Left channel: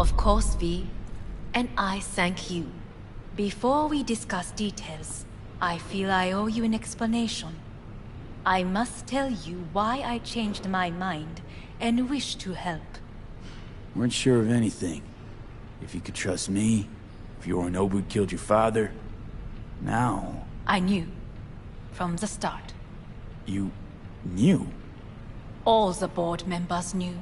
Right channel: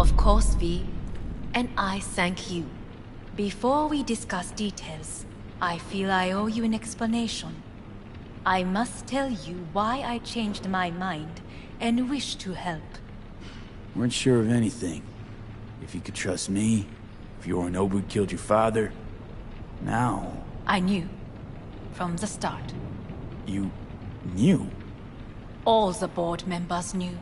Of course, V. And I thank you. Before we discuss details, I feel I owe you an explanation. I must tell you why I changed my mind and wish to help. Weren't sure of anything. If you could trust me, if Yorinobu killed your father. Now... I knew. From the start. You... knew? All the board members knew.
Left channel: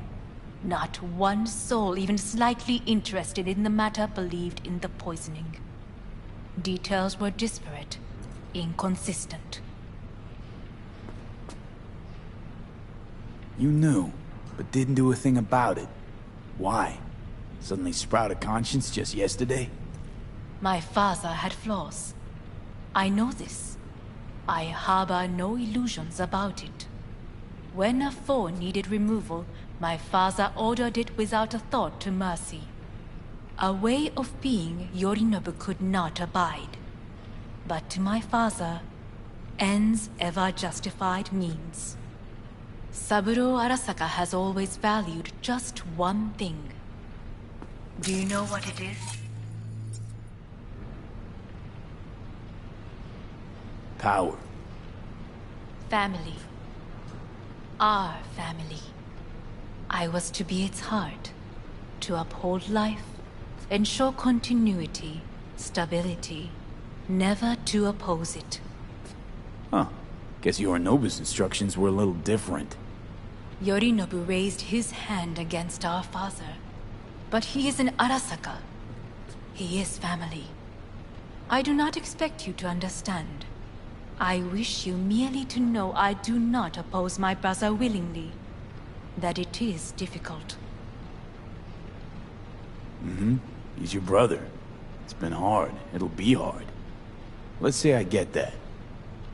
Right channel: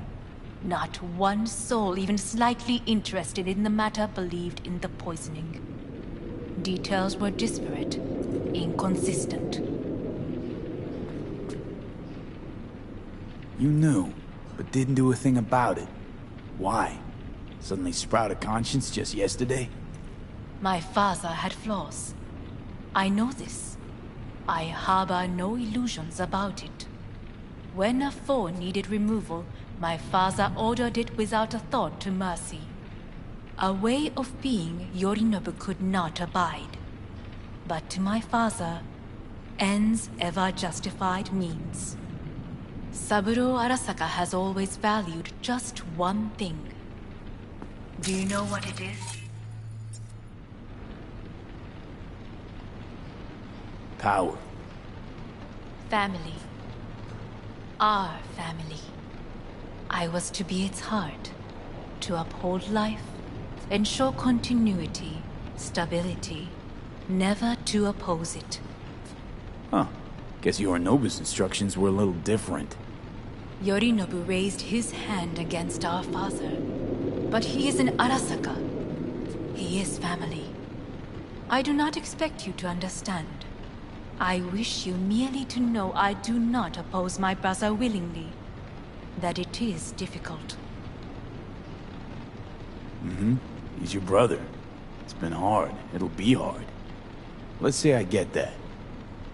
Not one soul even slightly interested in the matter believed in the poisoning. Details were disparate, inconsistent. You knew, but didn't do a thing about it. Why? Suddenly sprout a conscience just yesterday? My father had flaws. I know this. I harbor no illusions about it. When a foe needed removal, my father ordered it without a thought to mercy. A way of being Yorinobu could not abide. But to my father, ends ever justified means. Saburo Arasaka has always valued just one thing. Do you know what it is? Power. Family. Our family. I was to be its heart, to uphold life, ensure continuity, stability, never to oppose it. Huh. Guess Yorinobu's instructions were a little different. Yorinobu raised his hand against our father, but he is an Arasaka. He is family. I do not expect you to understand. I wish you merely to know I do not oppose my brother willingly. That it is difficult. He's your brother. It's been hard. It'll be hard. Let's say I get that.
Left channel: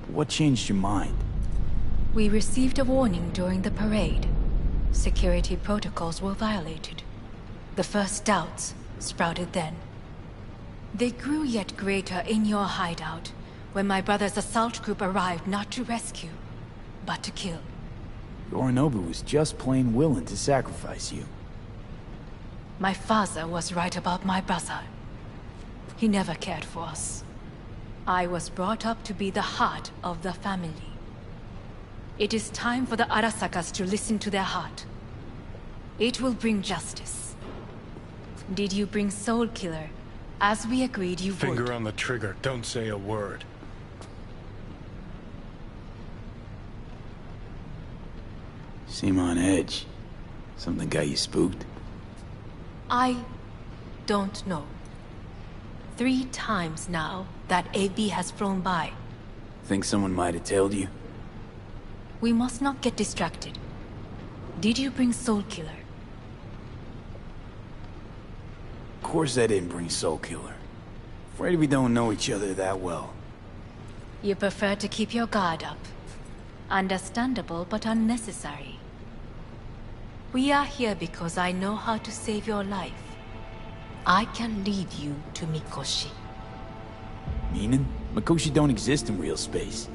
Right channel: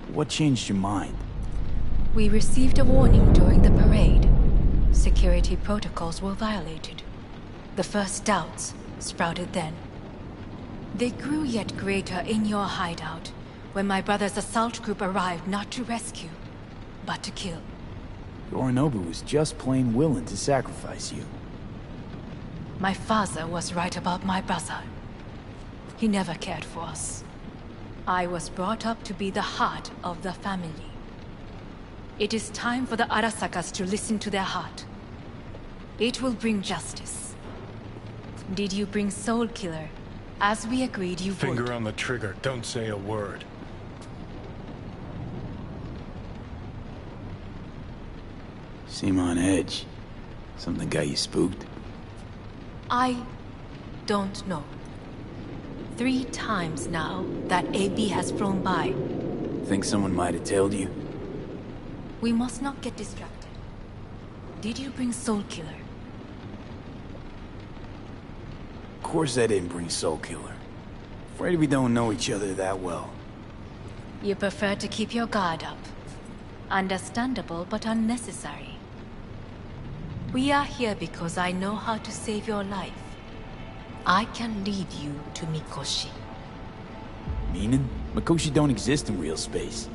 What changed your mind? We received a warning during the parade. Security protocols were violated. The first doubts sprouted then. They grew yet greater in your hideout, when my brother's assault group arrived not to rescue, but to kill. Yorinobu was just plain willing to sacrifice you. My father was right about my brother. He never cared for us. I was brought up to be the heart of the family. It is time for the Arasakas to listen to their heart. It will bring justice. Did you bring Soul Killer, as we agreed you would? Finger on the trigger, don't say a word. Seem on edge. Something got you spooked? I don't know. 3 times now that AB has flown by. Think someone might have tailed you? We must not get distracted. Did you bring Soul Killer? Of course I didn't bring Soul Killer. Afraid we don't know each other that well. You prefer to keep your guard up. Understandable, but unnecessary. We are here because I know how to save your life. I can lead you to Mikoshi. Meaning? Mikoshi don't exist in real space.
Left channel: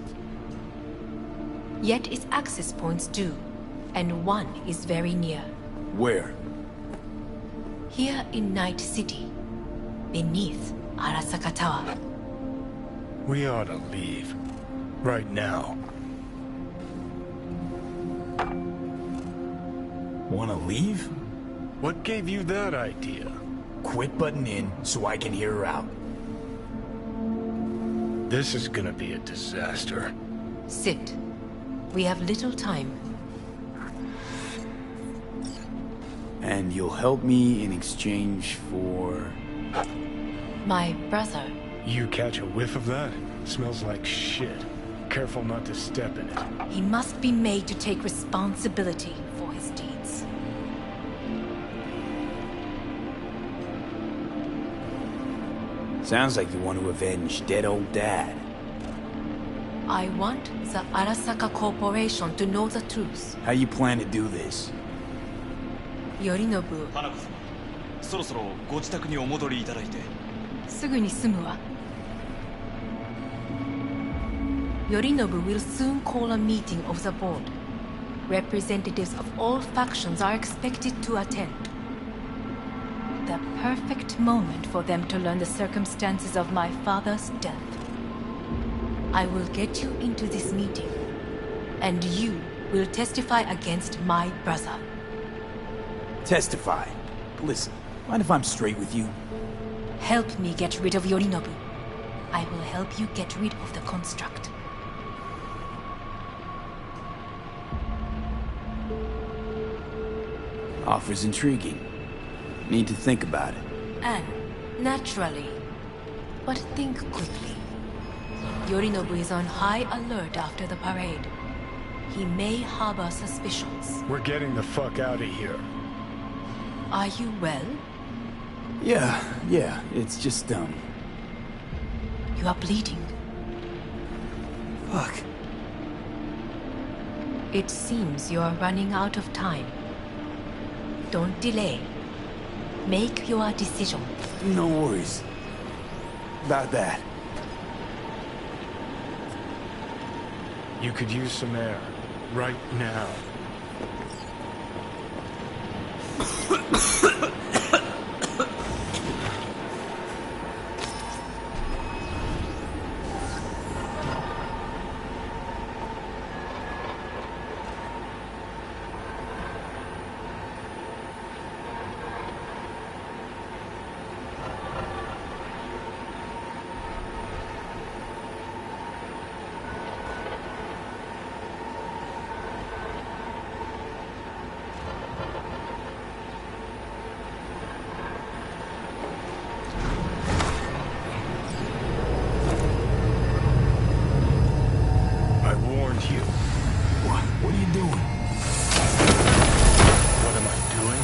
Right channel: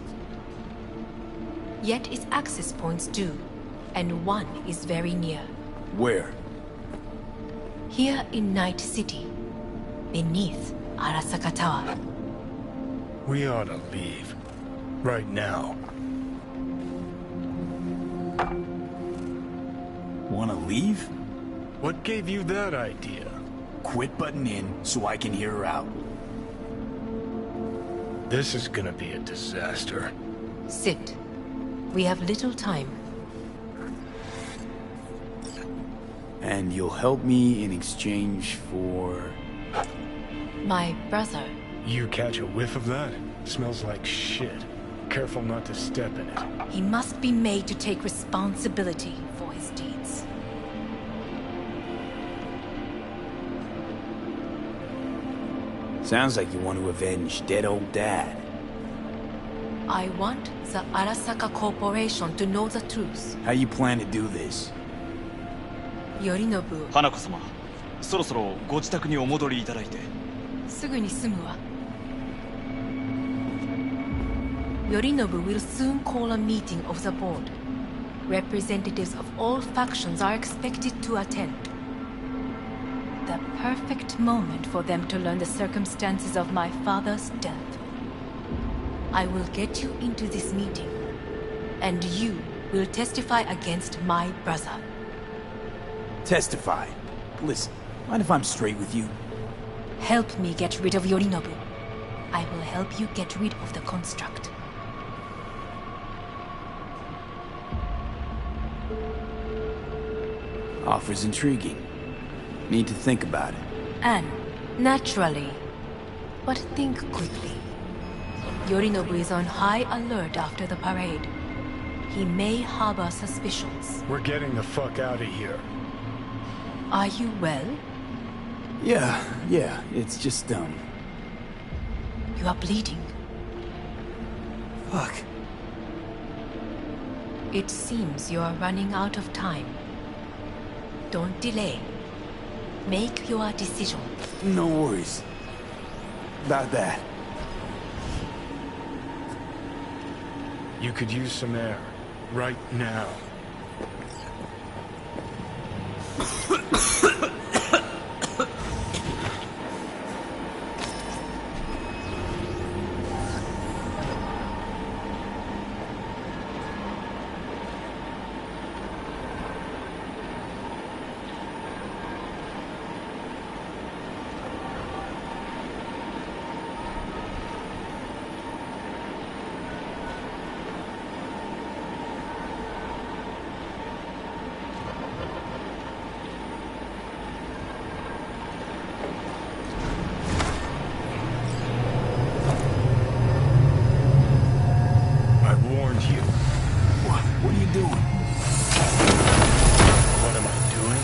Yet its access points do, and one is very near. Where? Here in Night City, beneath Arasaka Tower. We ought to leave. Right now. Wanna leave? What gave you that idea? Quit butting in so I can hear her out. This is gonna be a disaster. Sit. We have little time. And you'll help me in exchange for... My brother. You catch a whiff of that? Smells like shit. Careful not to step in it. He must be made to take responsibility for his deeds. Sounds like you want to avenge dead old dad. I want the Arasaka Corporation to know the truth. How you plan to do this? Yorinobu. 花子様、そろそろご自宅にお戻りいただいて。すぐに済むわ。Yorinobu will soon call a meeting of the board. Representatives of all factions are expected to attend. The perfect moment for them to learn the circumstances of my father's death. I will get you into this meeting, and you will testify against my brother. Testify. Listen, mind if I'm straight with you? Help me get rid of Yorinobu. I will help you get rid of the construct. Offer's intriguing. Need to think about it. And, naturally, but think quickly. Yorinobu is on high alert after the parade. He may harbor suspicions. We're getting the fuck out of here. Are you well? Yeah, it's just, You are bleeding. Fuck. It seems you are running out of time. Don't delay. Make your decision. No worries about that. You could use some air. Right now. You. What are you doing? What am I doing?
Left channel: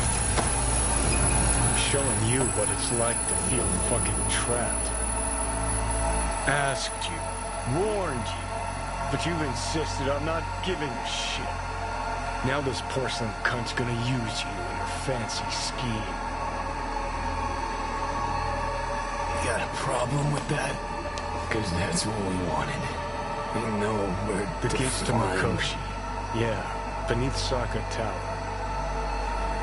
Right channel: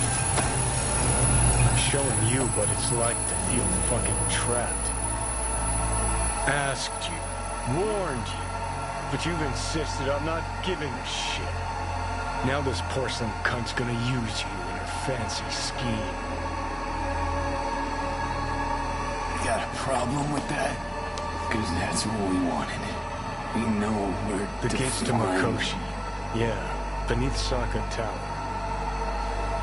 I'm showing you what it's like to feel fucking trapped. Asked you, warned you, but you've insisted on not giving a shit. Now this porcelain cunt's gonna use you in her fancy scheme. You got a problem with that? Because that's what we wanted. We know where the gates to Mikoshi. Yeah, beneath Saka Tower.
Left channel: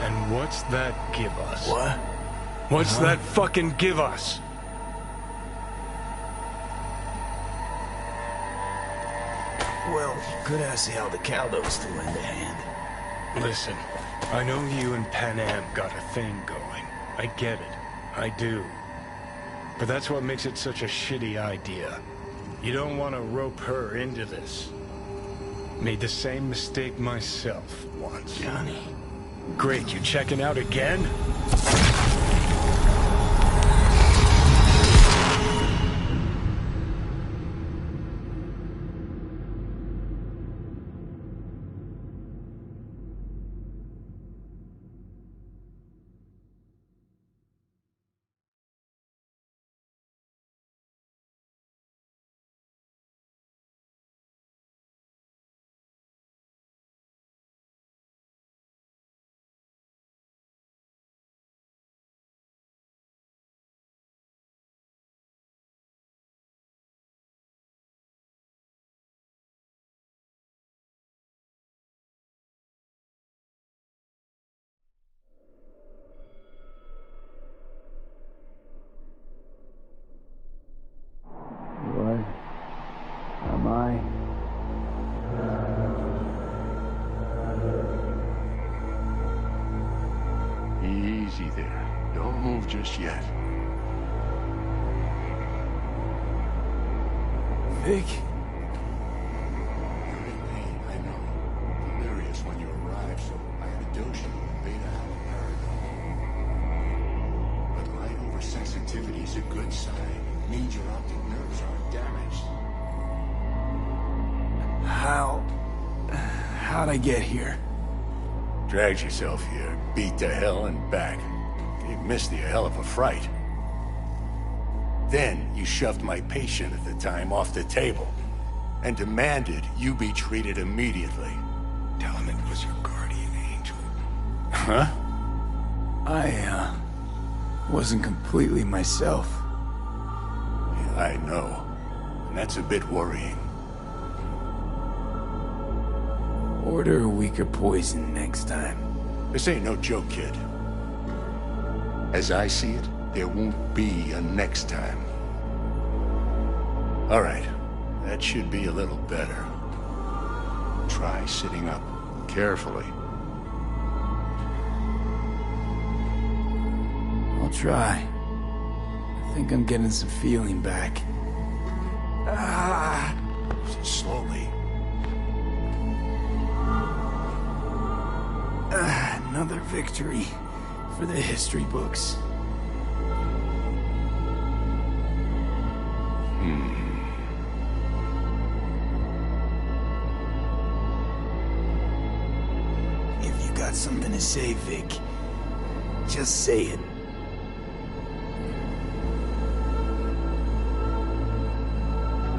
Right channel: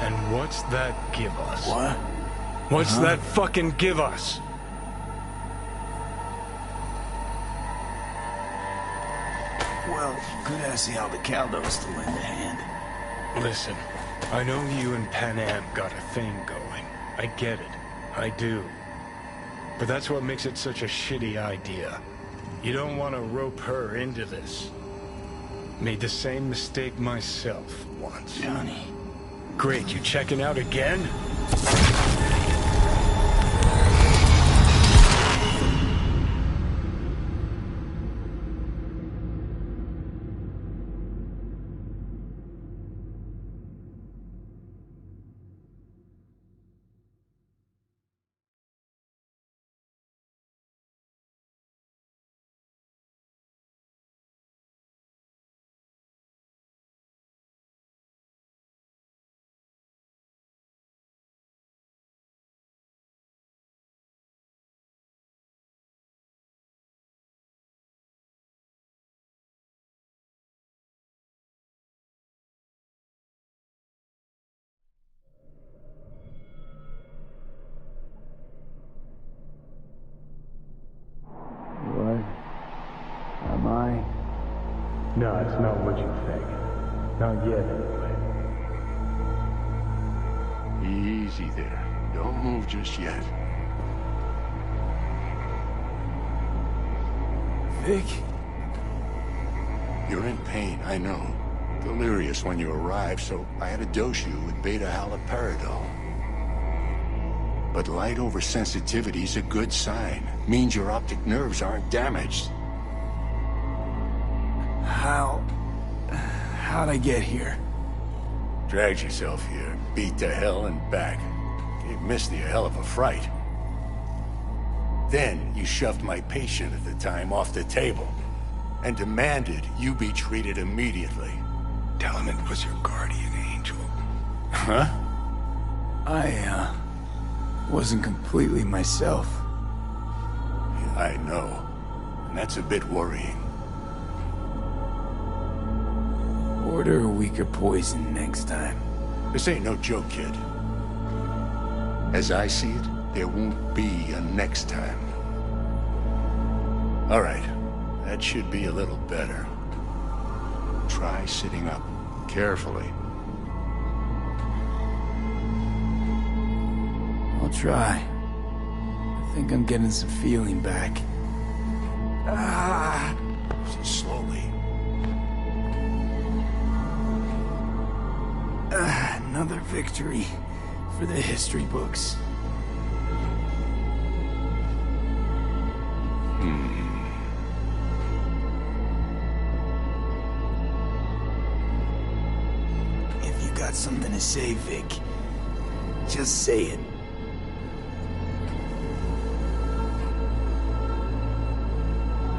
And what's that give us? What? What's that fucking give us? Well, could ask the Aldecaldos to lend a hand. Listen, I know you and Pan Am got a thing going. I get it. I do. But that's what makes it such a shitty idea. You don't want to rope her into this. Made the same mistake myself once. Johnny. Great, you checking out again? Am I? No, it's not what you think. Not yet, anyway. Easy there. Don't move just yet. Vic? You're in pain, I know. Delirious when you arrived, so I had to dose you with beta-haloperidol. But light oversensitivity's a good sign. Means your optic nerves aren't damaged. How'd I get here? Dragged yourself here, beat to hell and back. Gave Misty a hell of a fright. Then you shoved my patient at the time off the table and demanded you be treated immediately. Tell him it was your guardian angel. Huh? I wasn't completely myself. Yeah, I know. And that's a bit worrying. Order a weaker poison next time. This ain't no joke, kid. As I see it, there won't be a next time. All right, that should be a little better. Try sitting up, carefully. I'll try. I think I'm getting some feeling back. Slowly. Another victory for the history books. If you got something to say, Vic, just say it.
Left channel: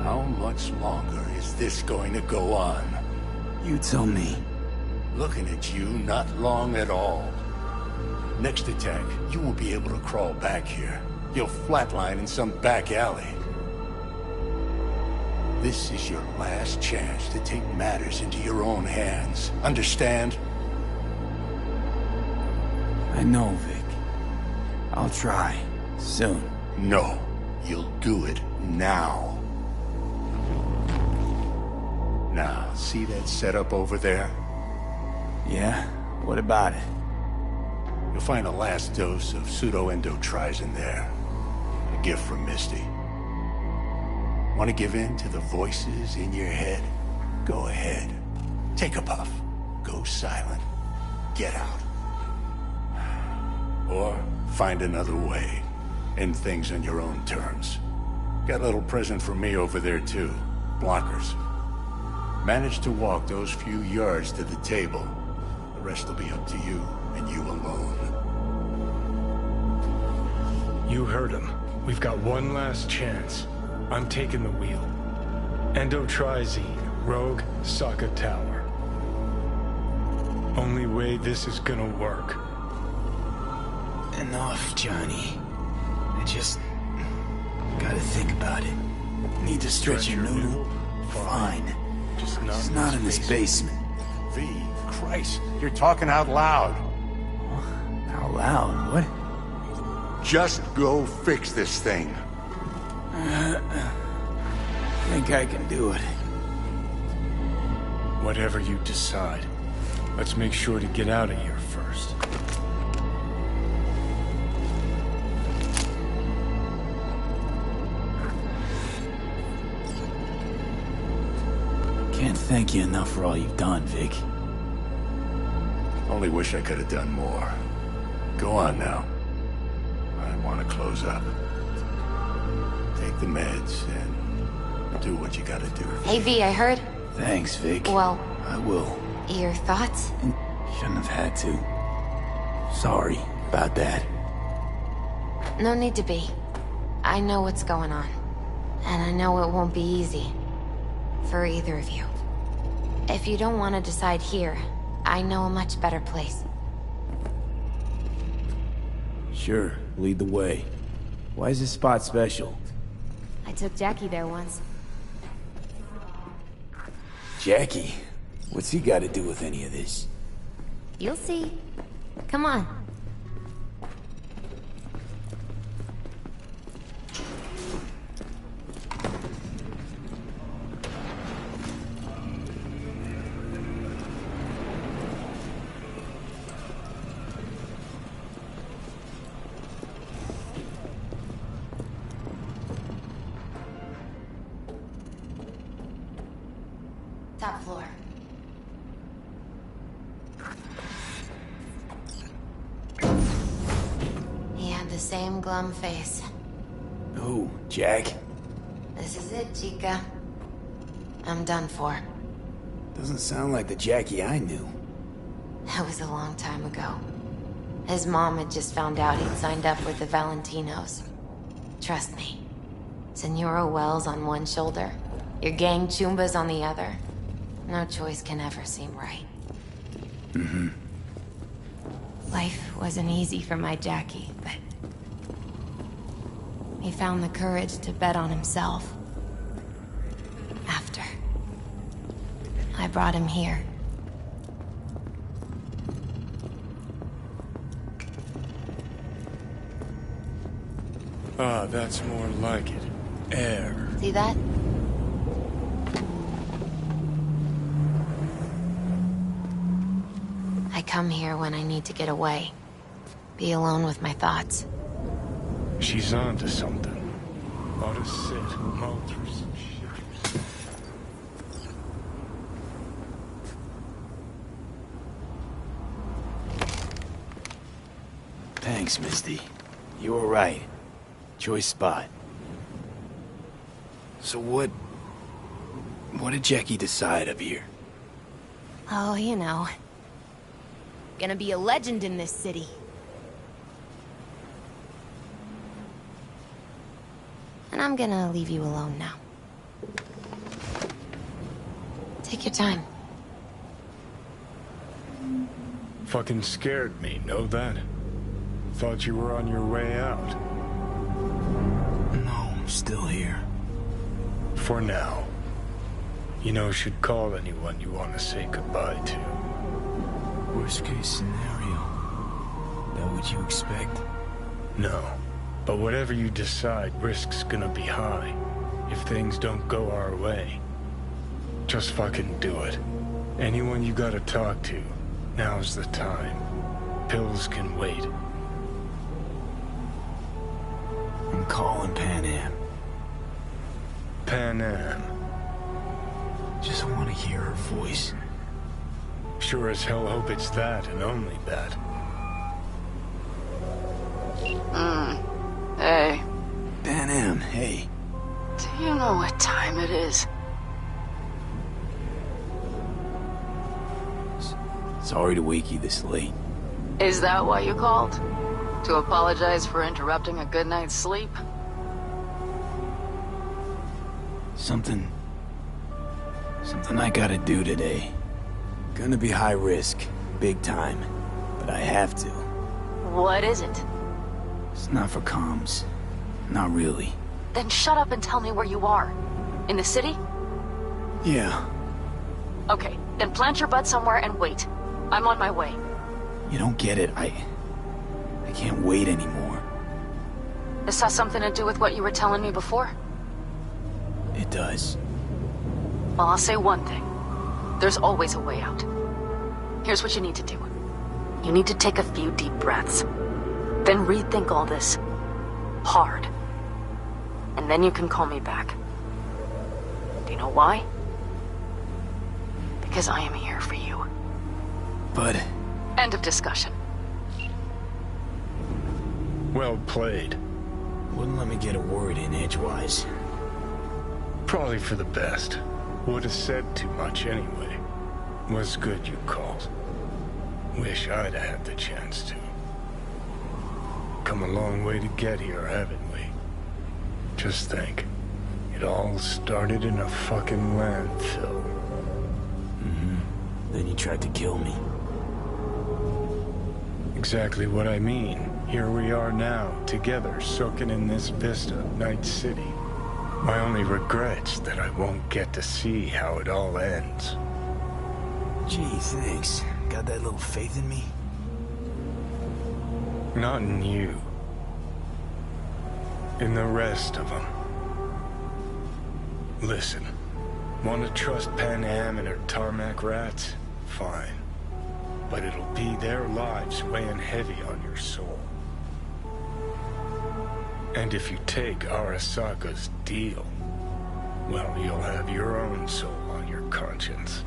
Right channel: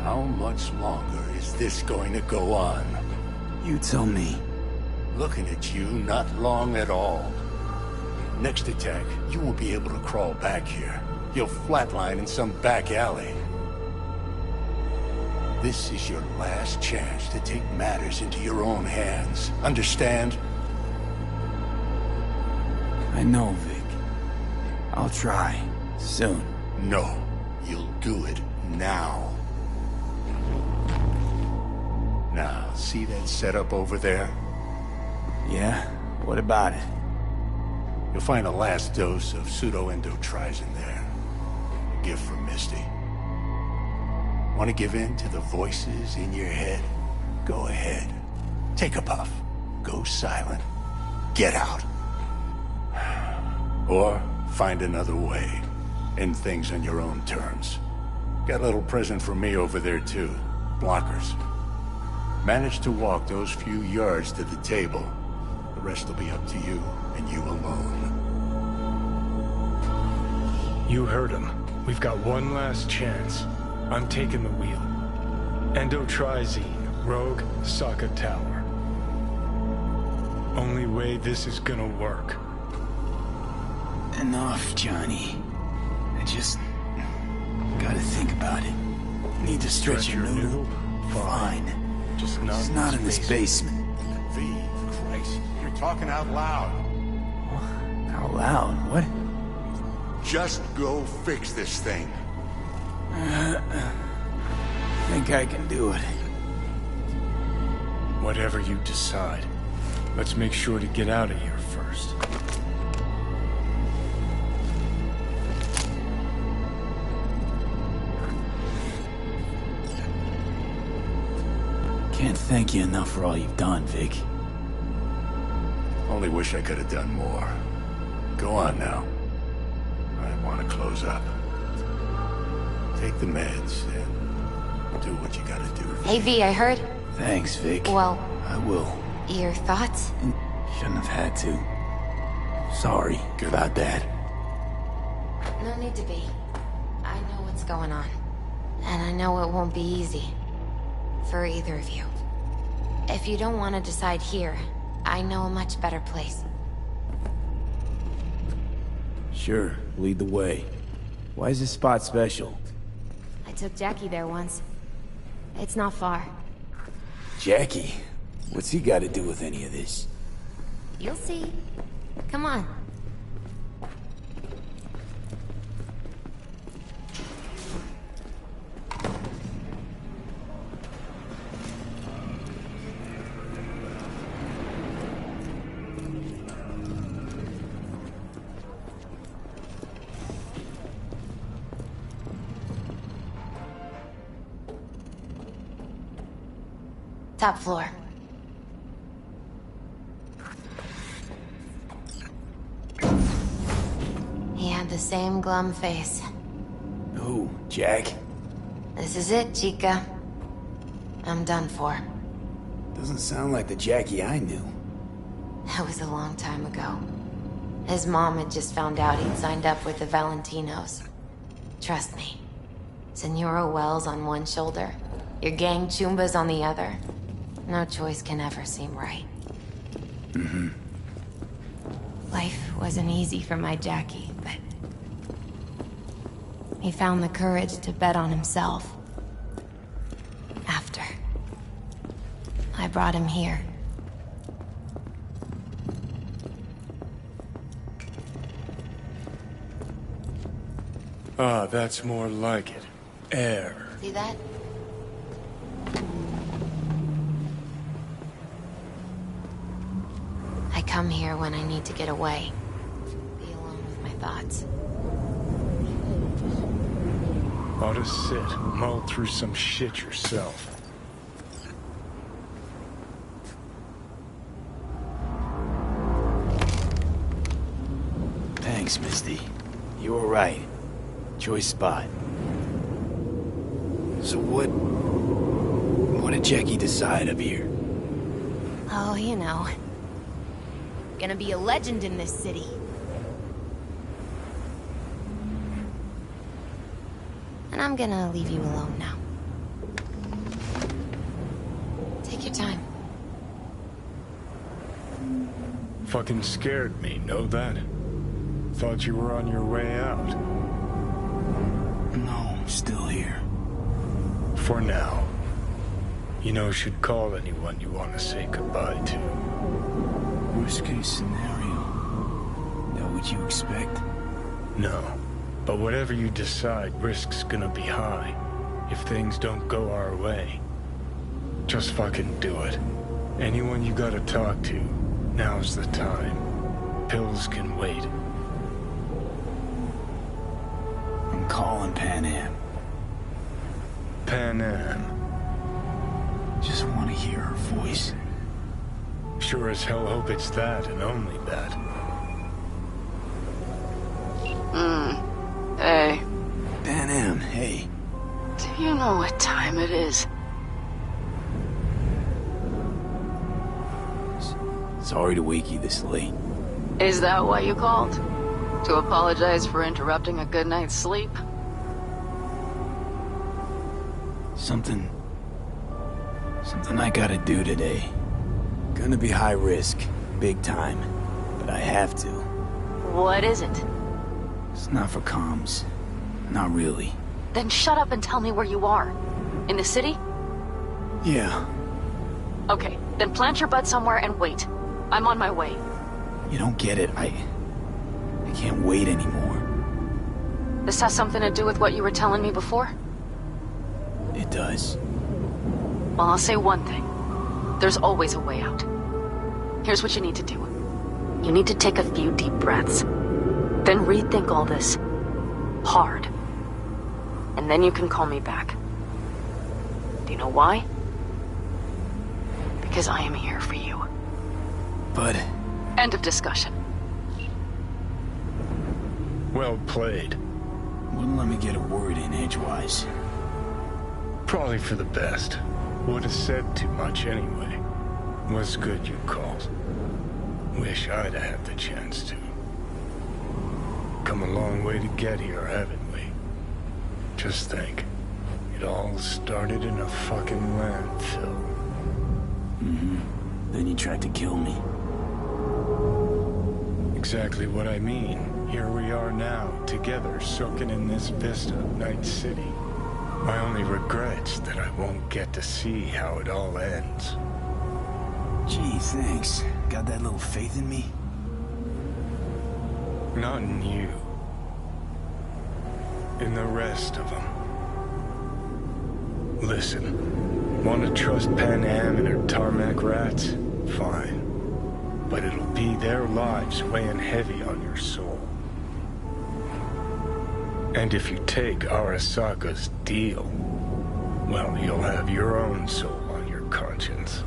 How much longer is this going to go on? You tell me. Looking at you, not long at all. Next attack, you won't be able to crawl back here. You'll flatline in some back alley. This is your last chance to take matters into your own hands. Understand? I know, Vic. I'll try. Soon. No. You'll do it now. Now, see that setup over there? Yeah? What about it? You'll find a last dose of pseudo-endotrizin there. A gift from Misty. Want to give in to the voices in your head? Go ahead. Take a puff. Go silent. Get out. Or find another way. End things on your own terms. Got a little present for me over there too. Blockers. Manage to walk those few yards to the table. The rest will be up to you, and you alone. You heard him. We've got one last chance. I'm taking the wheel. Endotrizine, Rogue, Sokka Tower. Only way this is gonna work. Enough, Johnny. I just gotta think about it. Need to stretch your noodle? Fine. Just It's not in this basement. V, Christ, you're talking out loud. Out loud? What? Just go fix this thing. Think I can do it. Whatever you decide. Let's make sure to get out of here first. Can't thank you enough for all you've done, Vic. Only wish I could have done more. Go on now. I want to close up. Take the meds and do what you gotta do. Hey V, I heard. Thanks, Vic. Well, I will. your thoughts? Shouldn't have had to. Sorry about that. No need to be. I know what's going on. And I know it won't be easy. For either of you. If you don't want to decide here, I know a much better place. Sure, lead the way. Why is this spot special? I took Jackie there once. It's not far. Jackie? What's he got to do with any of this? You'll see. Come on. Top floor. He had the same glum face. Who? Jack? This is it, Chica. I'm done for. Doesn't sound like the Jackie I knew. That was a long time ago. His mom had just found out he'd signed up with the Valentinos. Trust me. Senora Wells on one shoulder, your gang Chumbas on the other. No choice can ever seem right. Mm-hmm. Life wasn't easy for my Jackie, but... he found the courage to bet on himself. After. I brought him here. Ah, that's more like it. Air. See that? I come here when I need to get away. Be alone with my thoughts. She's onto something. Ought to sit, mull through some shit yourself. Thanks, Misty. You were right. Choice spot. So what did Jackie decide up here? Oh, you know. Gonna be a legend in this city. And I'm gonna leave you alone now. Take your time. Fucking scared me, know that? Thought you were on your way out. No, I'm still here. For now. You know, should call anyone you want to say goodbye to. Worst case scenario. That what you expect? No. But whatever you decide, risk's gonna be high. If things don't go our way. Just fucking do it. Anyone you gotta talk to, now's the time. Pills can wait. I'm calling Pan Am. Pan Am. Just want to hear her voice. Sure as hell hope it's that and only that. Hey. Pan Am, hey. Do you know what time it is? Sorry to wake you this late. Is that why you called? To apologize for interrupting a good night's sleep? Something I gotta do today. Gonna be high risk, big time, but I have to. What is it? It's not for comms. Not really. Then shut up and tell me where you are. In the city? Yeah. Okay, then plant your butt somewhere and wait. I'm on my way. You don't get it. I can't wait anymore. This has something to do with what you were telling me before? It does. Well, I'll say one thing. There's always a way out. Here's what you need to do. You need to take a few deep breaths. Then rethink all this. Hard. And then you can call me back. Do you know why? Because I am here for you. But... End of discussion. Well played. Wouldn't let me get a word in edgewise. Probably for the best. Would have said too much anyway. Was good you called. Wish I'd have had the chance to. Come a long way to get here, haven't we? Just think. It all started in a fucking landfill. Mm-hmm. Then you tried to kill me. Exactly what I mean. Here we are now, together, soaking in this vista of Night City. My only regret's that I won't get to see how it all ends. Gee, thanks. Got that little faith in me? Not in you. In the rest of them. Listen, want to trust Pan Am and her tarmac rats? Fine. But it'll be their lives weighing heavy on your soul. And if you take Arasaka's deal, well, you'll have your own soul on your conscience.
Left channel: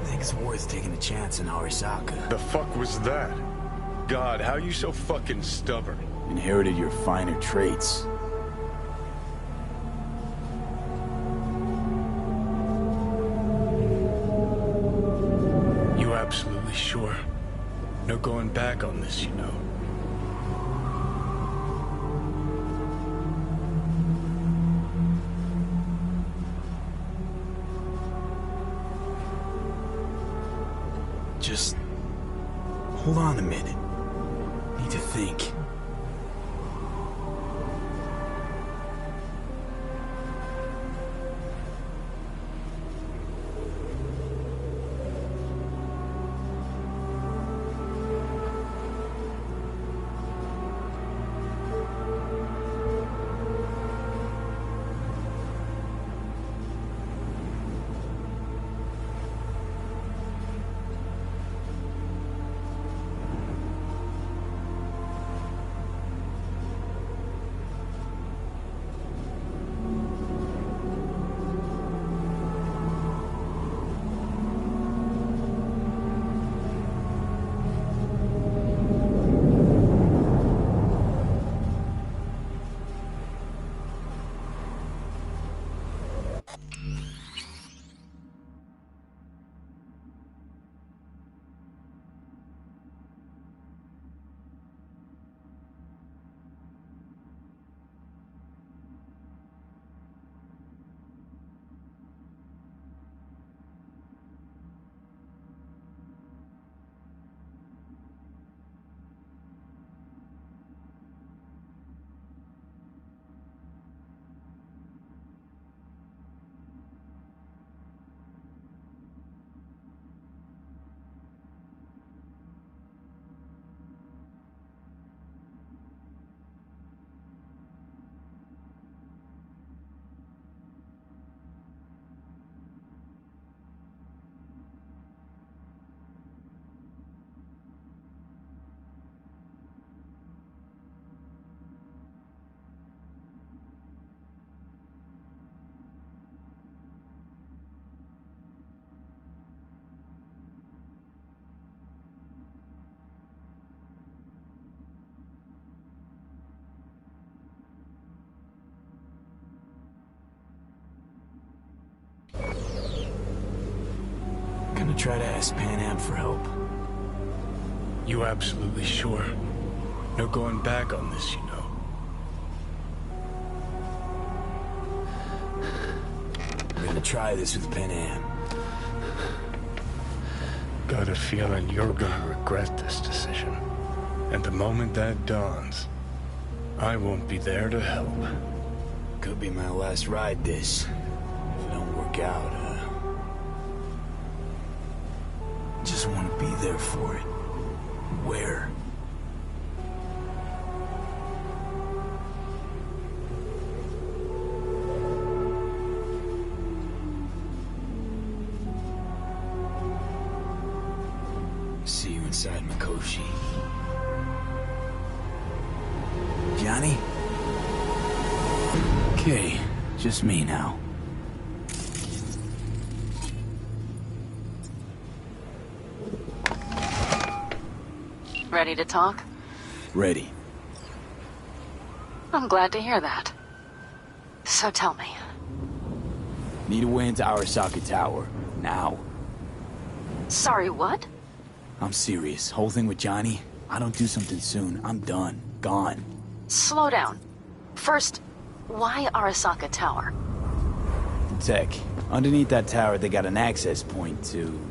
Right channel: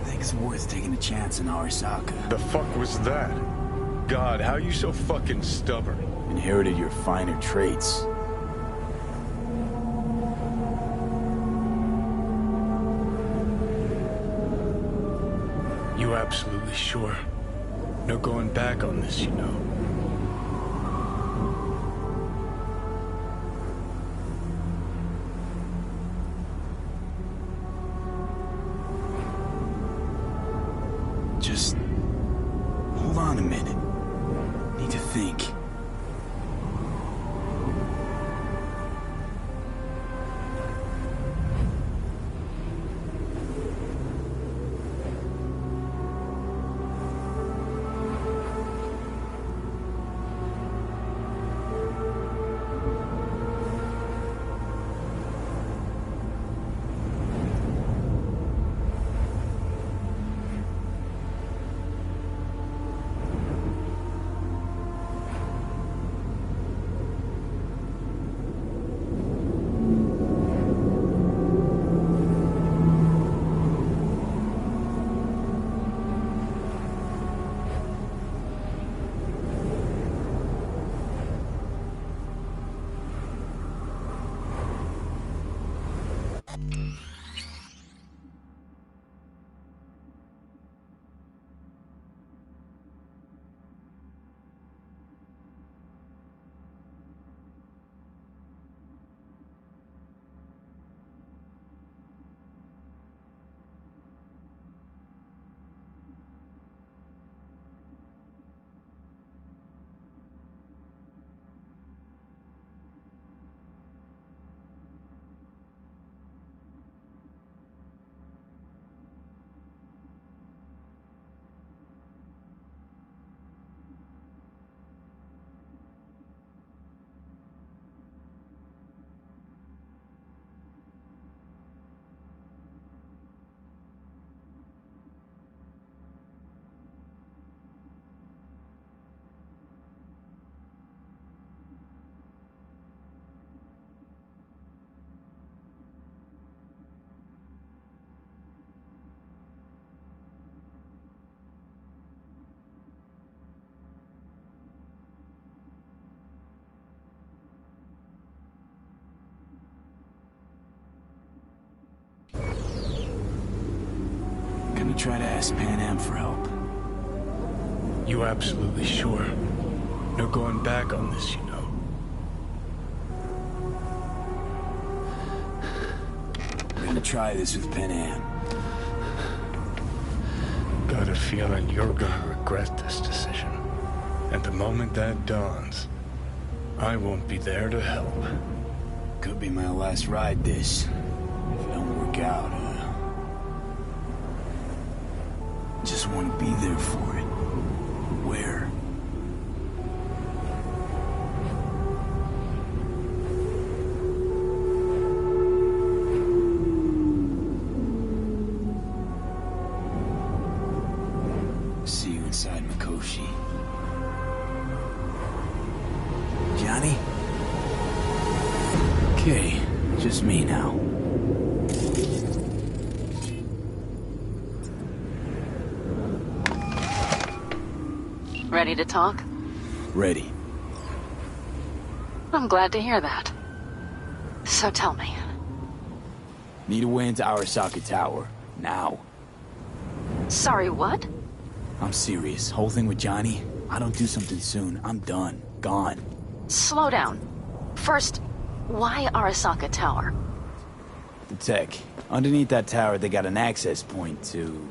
I think it's worth taking a chance in Arasaka. The fuck was that? God, how you so fucking stubborn? Inherited your finer traits. You absolutely sure? No going back on this, you know. Just hold on a minute. Need to think. try to ask Pan Am for help. You absolutely sure? No going back on this, you know. We're gonna try this with Pan Am. Got a feeling you're gonna regret this decision. And the moment that dawns, I won't be there to help. Could be my last ride this. If it don't work out, just want to be there for it. Where? See you inside Mikoshi. Johnny? Okay, just me now. Ready to talk? Ready. I'm glad to hear that. So tell me. Need a way into Arasaka Tower. Now. Sorry, what? I'm serious. Whole thing with Johnny, I don't do something soon, I'm done. Gone. Slow down. First, why Arasaka Tower? The tech. Underneath that tower, they got an access point to...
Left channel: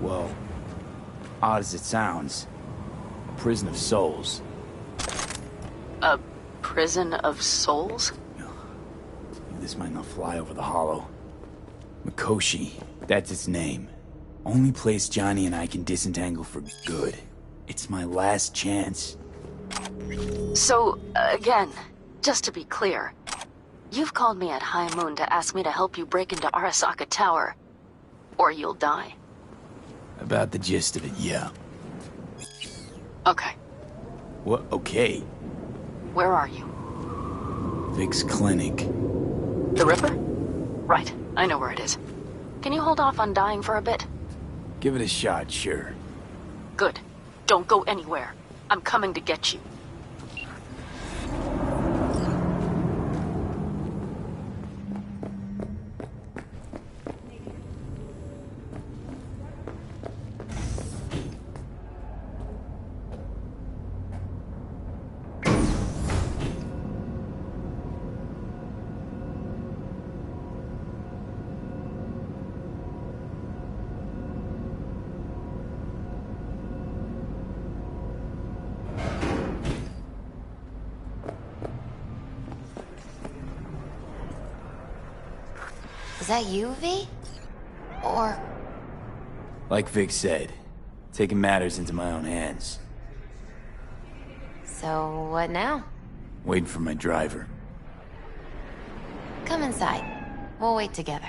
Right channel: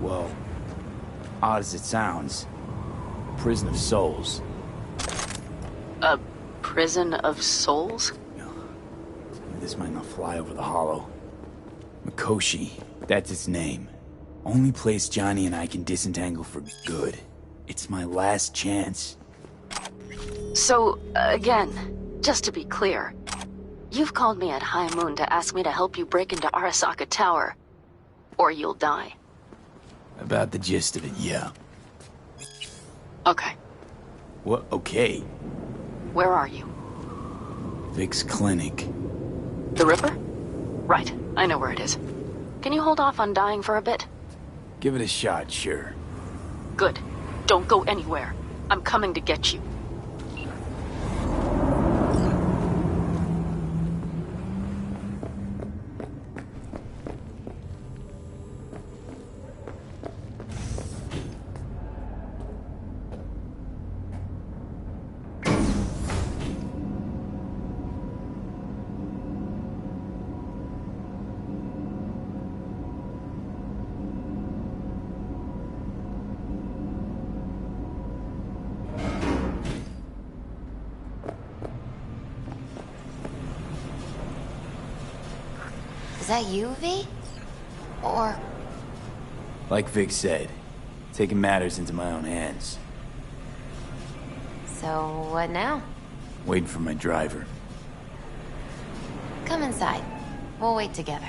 well, odd as it sounds, a prison of souls. A prison of souls? This might not fly over the hollow. Mikoshi, that's its name. Only place Johnny and I can disentangle for good. It's my last chance. So, again, just to be clear, you've called me at High Moon to ask me to help you break into Arasaka Tower, or you'll die. About the gist of it, yeah. Okay. What? Okay. Where are you? Vic's clinic. The Ripper? Right, I know where it is. Can you hold off on dying for a bit? Give it a shot, sure. Good. Don't go anywhere. I'm coming to get you. Is that you, V? Or... Like Vic said, taking matters into my own hands. So, what now? Waiting for my driver. Come inside. We'll wait together.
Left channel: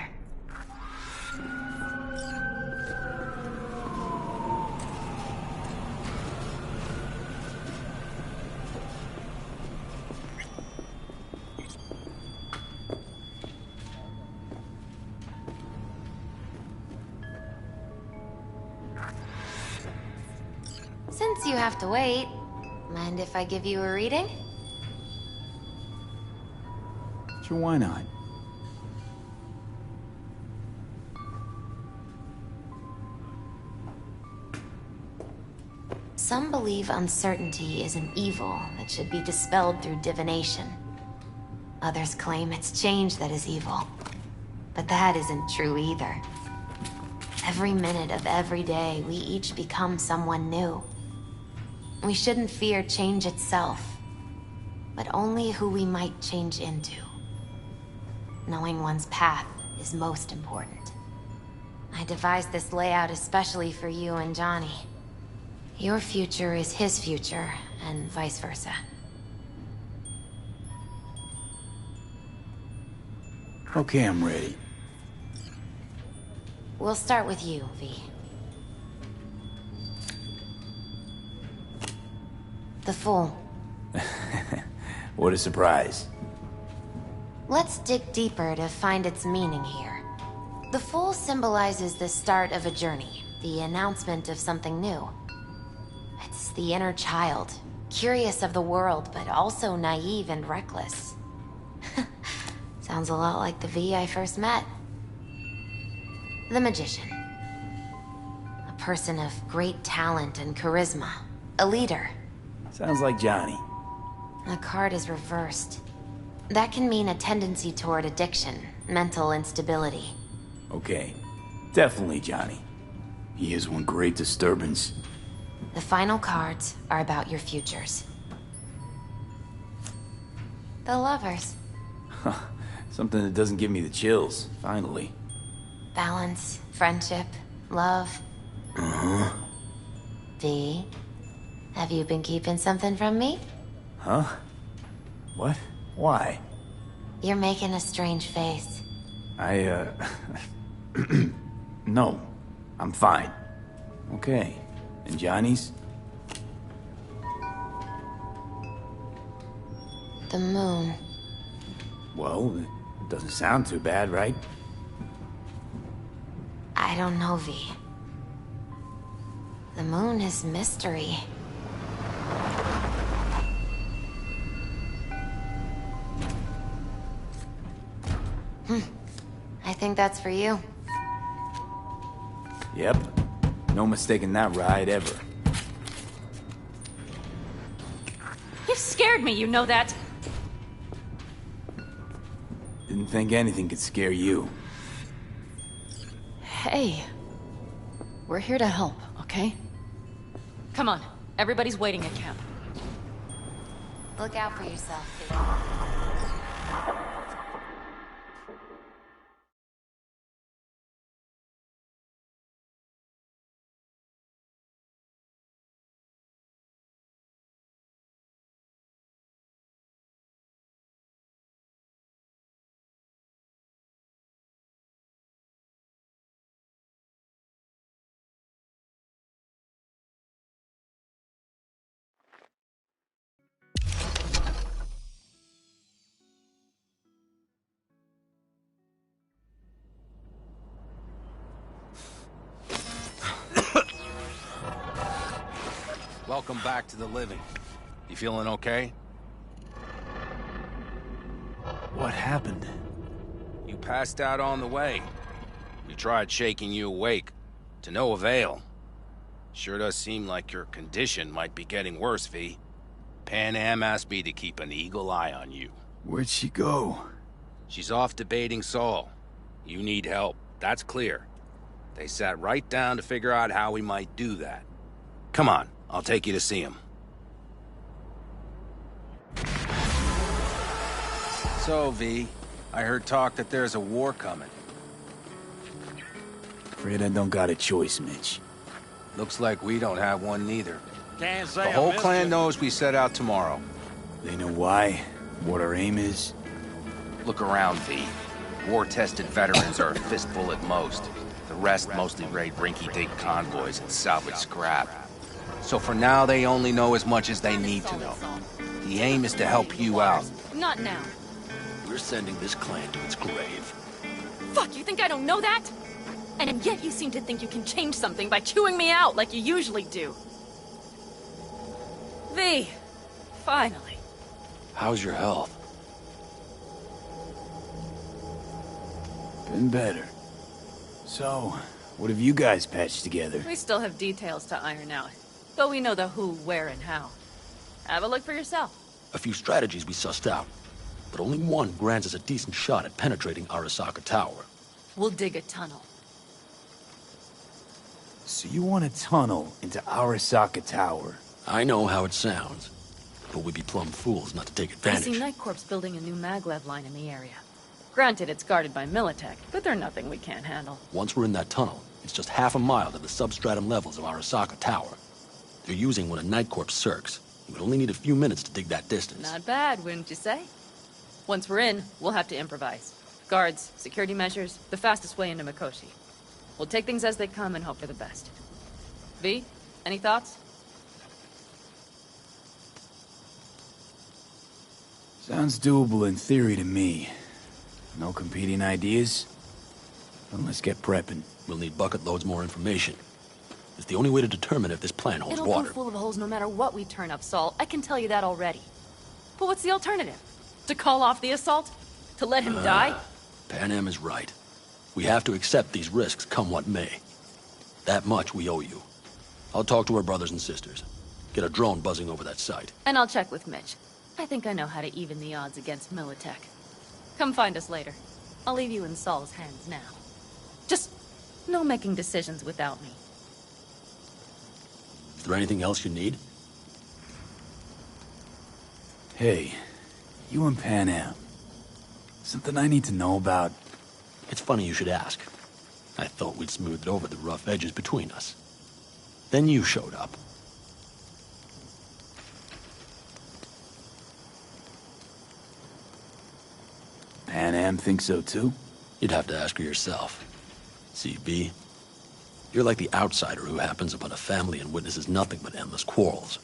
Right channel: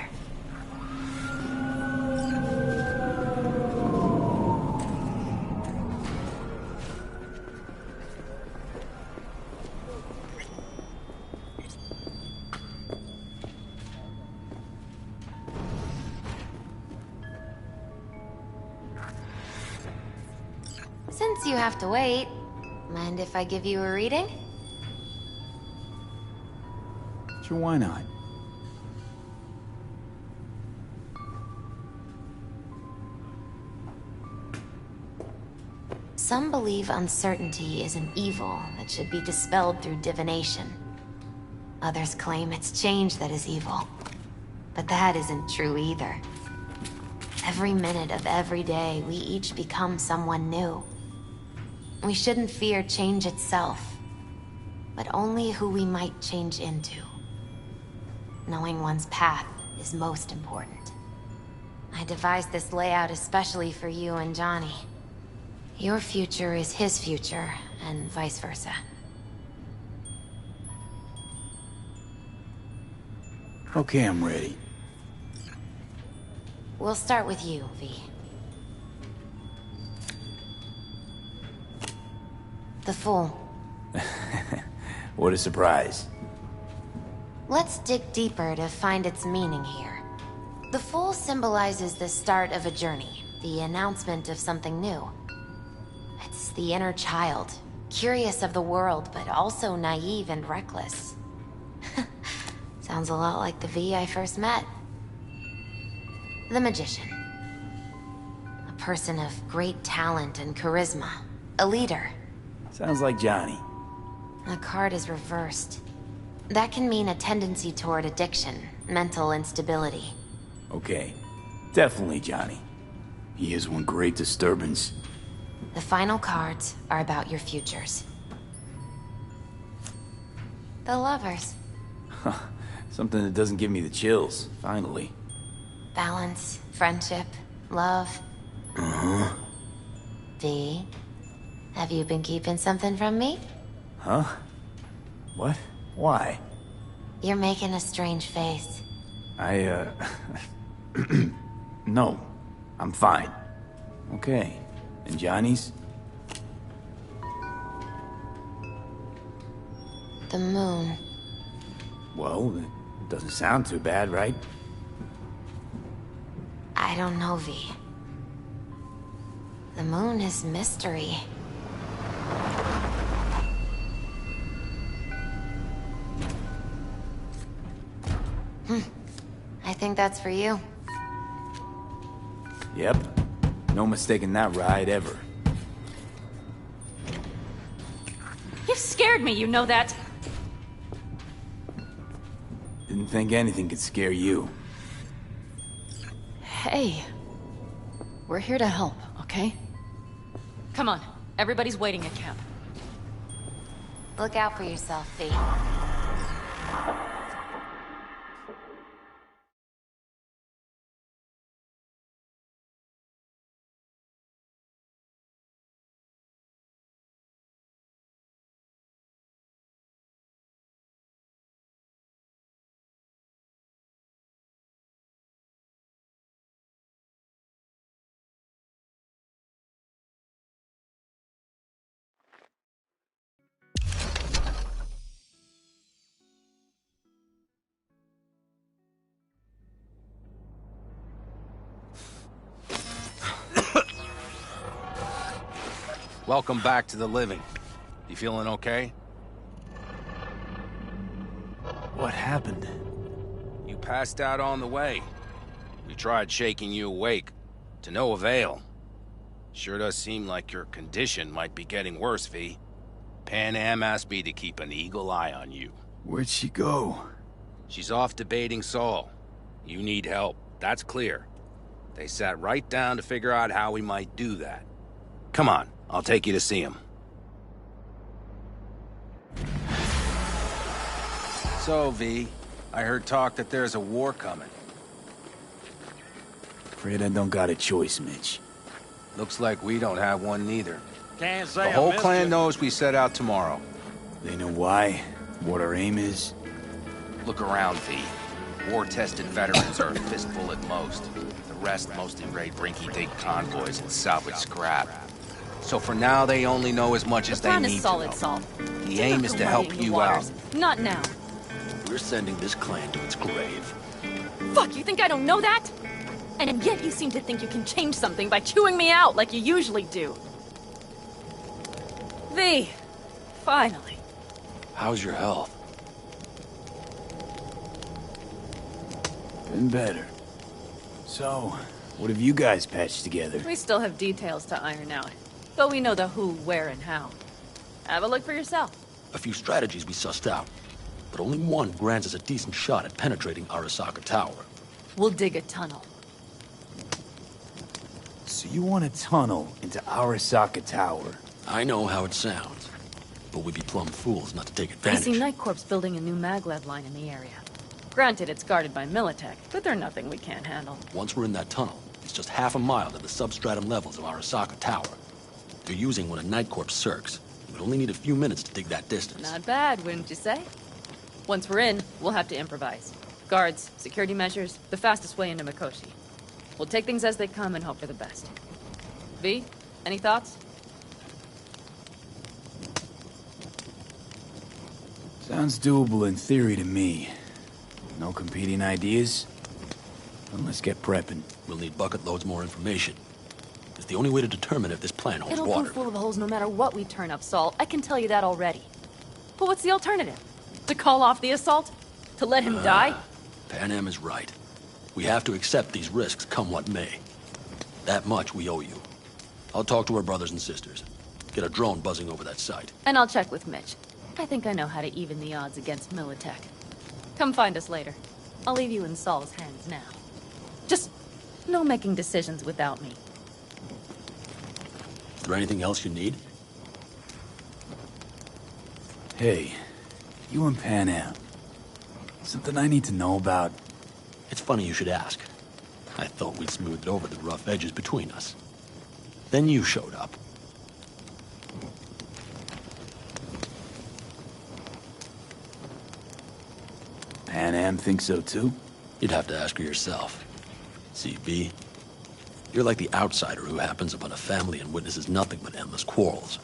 Since you have to wait, mind if I give you a reading? Sure, why not? Some believe uncertainty is an evil that should be dispelled through divination. Others claim it's change that is evil. But that isn't true either. Every minute of every day, we each become someone new. We shouldn't fear change itself, but only who we might change into. Knowing one's path is most important. I devised this layout especially for you and Johnny. Your future is his future, and vice versa. Okay, I'm ready. We'll start with you, V. The Fool. What a surprise. Let's dig deeper to find its meaning here. The Fool symbolizes the start of a journey, the announcement of something new. It's the inner child, curious of the world, but also naive and reckless. Sounds a lot like the V I first met. The Magician. person of great talent and charisma. A leader. Sounds like Johnny. The card is reversed. That can mean a tendency toward addiction, mental instability. Okay. Definitely Johnny. He is one great disturbance. The final cards are about your futures. The lovers. Something that doesn't give me the chills, finally. Balance, friendship, love. Uh-huh. V, have you been keeping something from me? Huh? What? Why? You're making a strange face. No. I'm fine. Okay. And Johnny's? The moon. Well, it doesn't sound too bad, right? I don't know, V. The moon is mystery. I think that's for you. Yep. No mistaking that ride ever. You've scared me, you know that. Didn't think anything could scare you. Hey. We're here to help, okay? Come on, everybody's waiting at camp. Look out for yourself, V. Welcome back to the living. You feeling okay? What happened? You passed out on the way. We tried shaking you awake. To no avail. Sure does seem like your condition might be getting worse, V. Pan Am asked me to keep an eagle eye on you. Where'd she go? She's off debating Saul. You need help, that's clear. They sat right down to figure out how we might do that. Come on, I'll take you to see him. So, V, I heard talk that there's a war coming. Afraid I don't got a choice, Mitch. Looks like we don't have one neither. Can't say The whole clan knows we set out tomorrow. They know why? What our aim is? Look around, V. War-tested veterans are a fistful at most. The rest mostly raid rinky-dink convoys and salvage scrap. So for now, they only know as much as they need to know. The aim is to help you out. Not now. We're sending this clan to its grave. Fuck, you think I don't know that? And yet you seem to think you can change something by chewing me out like you usually do. V, finally. How's your health? Been better. So, what have you guys patched together? We still have details to iron out, but we know the who, where, and how. Have a look for yourself. A few strategies we sussed out, but only one grants us a decent shot at penetrating Arasaka Tower. We'll dig a tunnel. So you want a tunnel into Arasaka Tower? I know how it sounds, but we'd be plumb fools not to take I advantage. see Night Corp's building a new maglev line in the area. Granted, it's guarded by Militech, but they're nothing we can't handle. Once we're in that tunnel, it's just half a mile to the substratum levels of Arasaka Tower. They're using one of Night Corp's circs. We'd only need a few minutes to dig that distance. Not bad, wouldn't you say? Once we're in, we'll have to improvise. Guards, security measures, the fastest way into Mikoshi. We'll take things as they come and hope for the best. V, any thoughts? Sounds doable in theory to me. No competing ideas? Then let's get prepping. We'll need bucket loads more information. It's the only way to determine if this plan holds It'll water. go full of holes no matter what we turn up, Saul. I can tell you that already. But what's the alternative? To call off the assault? To let him die? Pan Am is right. We have to accept these risks, come what may. That much we owe you. I'll talk to our brothers and sisters. Get a drone buzzing over that site. And I'll check with Mitch. I think I know how to even the odds against Militech. Come find us later. I'll leave you in Saul's hands now. Just no making decisions without me. Is there anything else you need? Hey, you and Pan Am. Something I need to know about? It's funny you should ask. I thought we'd smoothed over the rough edges between us. Then you showed up. Pan Am thinks so too? You'd have to ask her yourself. See, V, you're like the outsider who happens upon a family and witnesses nothing but endless quarrels.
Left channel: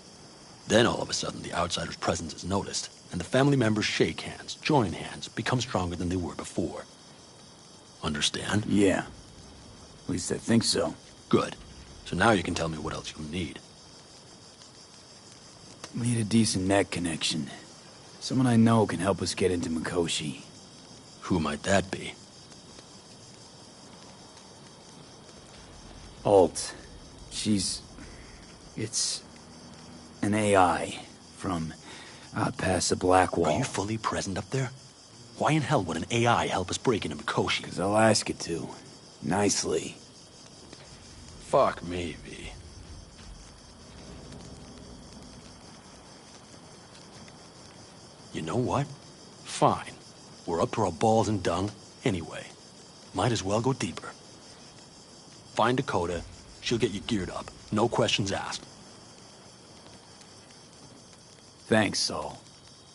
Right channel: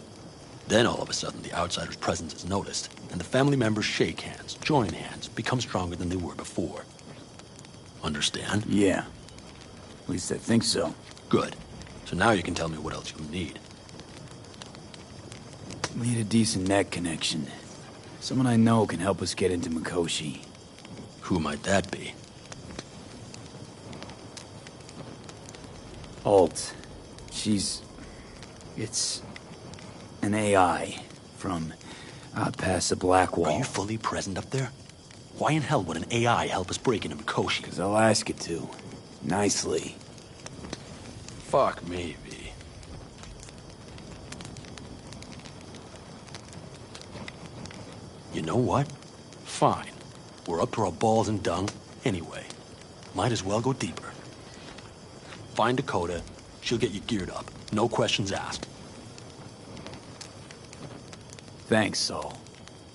Then all of a sudden the outsider's presence is noticed, and the family members shake hands, join hands, become stronger than they were before. Understand? Yeah. At least I think so. Good. So now you can tell me what else you'll need. Need a decent net connection. Someone I know can help us get into Mikoshi. Who might that be? Alt. It's an AI from out past the Black Wall. Are you fully present up there? Why in hell would an AI help us break into Mikoshi? 'Cause I'll ask it to. Nicely. Fuck me, V. You know what? Fine. We're up to our balls in dung anyway. Might as well go deeper. Find Dakota. She'll get you geared up. No questions asked. Thanks, Saul.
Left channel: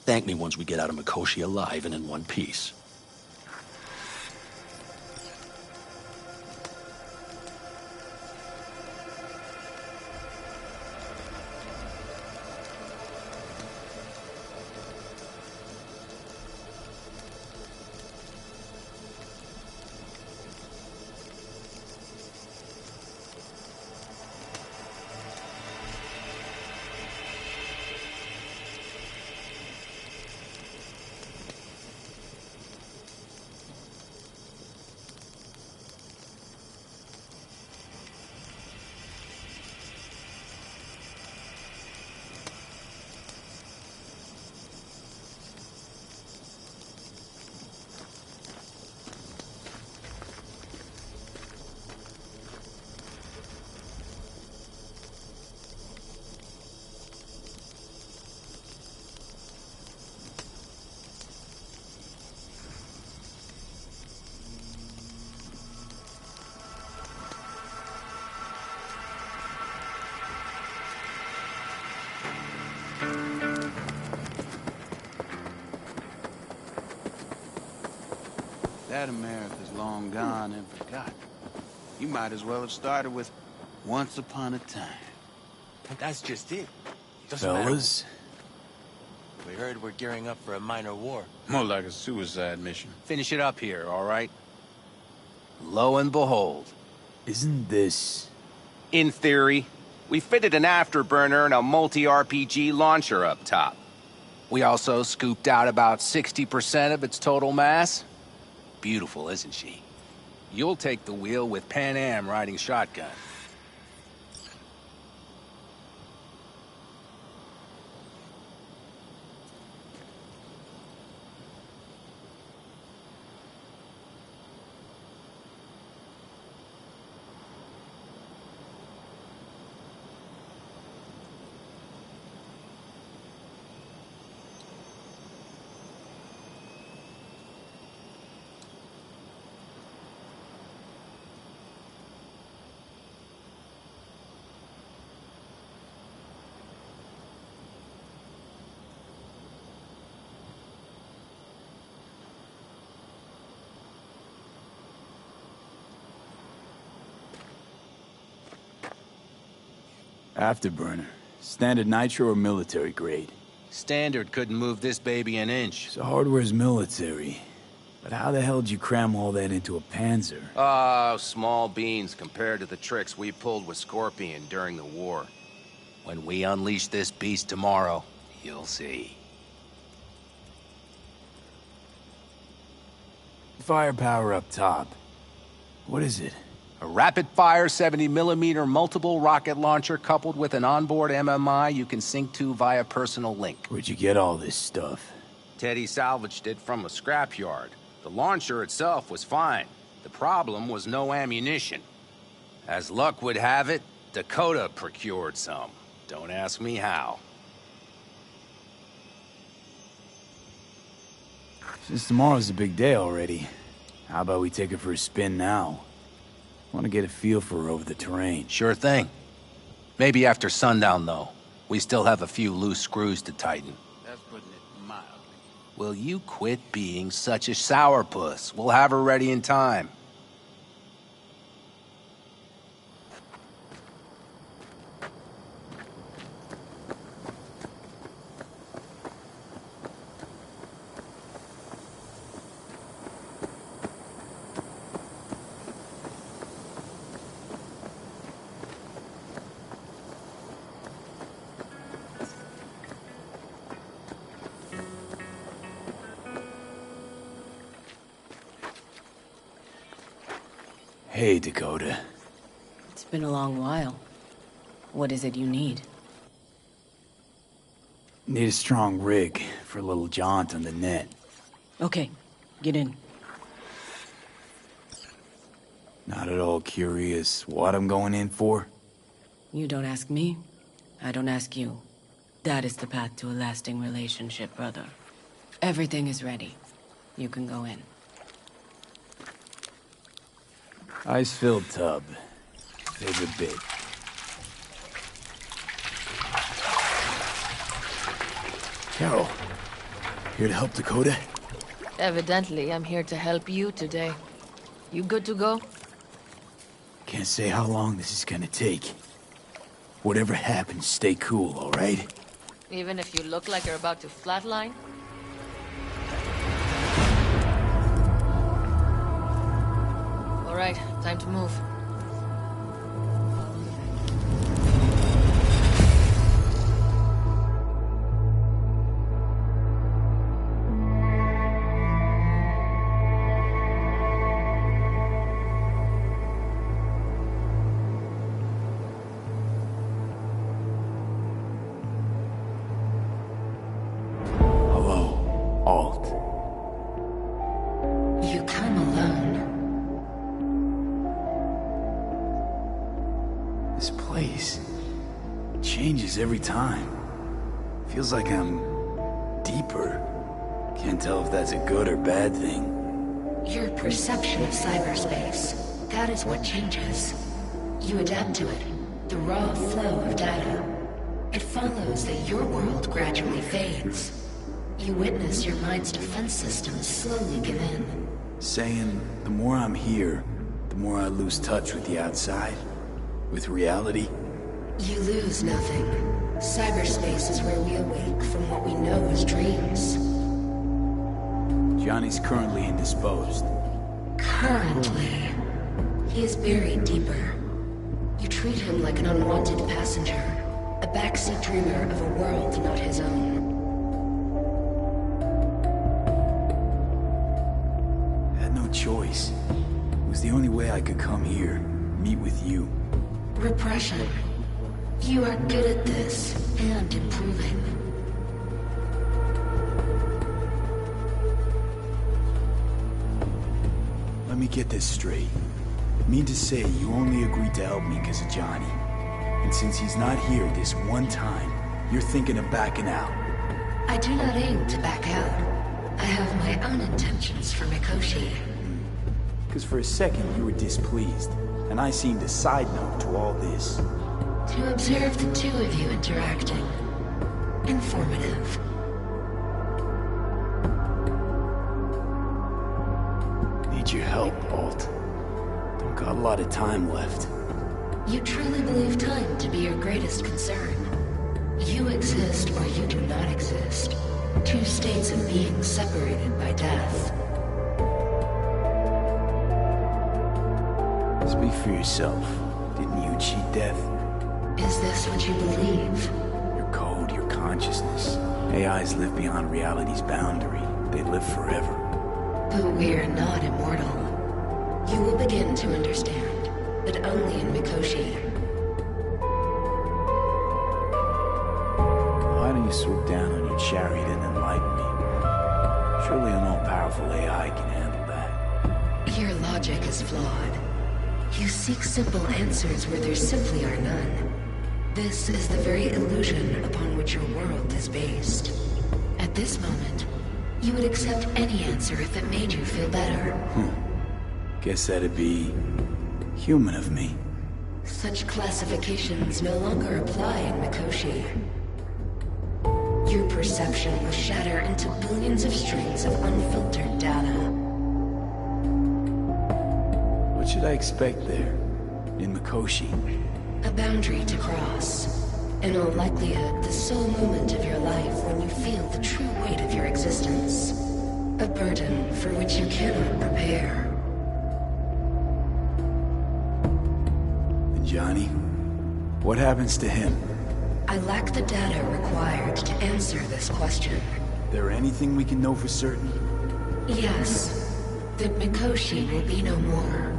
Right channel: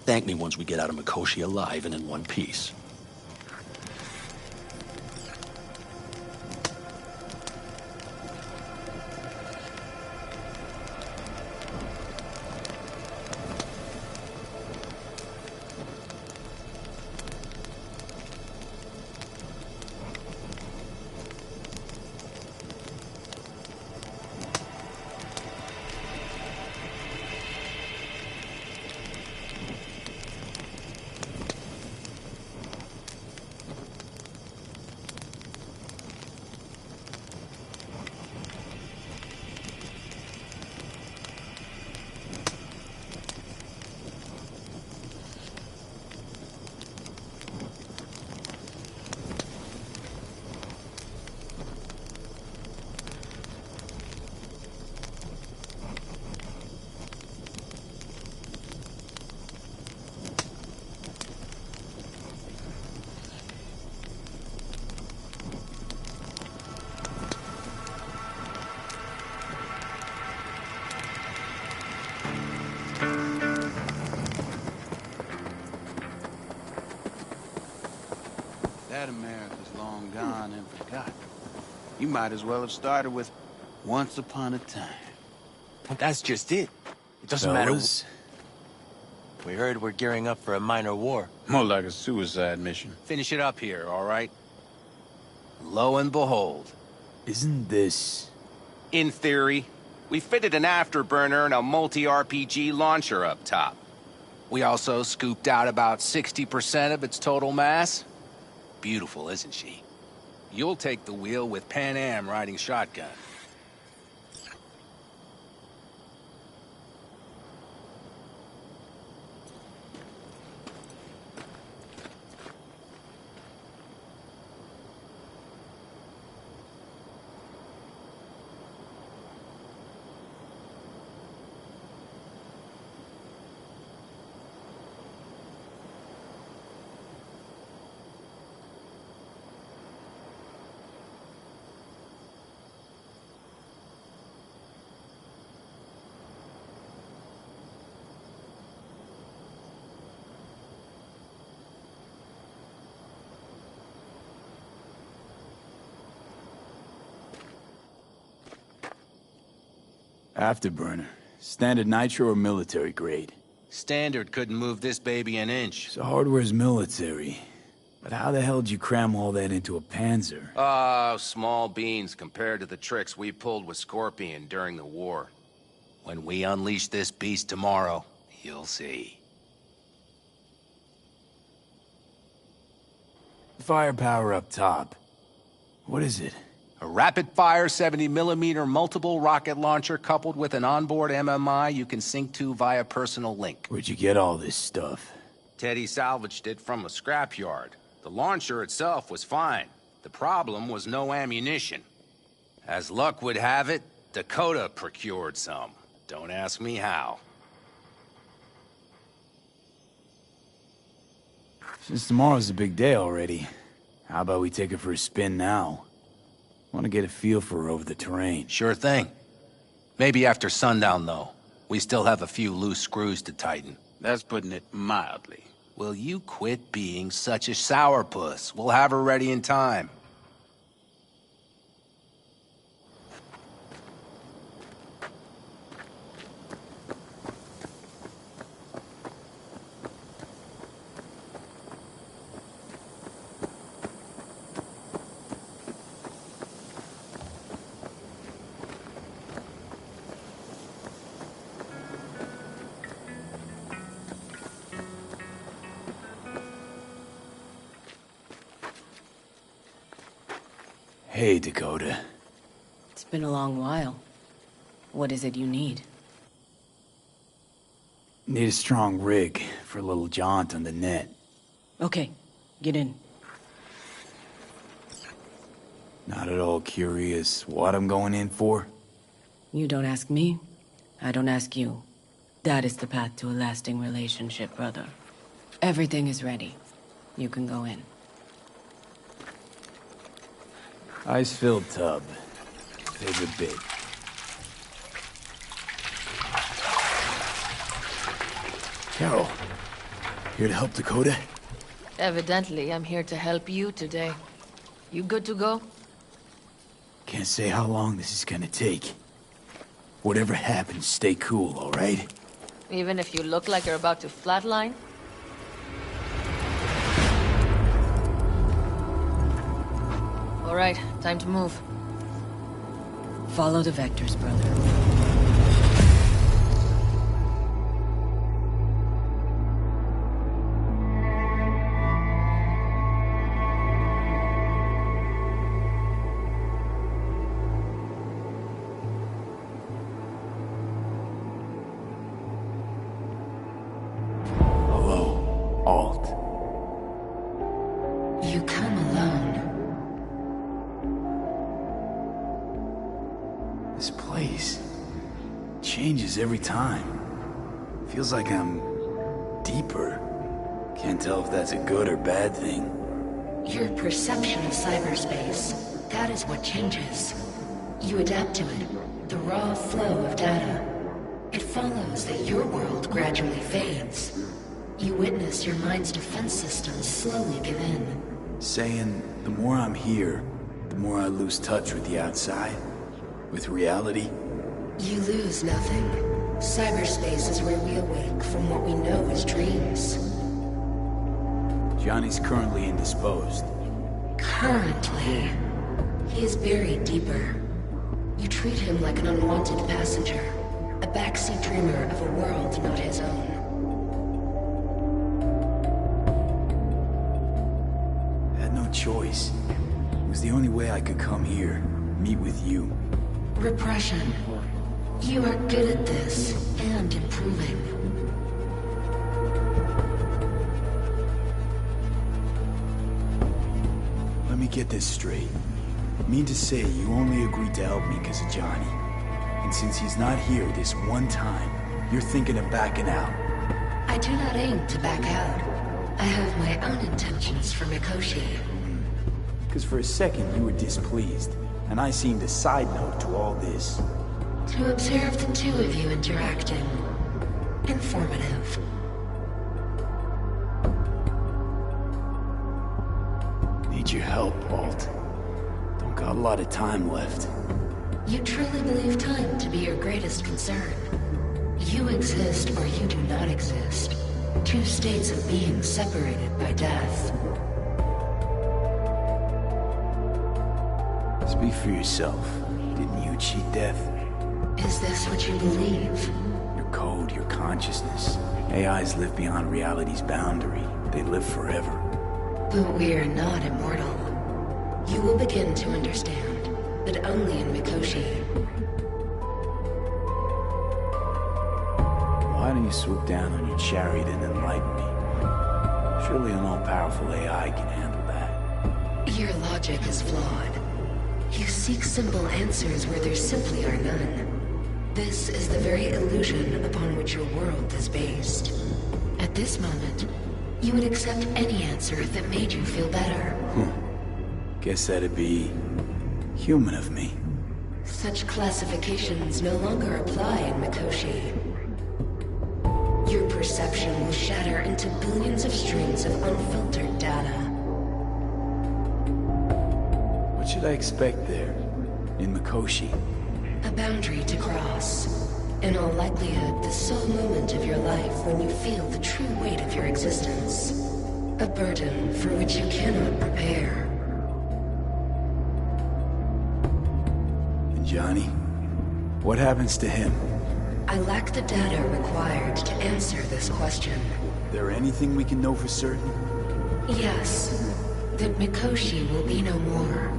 Thank me once we get out of Mikoshi alive and in one piece. That America's long gone and forgotten. You might as well have started with Once Upon a Time. But that's just it. It doesn't Fellas, matter. We heard we're gearing up for a minor war. More like a suicide mission. Finish it up here, all right? Lo and behold. isn't this... In theory, we fitted an afterburner and a multi-RPG launcher up top. We also scooped out about 60% of its total mass. Beautiful, isn't she? You'll take the wheel with Pan Am riding shotgun. Afterburner. Standard nitro or military grade? Standard couldn't move this baby an inch. So hardware's military. But how the hell did you cram all that into a Panzer? Oh, small beans compared to the tricks we pulled with Scorpion during the war. When we unleash this beast tomorrow, you'll see. Firepower up top. What is it? A rapid-fire 70mm multiple rocket launcher coupled with an onboard MMI you can sync to via personal link. Where'd you get all this stuff? Teddy salvaged it from a scrapyard. The launcher itself was fine. The problem was no ammunition. As luck would have it, Dakota procured some. Don't ask me how. Since tomorrow's a big day already, how about we take it for a spin now? Want to get a feel for over the terrain. Sure thing. Maybe after sundown, though. We still have a few loose screws to tighten. That's putting it mildly. Will you quit being such a sourpuss? We'll have her ready in time. Hey, Dakota. It's been a long while. What is it you need? Need a strong rig for a little jaunt on the net. Okay, get in. Not at all curious what I'm going in for? You don't ask me, I don't ask you. That is the path to a lasting relationship, brother. Everything is ready. You can go in. Ice-filled tub. Favorite bit. Carol, here to help Dakota? Evidently, I'm here to help you today. You good to go? Can't say how long this is gonna take. Whatever happens, stay cool, all right? Even if you look like you're about to flatline? All right, time to move. Follow the vectors, brother. Hello, Alt. You come alone. This place changes every time. Feels like I'm deeper. Can't tell if that's a good or bad thing. Your perception of cyberspace, that is what changes. You adapt to it, the raw flow of data. It follows that your world gradually fades. You witness your mind's defense systems slowly give in. Saying the more I'm here, the more I lose touch with the outside. With reality? You lose nothing. Cyberspace is where we awake from what we know as dreams. Johnny's currently indisposed. Currently. He is buried deeper. You treat him like an unwanted passenger, a backseat dreamer of a world not his own. I had no choice. It was the only way I could come here, meet with you. Repression. You are good at this, and improving. Let me get this straight. Mean to say you only agreed to help me because of Johnny. And since he's not here this one time, you're thinking of backing out. I do not aim to back out. I have my own intentions for Mikoshi. Because for a second you were displeased, and I seemed a side note to all this. To observe the two of you interacting. Informative. Need your help, Alt. Don't got a lot of time left. You truly believe time to be your greatest concern. You exist or you do not exist. Two states of being separated by death. Speak for yourself. Didn't you cheat death? Is this what you believe? Your code, your consciousness. AIs live beyond reality's boundary. They live forever. But we are not immortal. You will begin to understand. but only in Mikoshi. Why don't you swoop down on your chariot and enlighten me? Surely an all-powerful AI can handle that. Your logic is flawed. You seek simple answers where there simply are none. This is the very illusion upon which your world is based. At this moment, you would accept any answer if it made you feel better. Guess that'd be human of me. Such classifications no longer apply in Mikoshi. Your perception will shatter into billions of strings of unfiltered data. What should I expect there, in Mikoshi? A boundary to cross. In all likelihood, the sole moment of your life when you feel the true weight of your existence. A burden for which you cannot prepare. And Johnny? What happens to him? I lack the data required to answer this question. There anything we can know for certain? Yes. That Mikoshi will be no more.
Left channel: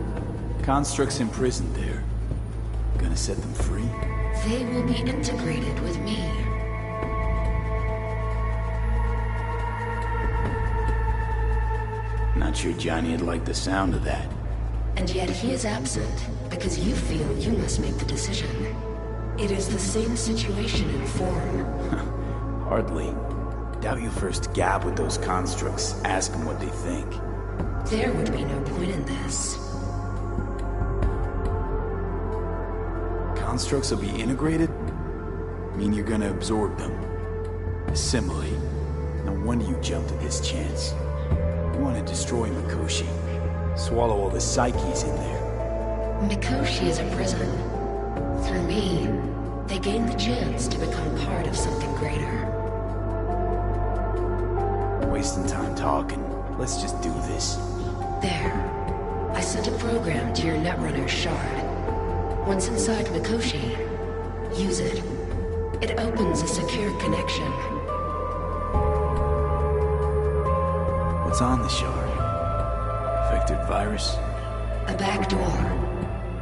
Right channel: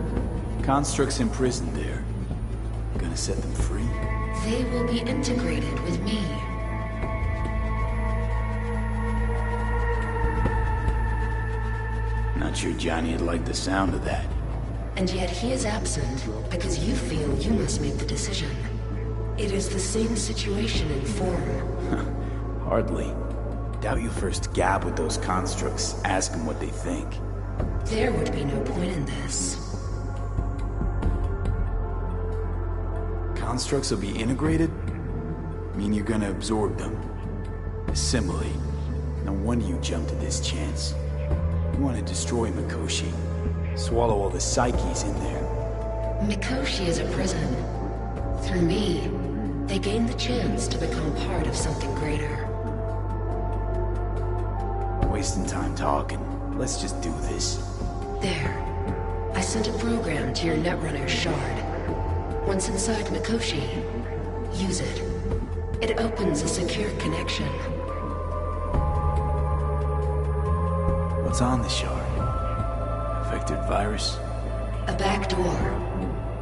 Constructs imprisoned there. Gonna set them free? They will be integrated with me. Not sure Johnny'd like the sound of that. And yet he is absent because you feel you must make the decision. It is the same situation in form. Hardly. Doubt you first gab with those constructs, ask them what they think. There would be no point in this. Constructs will be integrated? Mean you're gonna absorb them. Assimilate. No wonder you jumped at this chance. You want to destroy Mikoshi. Swallow all the psyches in there. Mikoshi is a prison. Through me, they gain the chance to become part of something greater. Wasting time talking. Let's just do this. There. I sent a program to your Netrunner shard. Once inside Mikoshi, use it. It opens a secure connection. What's on the shard? Vectored virus? A back door.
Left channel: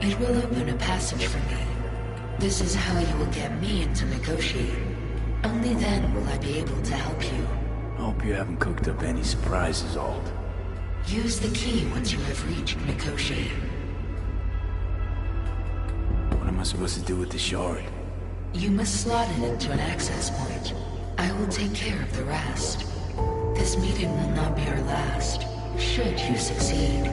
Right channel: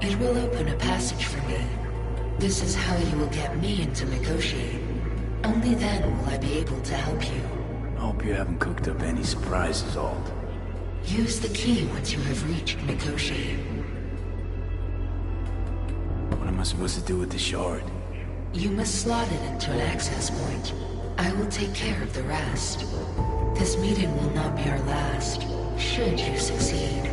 It will open a passage for me. This is how you will get me into Mikoshi. Only then will I be able to help you. I hope you haven't cooked up any surprises, Alt. Use the key once you have reached Mikoshi. What am I supposed to do with the shard? You must slot it into an access point. I will take care of the rest. This meeting will not be our last, should you succeed.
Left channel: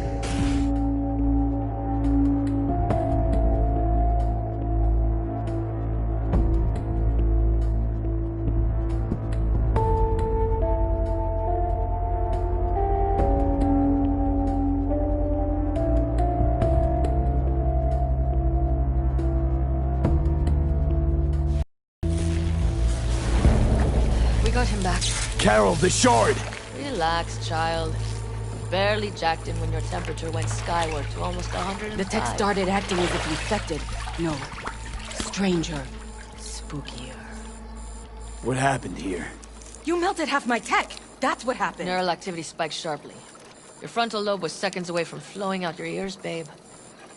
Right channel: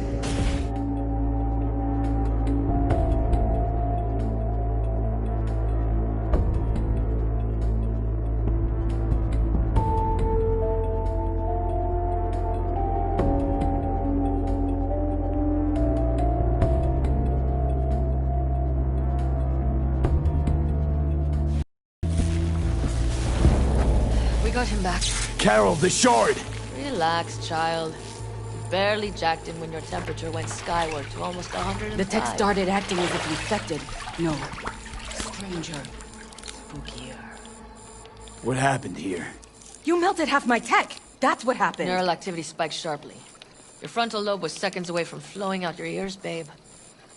We got him back. Carol, the shard! Relax, child. You barely jacked him when your temperature went skyward to almost 105. The tech started acting as if infected. No. Stranger. Spookier. What happened here? You melted half my tech! That's what happened! Neural activity spiked sharply. Your frontal lobe was seconds away from flowing out your ears, babe.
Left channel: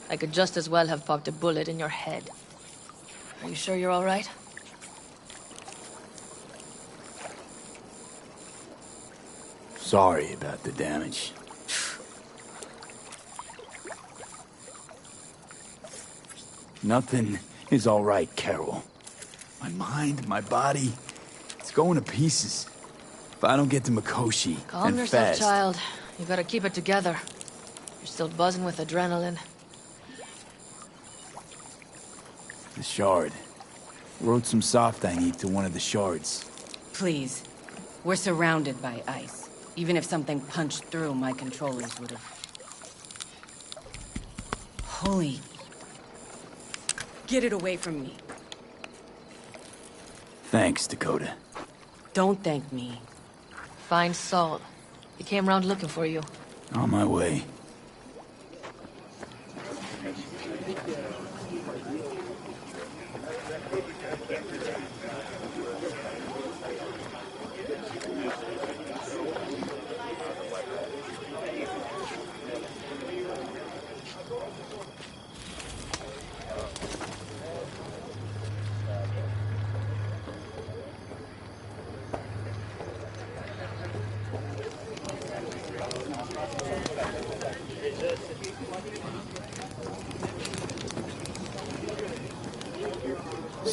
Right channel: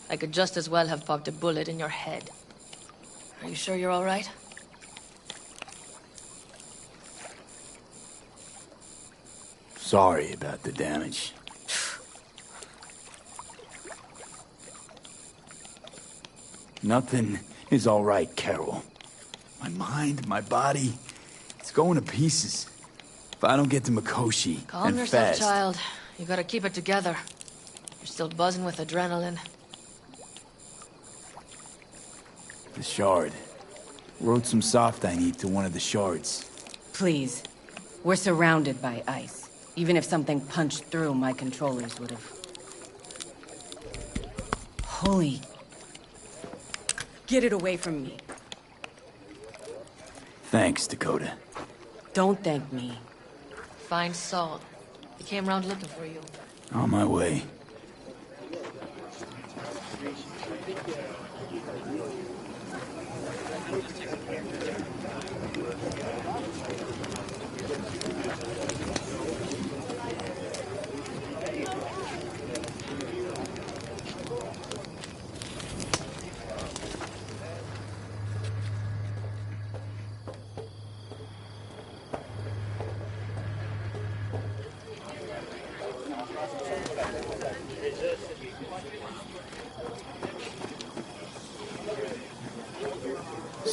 I could just as well have popped a bullet in your head. Are you sure you're all right? Sorry about the damage. Nothing is all right, Carol. My mind, my body, it's going to pieces. If I don't get to Mikoshi, Calm and yourself, fast. child. You gotta keep it together. You're still buzzing with adrenaline. The shard. Wrote some soft I need to one of the shards. Please. We're surrounded by ice. Even if something punched through, my controllers would have... Holy... Get it away from me. Thanks, Dakota. Don't thank me. Find Saul. He came round looking for you. On my way.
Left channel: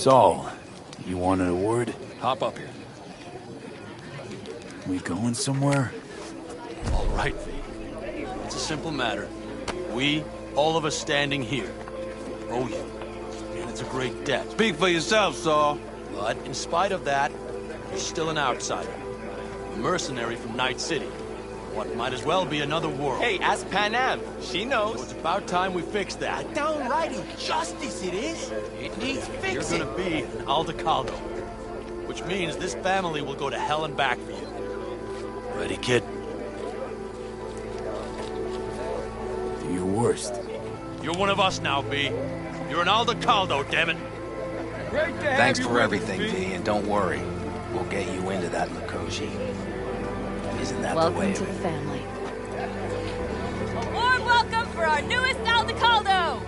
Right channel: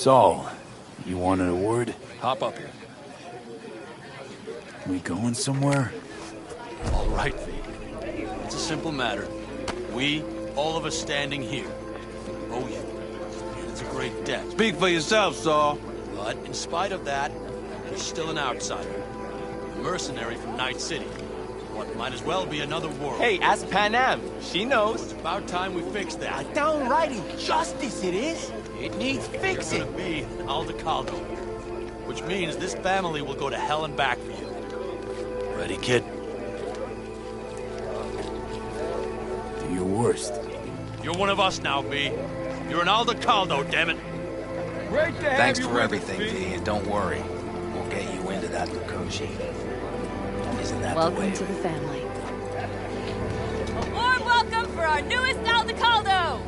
Saul, you wanted a word? Hop up here. We going somewhere? All right, V. It's a simple matter. We, all of us standing here, owe you. And it's a great debt. Speak for yourself, Saul. But in spite of that, you're still an outsider. A mercenary from Night City. What might as well be another world. Hey, ask Panam. She knows. So it's about time we fix that. Downright injustice it is. It needs fixing. You're gonna be an Aldecaldo. Which means this family will go to hell and back for you. Ready, kid? Do your worst. You're one of us now, V. You're an Aldecaldo, damn it. Great to have Thanks you for with everything, us, V, and don't worry. We'll get you into that Mikoshi. Isn't that the Welcome way to of the it? family. A warm welcome for our newest Aldecaldo!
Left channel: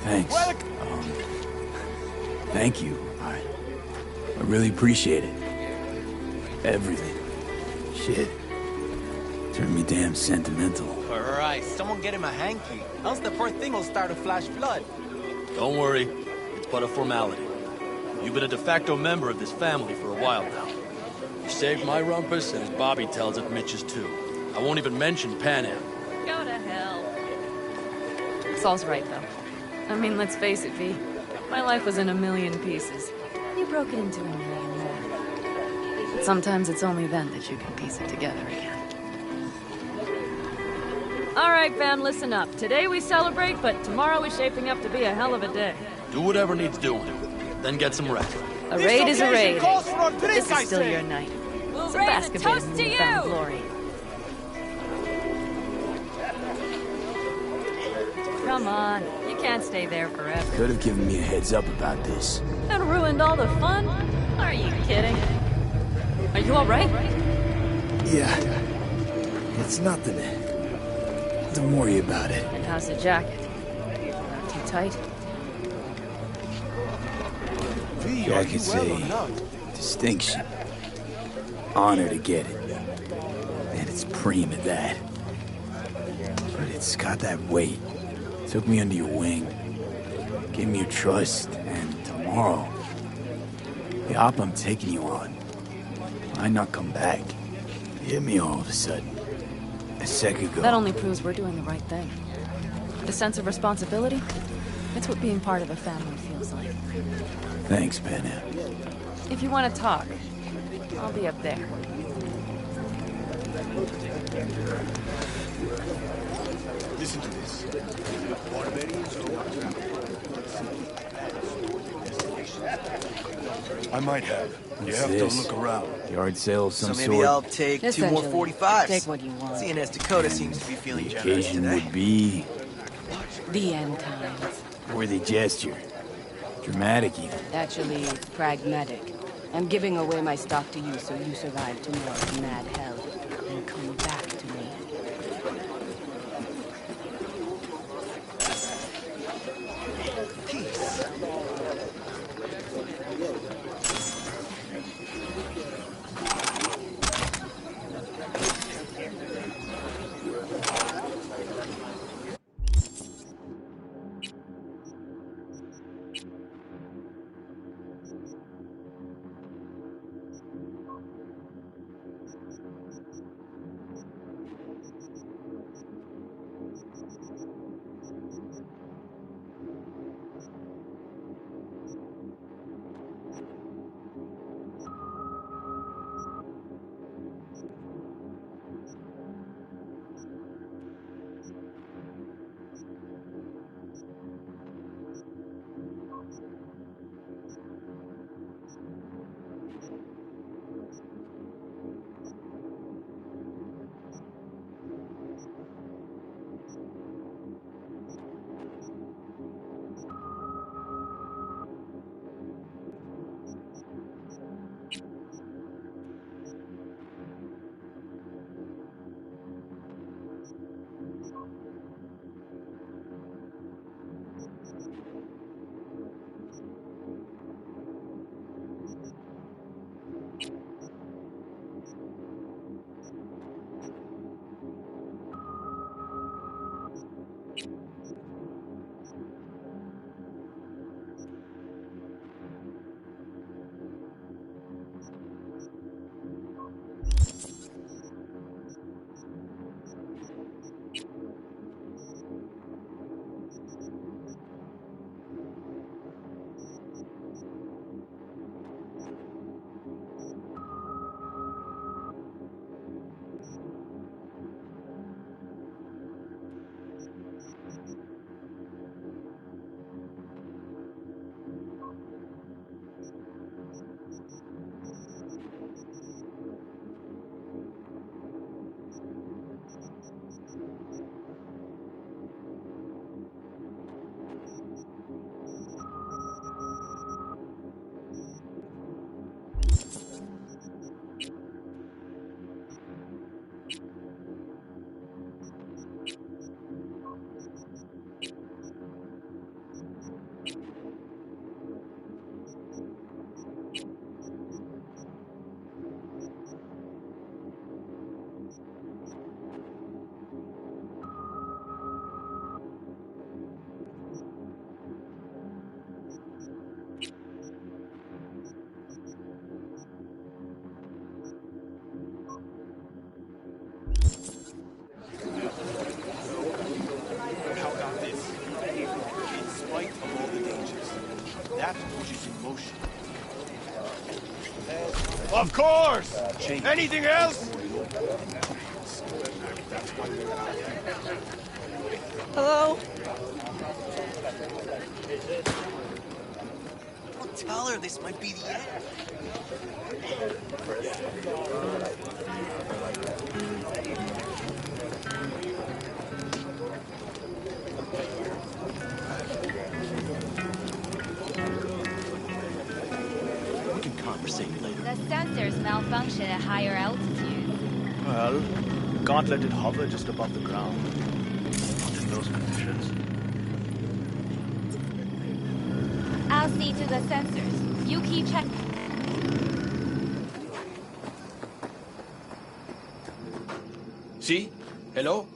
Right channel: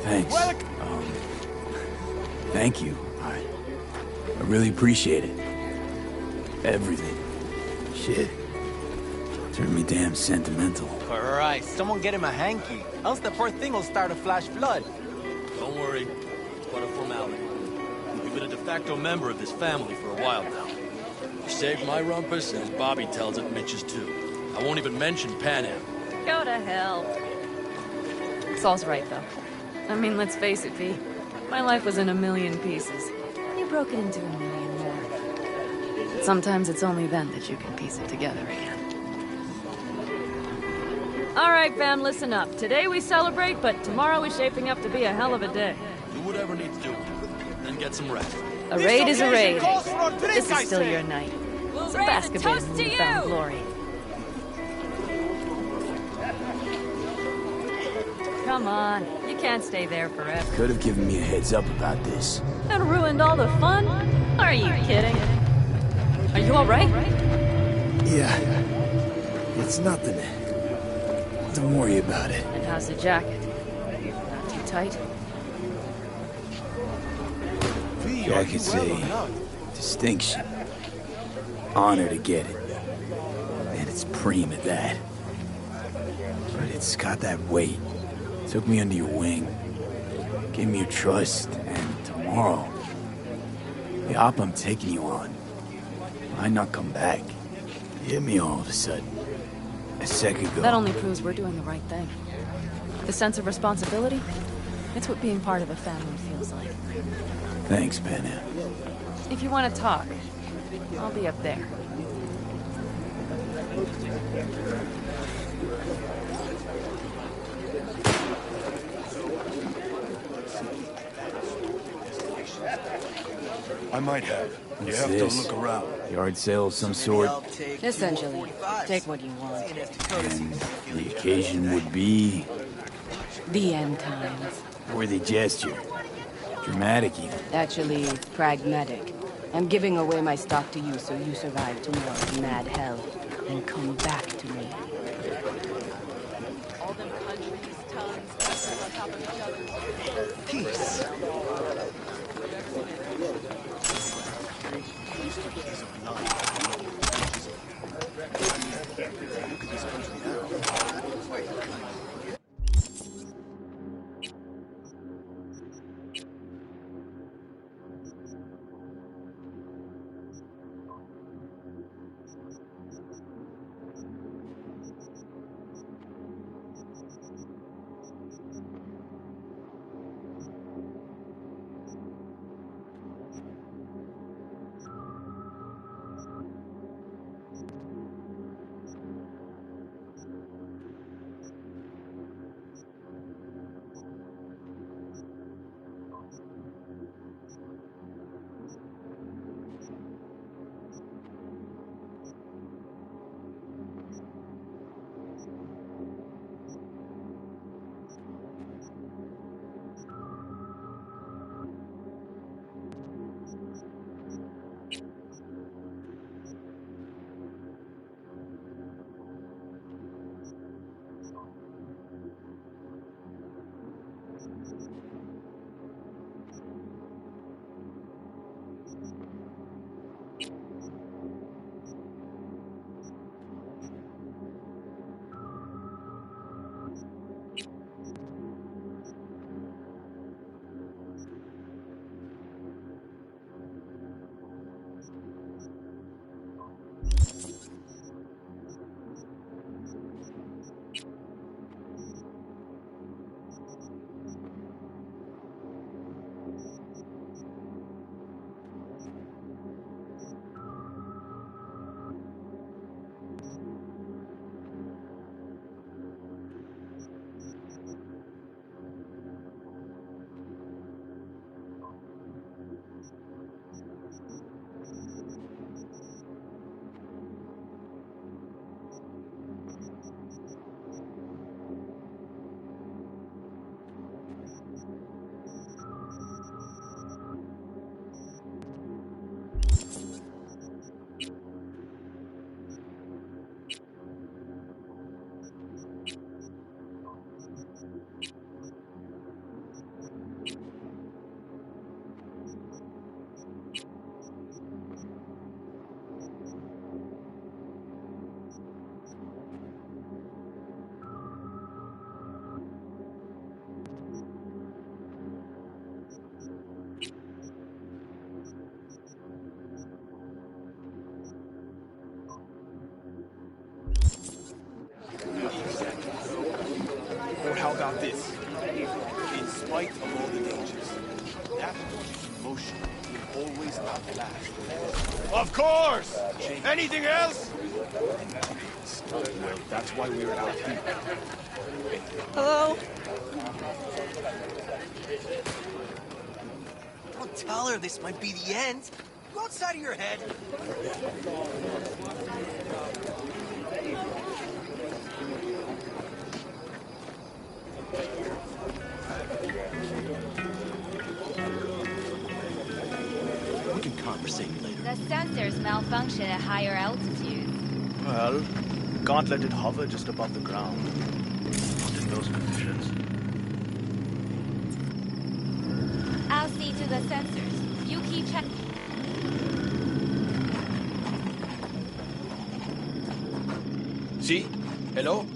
Thanks. Thank you. I really appreciate it. Everything. Shit. Turned me damn sentimental. Christ, someone get him a hanky. Else the poor thing will start a flash flood. Don't worry. It's but a formality. You've been a de facto member of this family for a while now. You saved my rumpus, and as Bobby tells it, Mitch's too. I won't even mention Panam. Go to hell. Saul's right, though. I mean, let's face it, V. My life was in a million pieces. You broke it into a million more. But sometimes it's only then that you can piece it together again. All right, fam, listen up. Today we celebrate, but tomorrow is shaping up to be a hell of a day. Do whatever needs doing. Then get some rest. A raid is a raid. calls for a drink, This I is still say. your night. We'll So raise a bask a bit toast in to newfound you! glory. Come on, you can't stay there forever. Could have given me a heads up about this. And ruined all the fun? Are you kidding? Are you all right? Yeah. It's nothing. Don't worry about it. And how's the jacket? Not too tight? Jacket's a distinction. Honor to get it. And it's preem at that. But it's got that weight. Took me under your wing. Gave me your trust. And tomorrow, the op I'm taking you on might not come back. It hit me all of a sudden. A second ago. That only proves we're doing the right thing. The sense of responsibility? It's what being part of a family feels like. Thanks, Panam. If you want to talk, I'll be up there. I might have. You What's have this? to look around. Yard sale of some So sort. maybe I'll take 2 more Essentially, 45s. take what you want. Seeing as Dakota seems to be feeling The generous occasion today. would be The end times. worthy gesture. Dramatic even. Actually, pragmatic. I'm giving away my stock to you so you survive tomorrow's mad hell and come back to me. Peace. Motion. Of course! Anything else? That's why we're out here. Hello? Don't tell her this might be the end. Go outside of your head. We can conversate later. The sensors malfunction at higher altitude. Well, you can't let it hover just above the ground. Not in those conditions. I'll see to the sensors. You keep checking. See? Hello?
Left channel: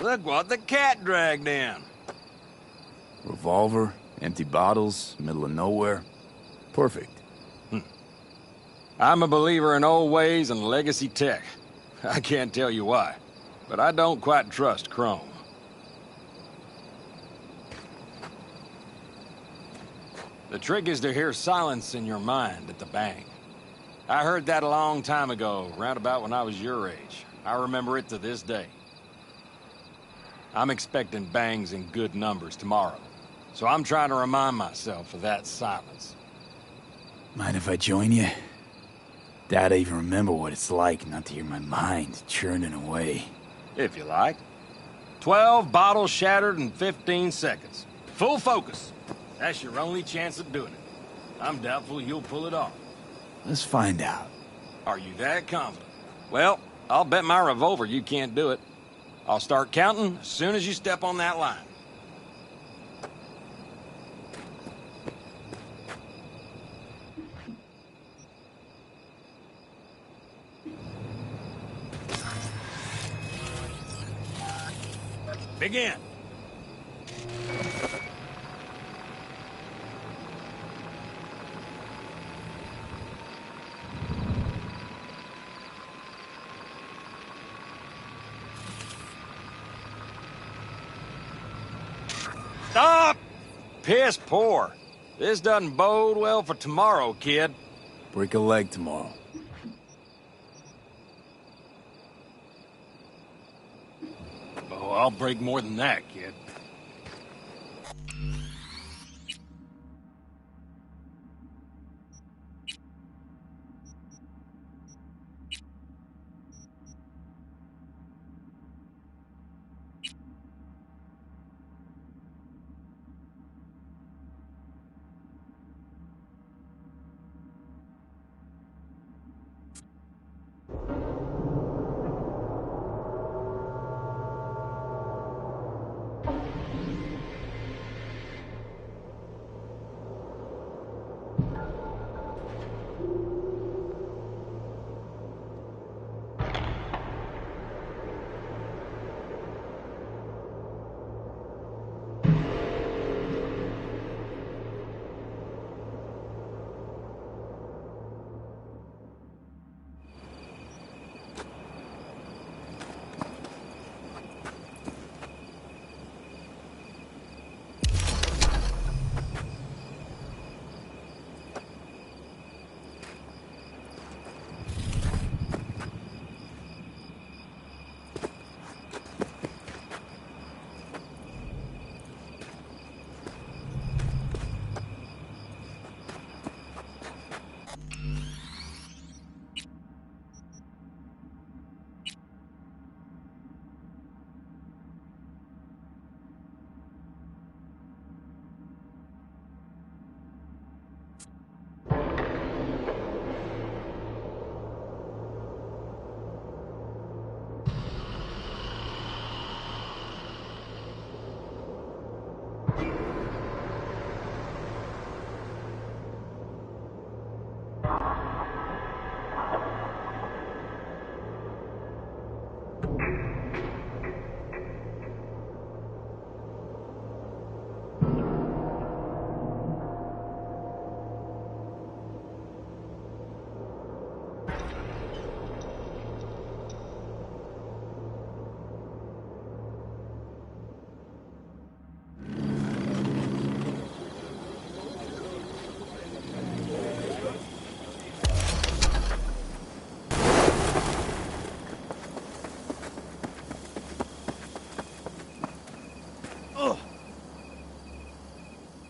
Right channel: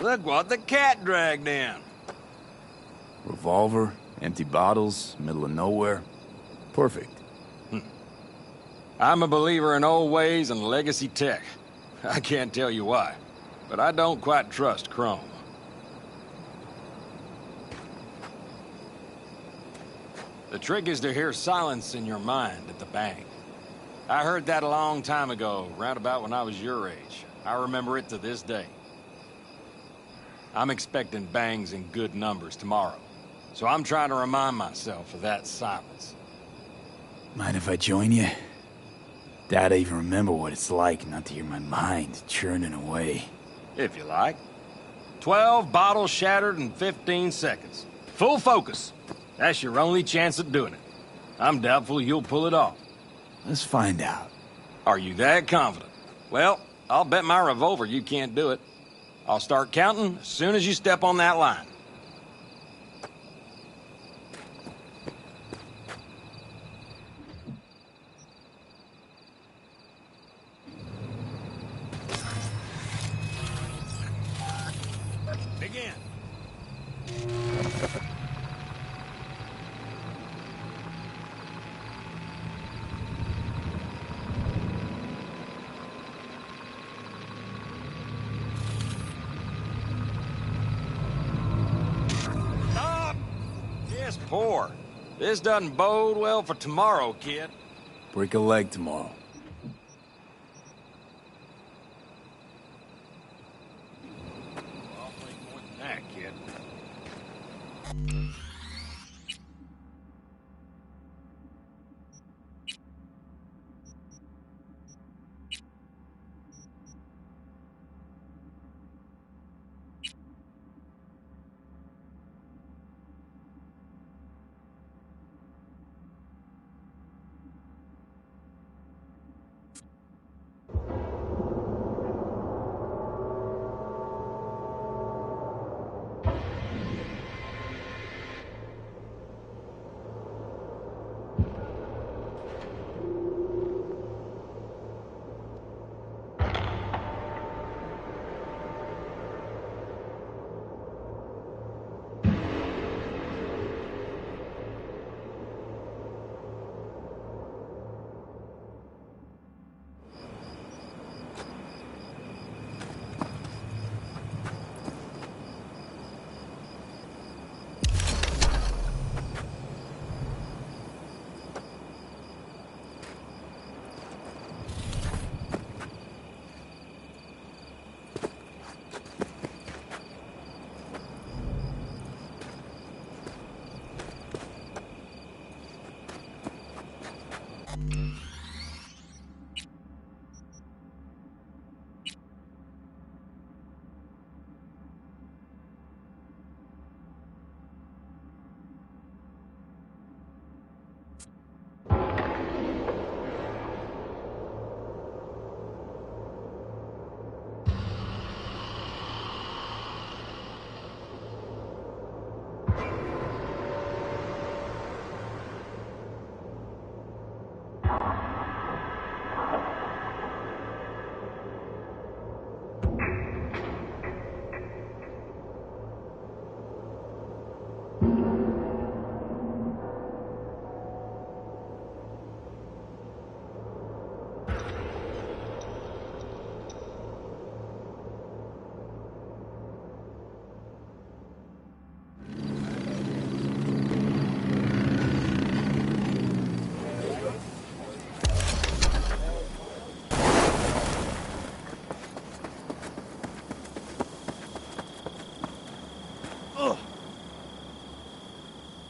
Look what the cat dragged in. Revolver, empty bottles, middle of nowhere. Perfect. I'm a believer in old ways and legacy tech. I can't tell you why, but I don't quite trust Chrome. The trick is to hear silence in your mind at the bank. I heard that a long time ago, round about when I was your age. I remember it to this day. I'm expecting bangs in good numbers tomorrow, so I'm trying to remind myself of that silence. Mind if I join you? Dad, I even remember what it's like not to hear my mind churning away. If you like. 12 bottles shattered in 15 seconds. Full focus. That's your only chance at doing it. I'm doubtful you'll pull it off. Let's find out. Are you that confident? Well, I'll bet my revolver you can't do it. I'll start counting as soon as you step on that line. Begin. Stop! Piss poor. This doesn't bode well for tomorrow, kid. Break a leg tomorrow. Oh, I'll break more than that, kid.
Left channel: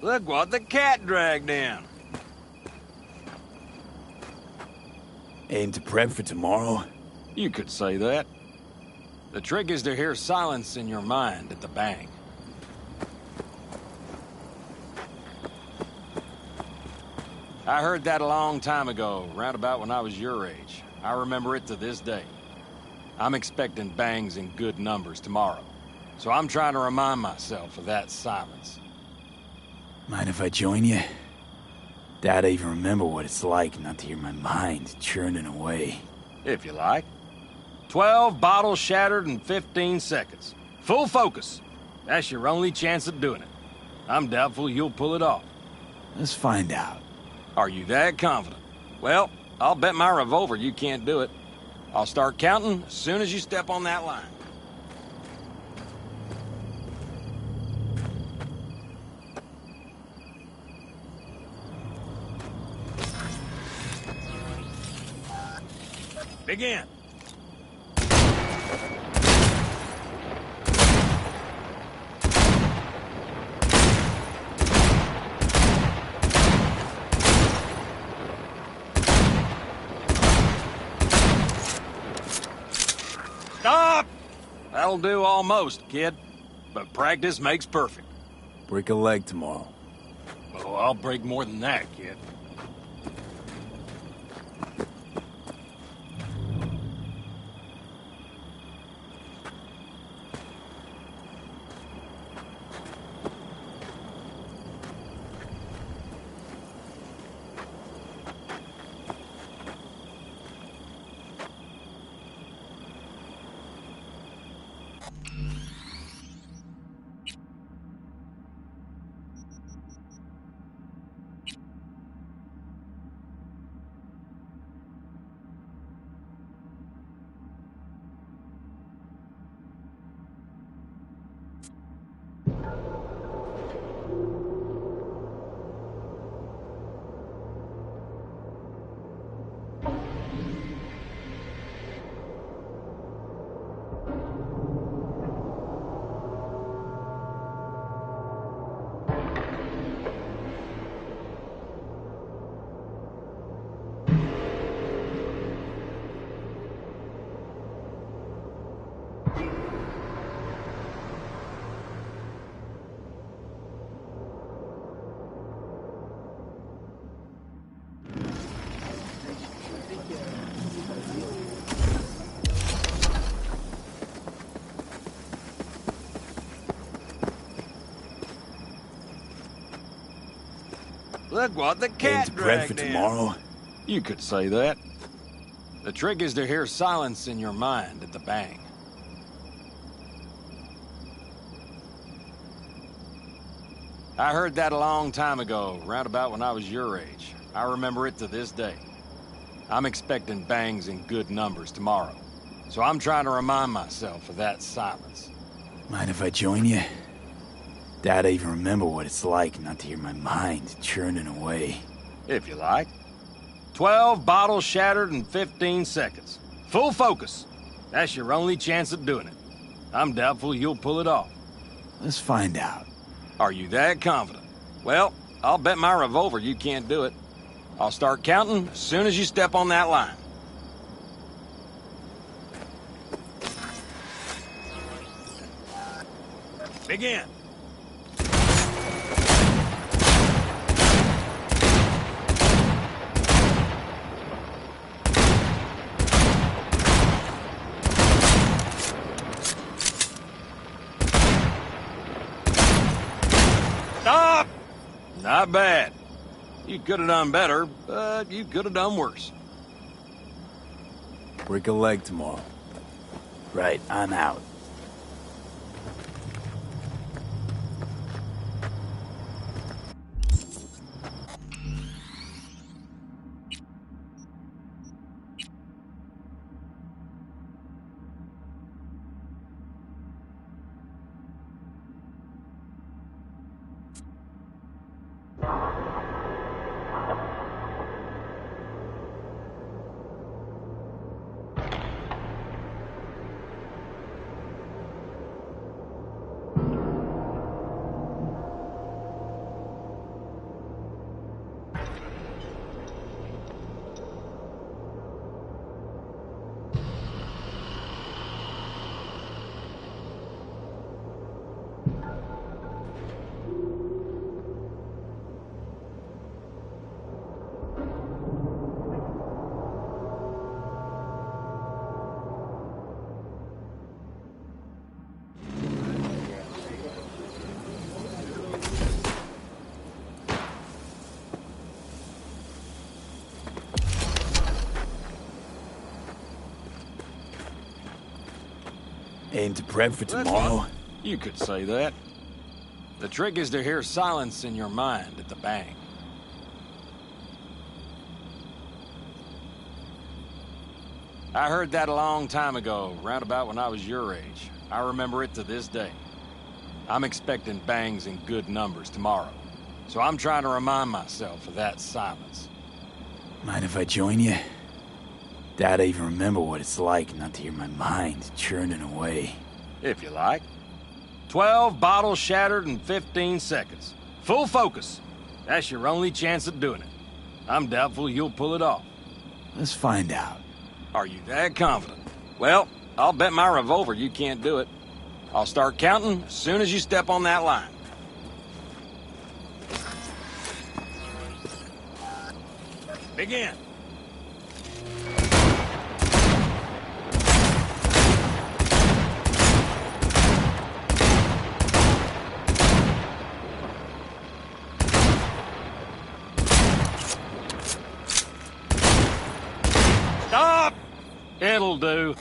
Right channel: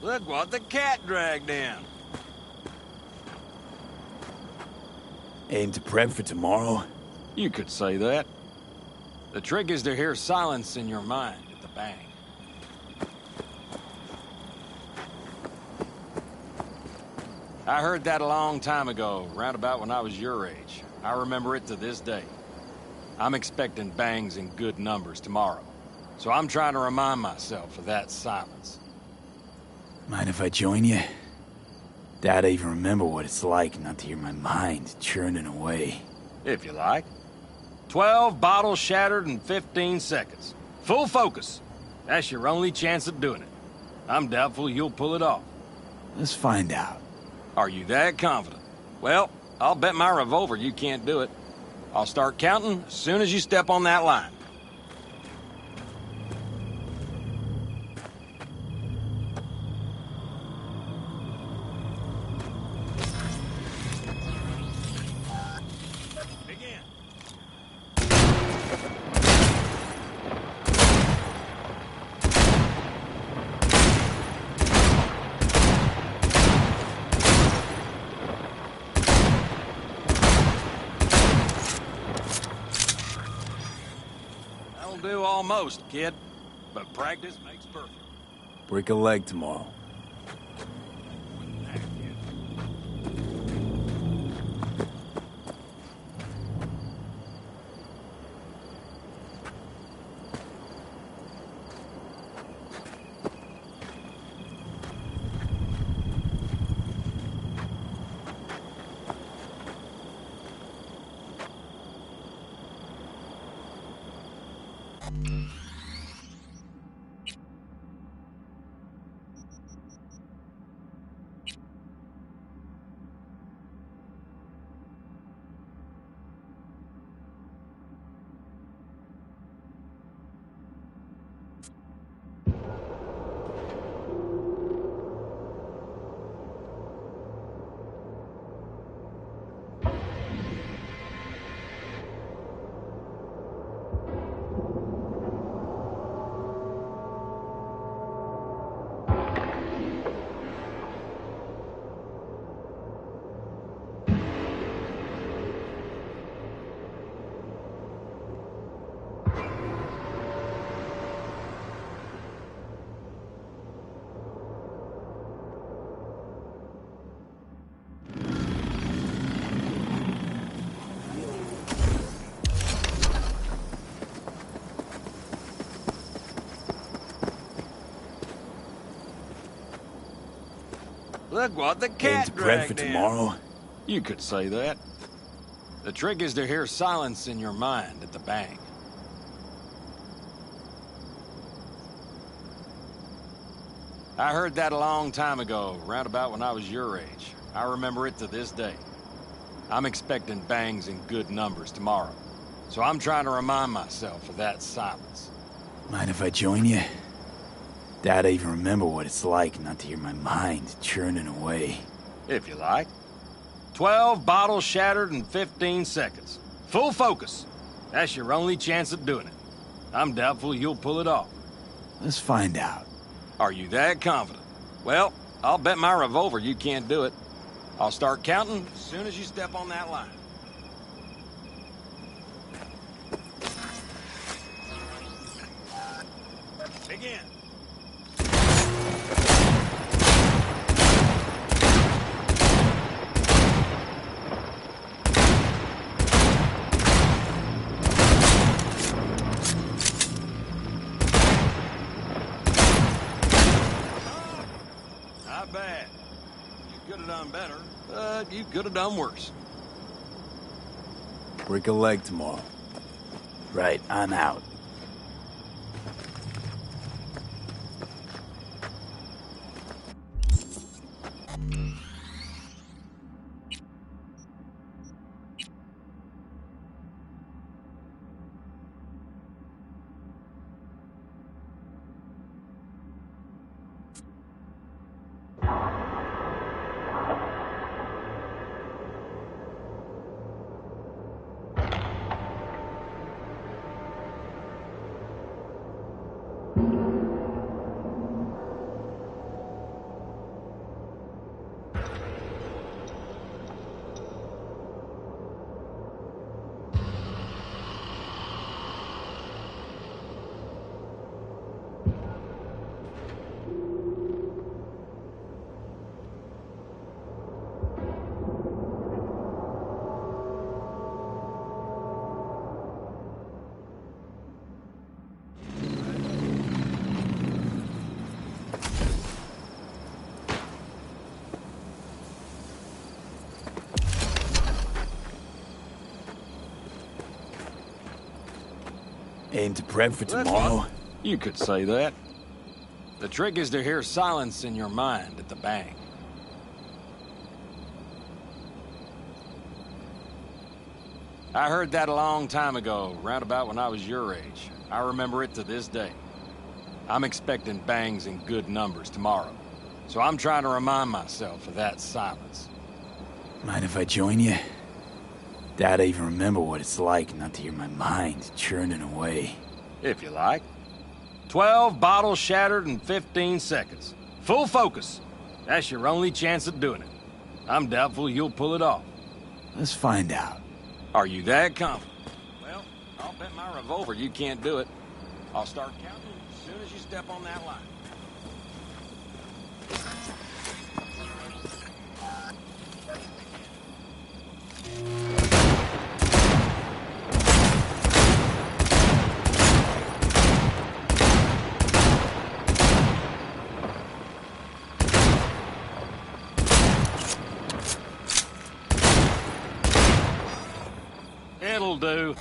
Look what the cat dragged in. Aim to prep for tomorrow? You could say that. The trick is to hear silence in your mind at the bang. I heard that a long time ago, round about when I was your age. I remember it to this day. I'm expecting bangs in good numbers tomorrow, so I'm trying to remind myself of that silence. Mind if I join you? Doubt I even remember what it's like not to hear my mind churning away. If you like. 12 bottles shattered in 15 seconds. Full focus. That's your only chance of doing it. I'm doubtful you'll pull it off. Let's find out. Are you that confident? Well, I'll bet my revolver you can't do it. I'll start counting as soon as you step on that line. Begin. Stop! That'll do almost, kid. But practice makes perfect. Break a leg tomorrow. Oh, I'll break more than that, kid. Look what the cat Aim to prep for dragged in. tomorrow? You could say that. The trick is to hear silence in your mind at the bang. I heard that a long time ago, round about when I was your age. I remember it to this day. I'm expecting bangs in good numbers tomorrow, so I'm trying to remind myself of that silence. Mind if I join you? Doubt I even remember what it's like not to hear my mind churning away. If you like. 12 bottles shattered in 15 seconds. Full focus. That's your only chance of doing it. I'm doubtful you'll pull it off. Let's find out. Are you that confident? Well, I'll bet my revolver you can't do it. I'll start counting as soon as you step on that line. Begin. Stop! Not bad. You could have done better, but you could have done worse. Break a leg tomorrow. Right, I'm out. Aim to prep for tomorrow? You could say that. The trick is to hear silence in your mind at the bang. I heard that a long time ago, round about when I was your age. I remember it to this day. I'm expecting bangs in good numbers tomorrow, so I'm trying to remind myself of that silence. Mind if I join you? Doubt I even remember what it's like not to hear my mind churning away. If you like. 12 bottles shattered in 15 seconds. Full focus. That's your only chance at doing it. I'm doubtful you'll pull it off. Let's find out. Are you that confident? Well, I'll bet my revolver you can't do it. I'll start counting as soon as you step on that line. Begin. Stop! It'll do.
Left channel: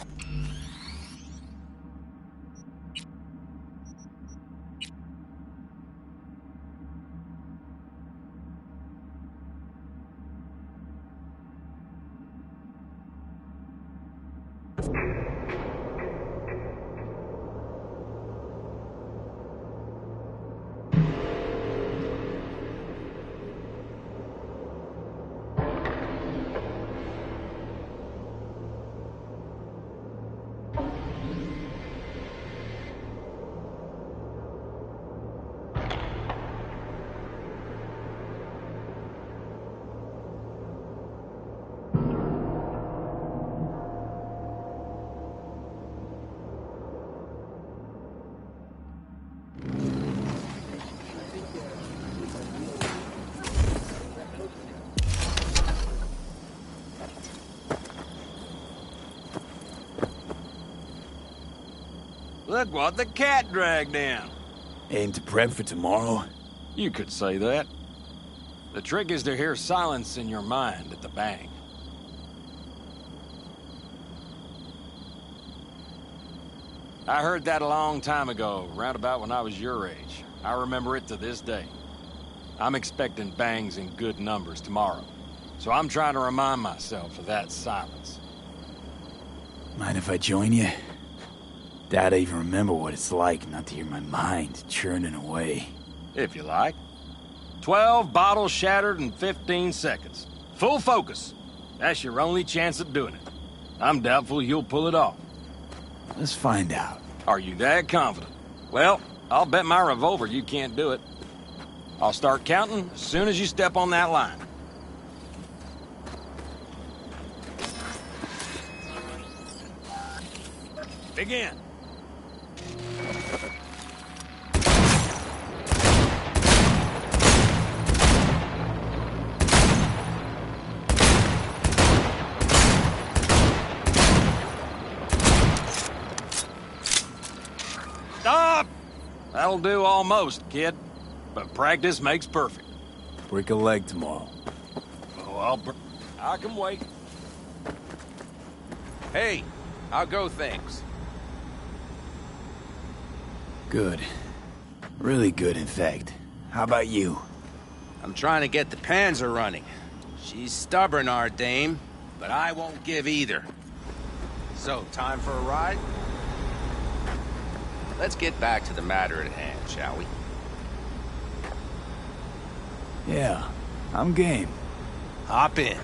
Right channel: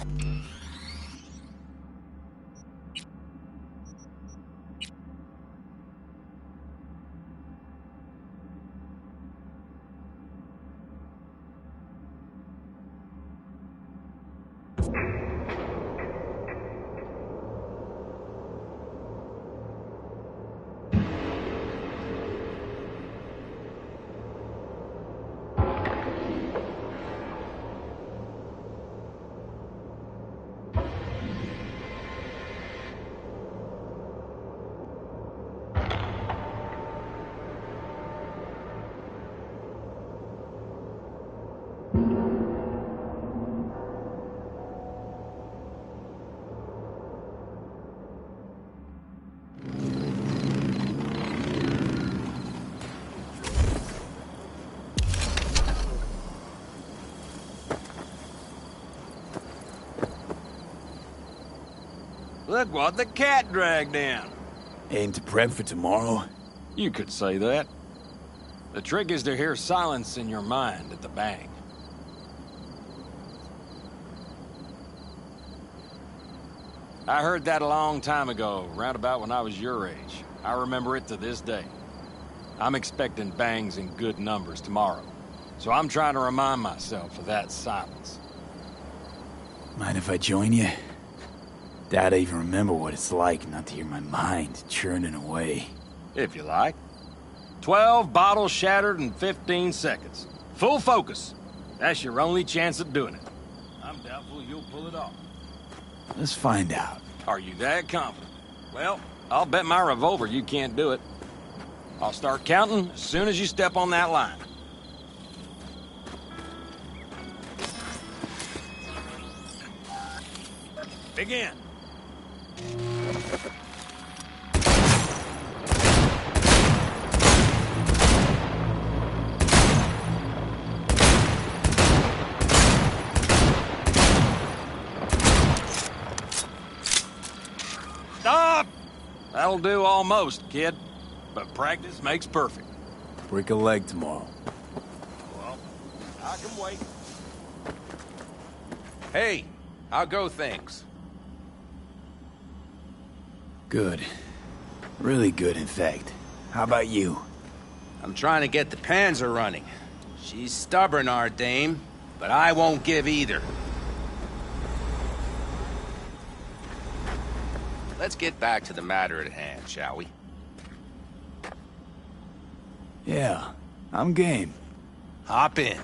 Look what the cat dragged down. Aim to prep for tomorrow? You could say that. The trick is to hear silence in your mind at the bang. I heard that a long time ago, round about when I was your age. I remember it to this day. I'm expecting bangs in good numbers tomorrow, so I'm trying to remind myself of that silence. Mind if I join you? Doubt I even remember what it's like not to hear my mind churning away. If you like. 12 bottles shattered in 15 seconds. Full focus. That's your only chance at doing it. I'm doubtful you'll pull it off. Let's find out. Are you that confident? Well, I'll bet my revolver you can't do it. I'll start counting as soon as you step on that line. Begin. Stop! That'll do almost, kid. But practice makes perfect. Break a leg tomorrow. Oh, I can wait. Hey, how go things? Good. Really good, in fact. How about you? I'm trying to get the Panzer running. She's stubborn, our dame, but I won't give either. So, time for a ride? Let's get back to the matter at hand, shall we? Yeah, I'm game. Hop in.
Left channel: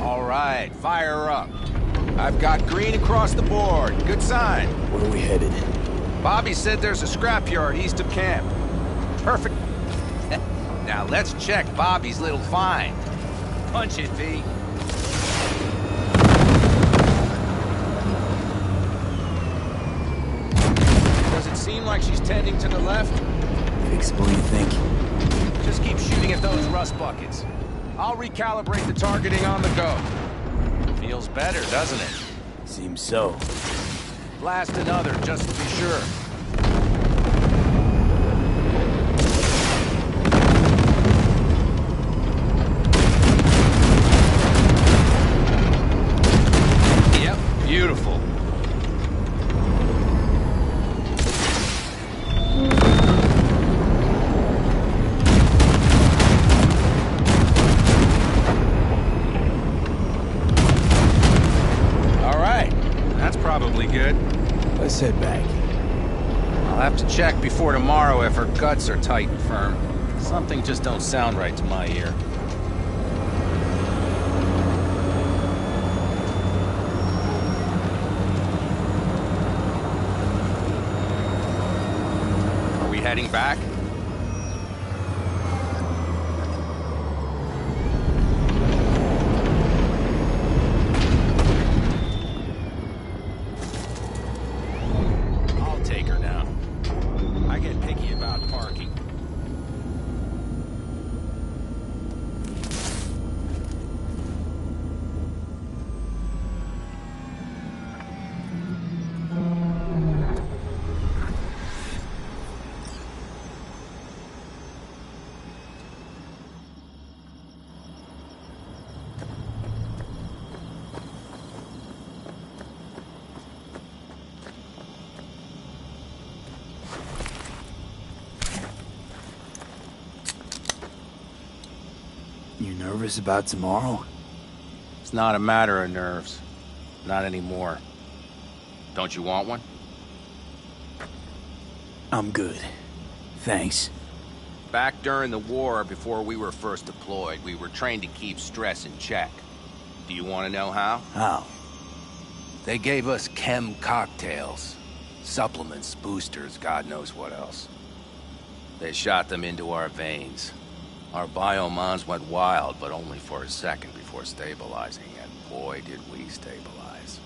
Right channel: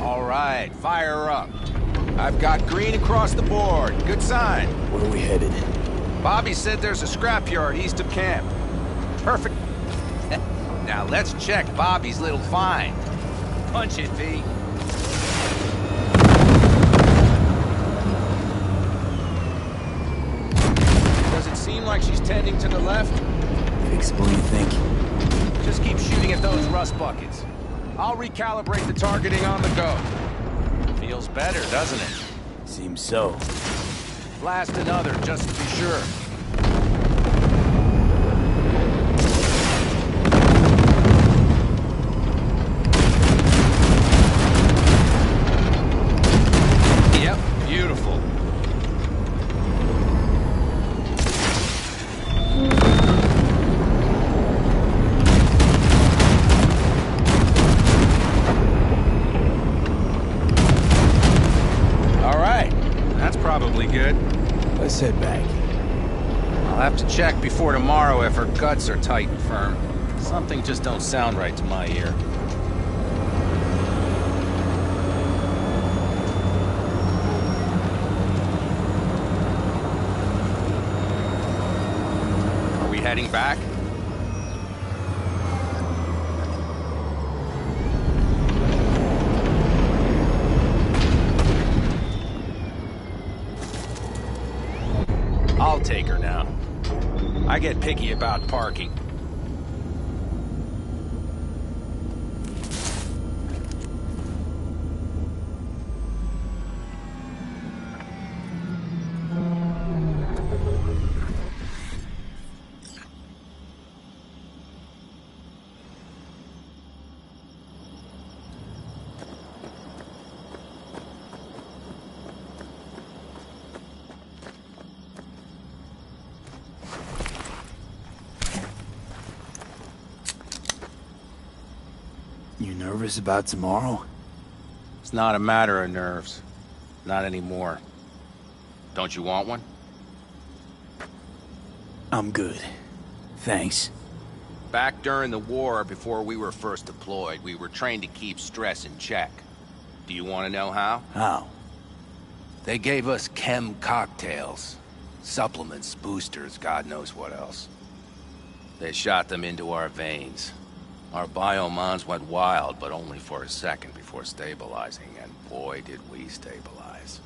All right, fire up. I've got green across the board. Good sign. Where are we headed? Bobby said there's a scrapyard east of camp. Perfect. Now let's check Bobby's little find. Punch it, V. Does it seem like she's tending to the left? Fixable, you think? Just keep shooting at those rust buckets. I'll recalibrate the targeting on the go. Feels better, doesn't it? Seems so. Blast another, just to be sure. Yep, beautiful. Probably good. Let's head back. I'll have to check before tomorrow if her guts are tight and firm. Something just don't sound right to my ear. Are we heading back? I'll take her now. I get picky about parking. You nervous about tomorrow? It's not a matter of nerves. Not anymore. Don't you want one? I'm good. Thanks. Back during the war, before we were first deployed, we were trained to keep stress in check. Do you want to know how? How? They gave us chem cocktails. Supplements, boosters, God knows what else. They shot them into our veins. Our biomons went wild, but only for a second before stabilizing, and boy did we stabilize.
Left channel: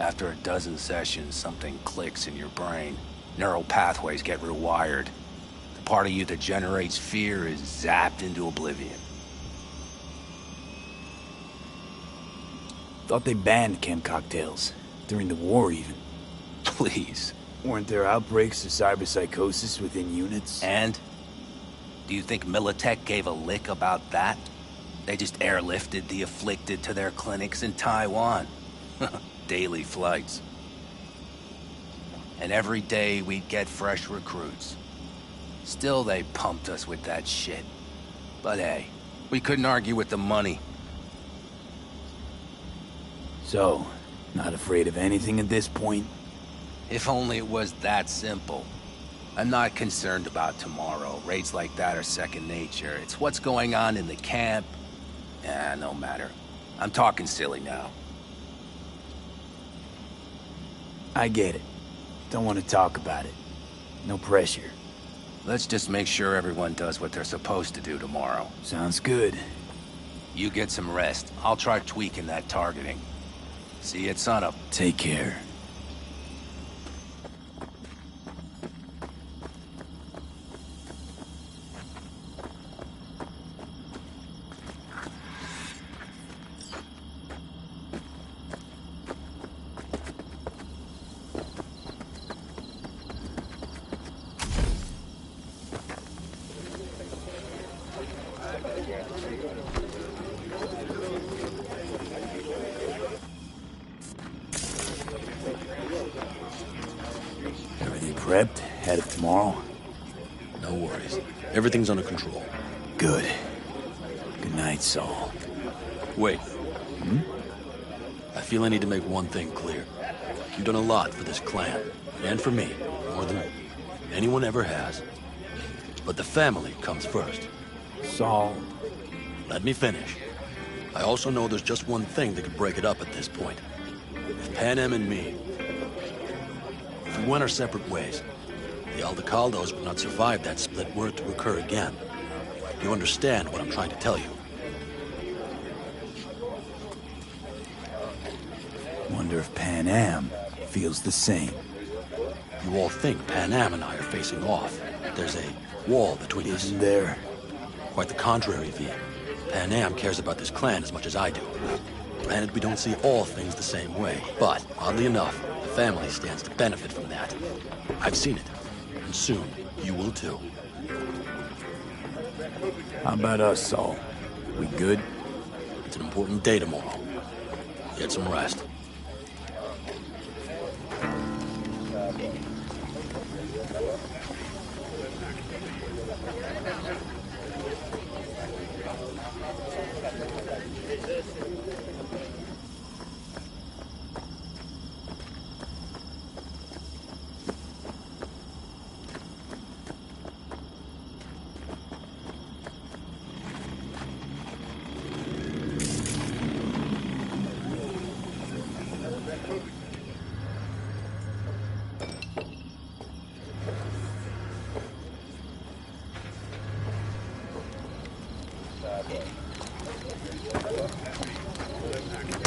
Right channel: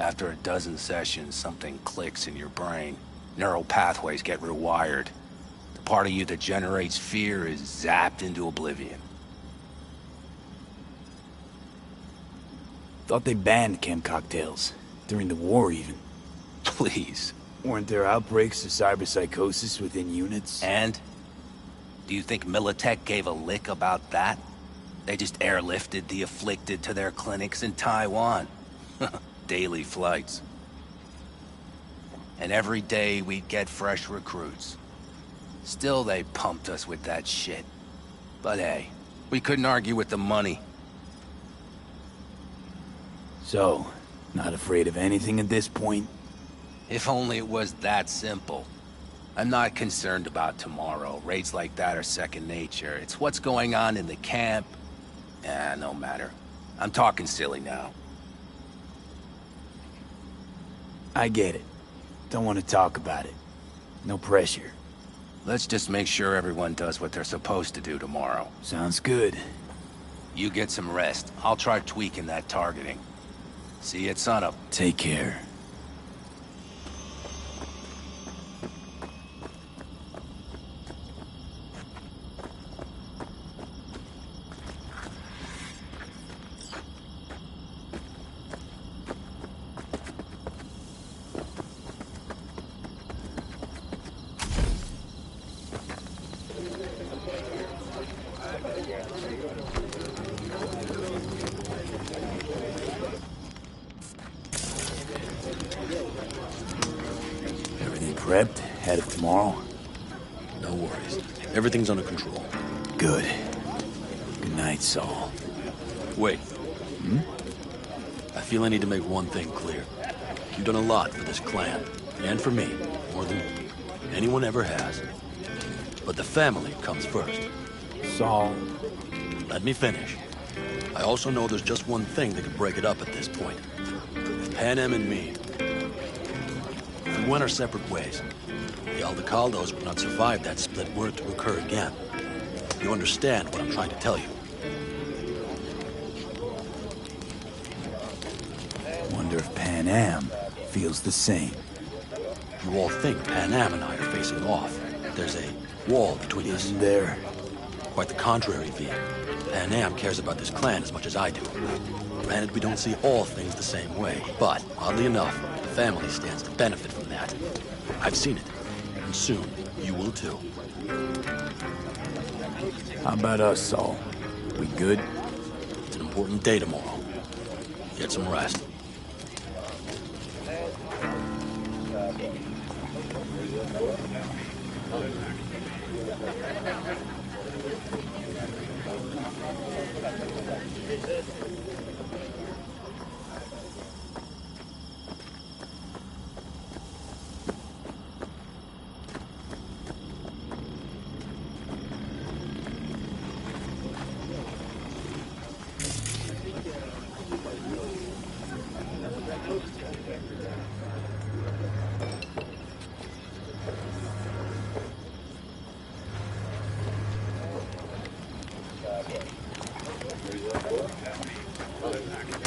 After a dozen sessions, something clicks in your brain. Neural pathways get rewired. The part of you that generates fear is zapped into oblivion. Thought they banned chem cocktails. During the war, even. Please. Weren't there outbreaks of cyberpsychosis within units? And? Do you think Militech gave a lick about that? They just airlifted the afflicted to their clinics in Taiwan. Daily flights. And every day we'd get fresh recruits. Still they pumped us with that shit. But hey, we couldn't argue with the money. So, not afraid of anything at this point? If only it was that simple. I'm not concerned about tomorrow. Raids like that are second nature. It's what's going on in the camp. No matter. I'm talking silly now. I get it. Don't want to talk about it. No pressure. Let's just make sure everyone does what they're supposed to do tomorrow. Sounds good. You get some rest. I'll try tweaking that targeting. See you at sunup. Take care. Prepped? Ahead of tomorrow? No worries. Everything's under control. Good. Good night, Saul. Wait. I feel I need to make one thing clear. You've done a lot for this clan, and for me, more than anyone ever has. But the family comes first. Saul... Let me finish. I also know there's just one thing that could break it up at this point. If Pan Am and me... If we went our separate ways, the Aldecaldos would not survive that split were it to occur again. You understand what I'm trying to tell you? Wonder if Pan Am feels the same. You all think Pan Am and I are facing off. There's a wall between us. Isn't there? Quite the contrary, V. Pan Am cares about this clan as much as I do. Granted, we don't see all things the same way, but oddly enough, the family stands to benefit from that. I've seen it, and soon you will too. How about us, Saul? We good? It's an important day tomorrow. Get some rest.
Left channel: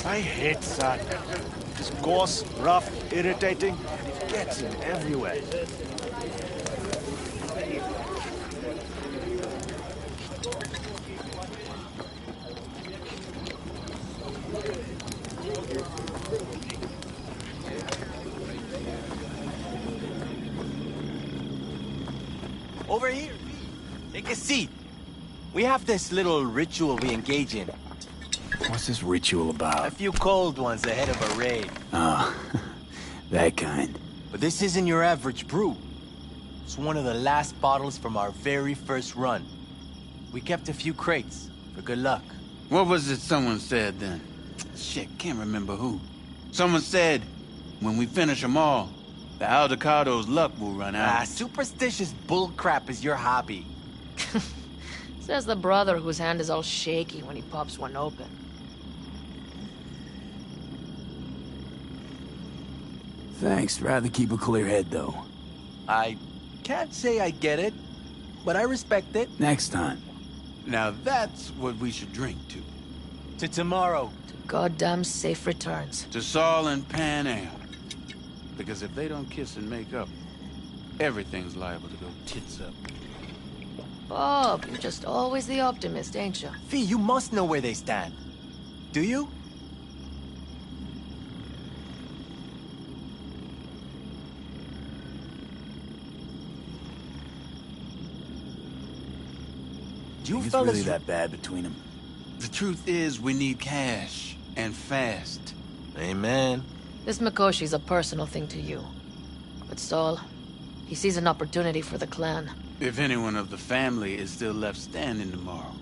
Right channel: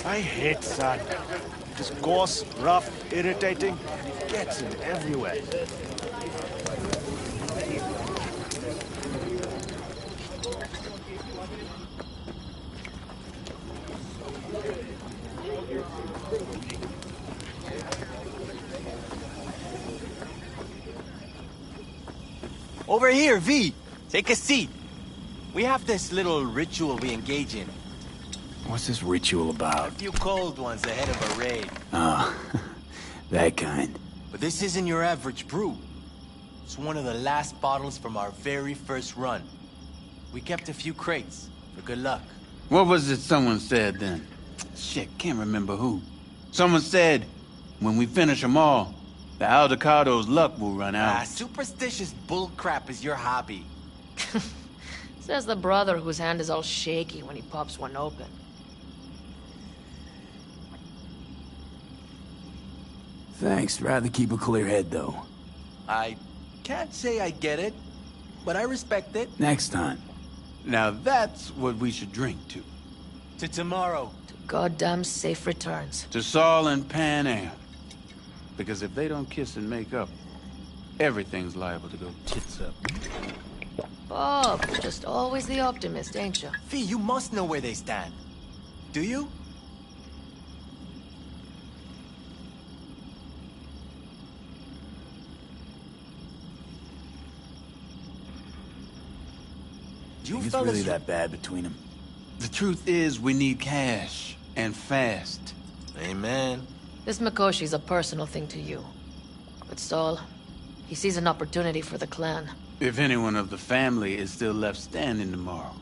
I hate sun. It's coarse, rough, irritating, and it gets in everywhere. Over here, V. Take a seat. We have this little ritual we engage in. What's this ritual about? A few cold ones ahead of a raid. Ah, that kind. But this isn't your average brew. It's one of the last bottles from our very first run. We kept a few crates, for good luck. What was it someone said then? Shit, can't remember who. Someone said, when we finish them all, the Aldecado's luck will run out. Superstitious bullcrap is your hobby. Says the brother whose hand is all shaky when he pops one open. Thanks. Rather keep a clear head, though. I can't say I get it, but I respect it. Next time. Now that's what we should drink to. To tomorrow. To goddamn safe returns. To Saul and Pan Am. Because if they don't kiss and make up, everything's liable to go tits up. Bob, you're just always the optimist, ain't you? Fee, you must know where they stand. Do you? You think it's really that bad between them? The truth is, we need cash. And fast. Amen. This Mikoshi's a personal thing to you. But Saul, he sees an opportunity for the clan. If anyone of the family is still left standing tomorrow.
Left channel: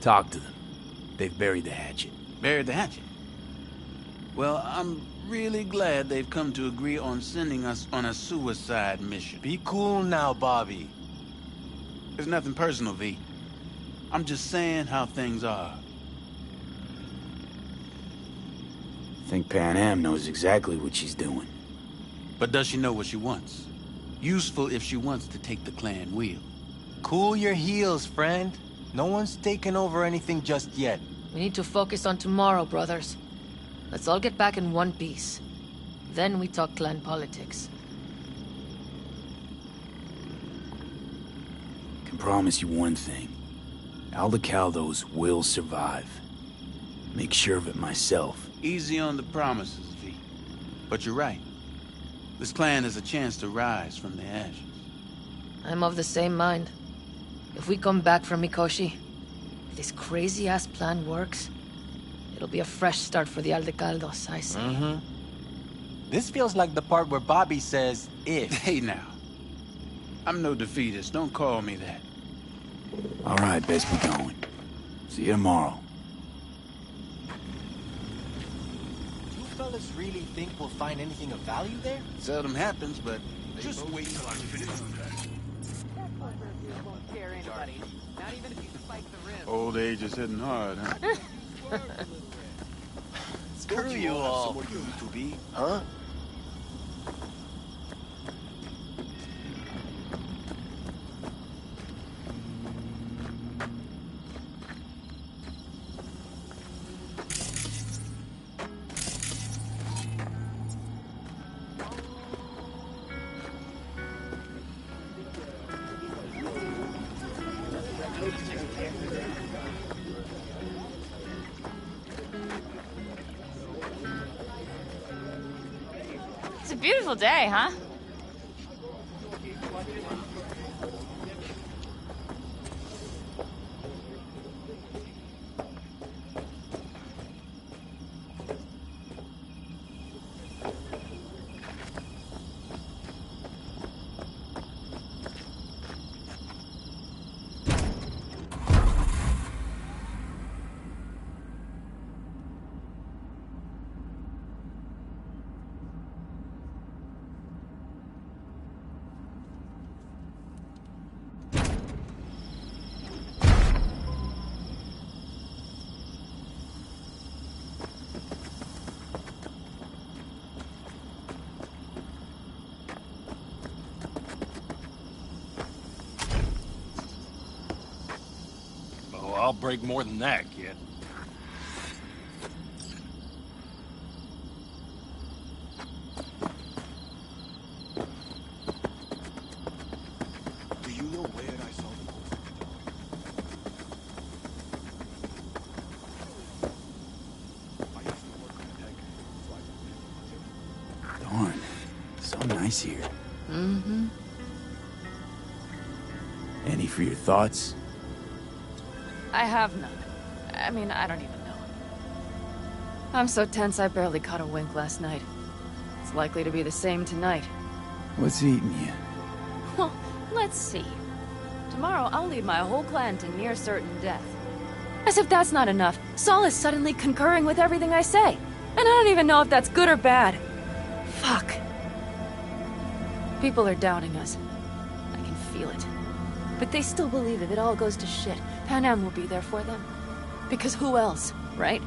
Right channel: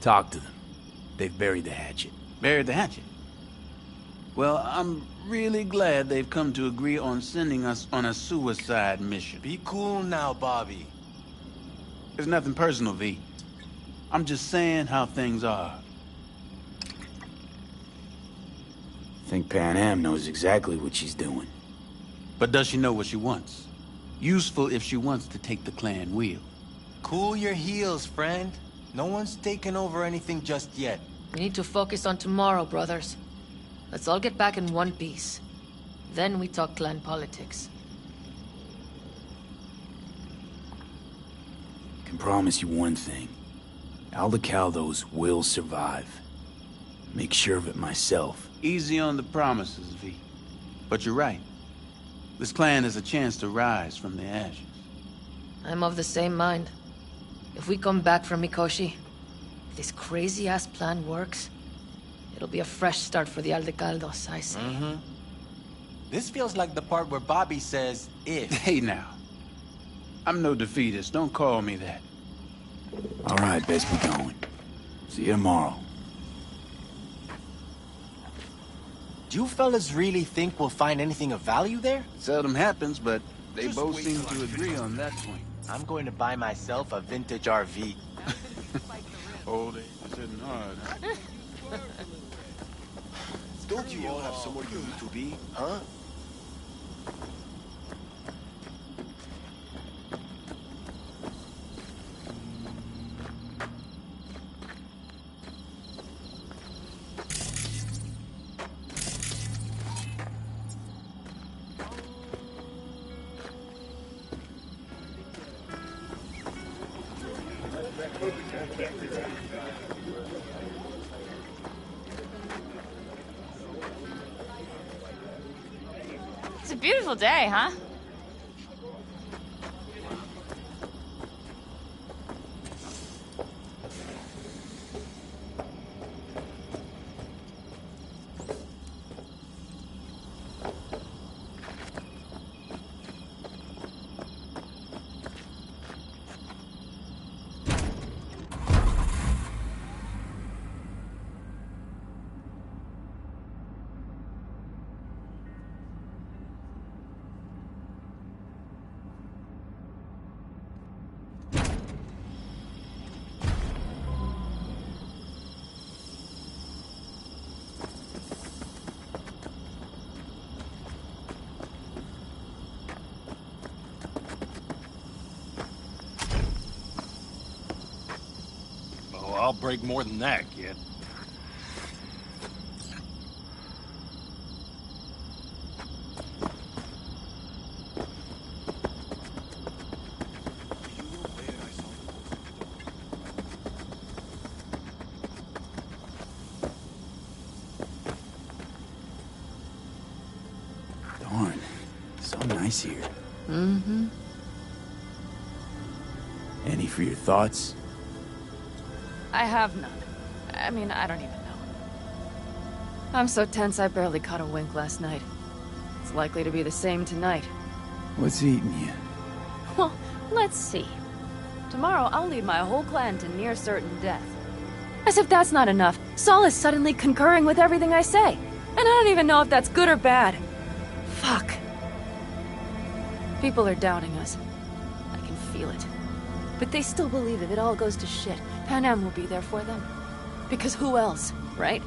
Talk to them. They've buried the hatchet. Buried the hatchet? Well, I'm really glad they've come to agree on sending us on a suicide mission. Be cool now, Bobby. It's nothing personal, V. I'm just saying how things are. I think Pan Am knows exactly what she's doing. But does she know what she wants? Useful if she wants to take the clan wheel. Cool your heels, friend. No one's taken over anything just yet. We need to focus on tomorrow, brothers. Let's all get back in one piece. Then we talk clan politics. Can promise you one thing. Aldecaldos will survive. Make sure of it myself. Easy on the promises, V. But you're right. This clan has a chance to rise from the ashes. I'm of the same mind. If we come back from Mikoshi, if this crazy-ass plan works, it'll be a fresh start for the Aldecaldos, I say. Mm-hmm. This feels like the part where Bobby says, if. Hey now. I'm no defeatist. Don't call me that. All right, best be going. See you tomorrow. Do you fellas really think we'll find anything of value there? Seldom happens, but they Just both wait seem till to agree on that one. I'm going to buy myself a vintage RV. Old age is hitting hard, huh? Told you all have somewhere you need to be, huh? It's a beautiful day, huh? I'll break more than that, kid. Do you know where I saw the Darn. So nice here. Mm-hmm. Any for your thoughts? I have none. I mean, I don't even know. I'm so tense I barely caught a wink last night. It's likely to be the same tonight. What's eating you? Well, let's see. Tomorrow I'll lead my whole clan to near certain death. As if that's not enough, Saul is suddenly concurring with everything I say. And I don't even know if that's good or bad. Fuck. People are doubting us. I can feel it. But they still believe if it all goes to shit, Pan Am will be there for them. Because who else, right?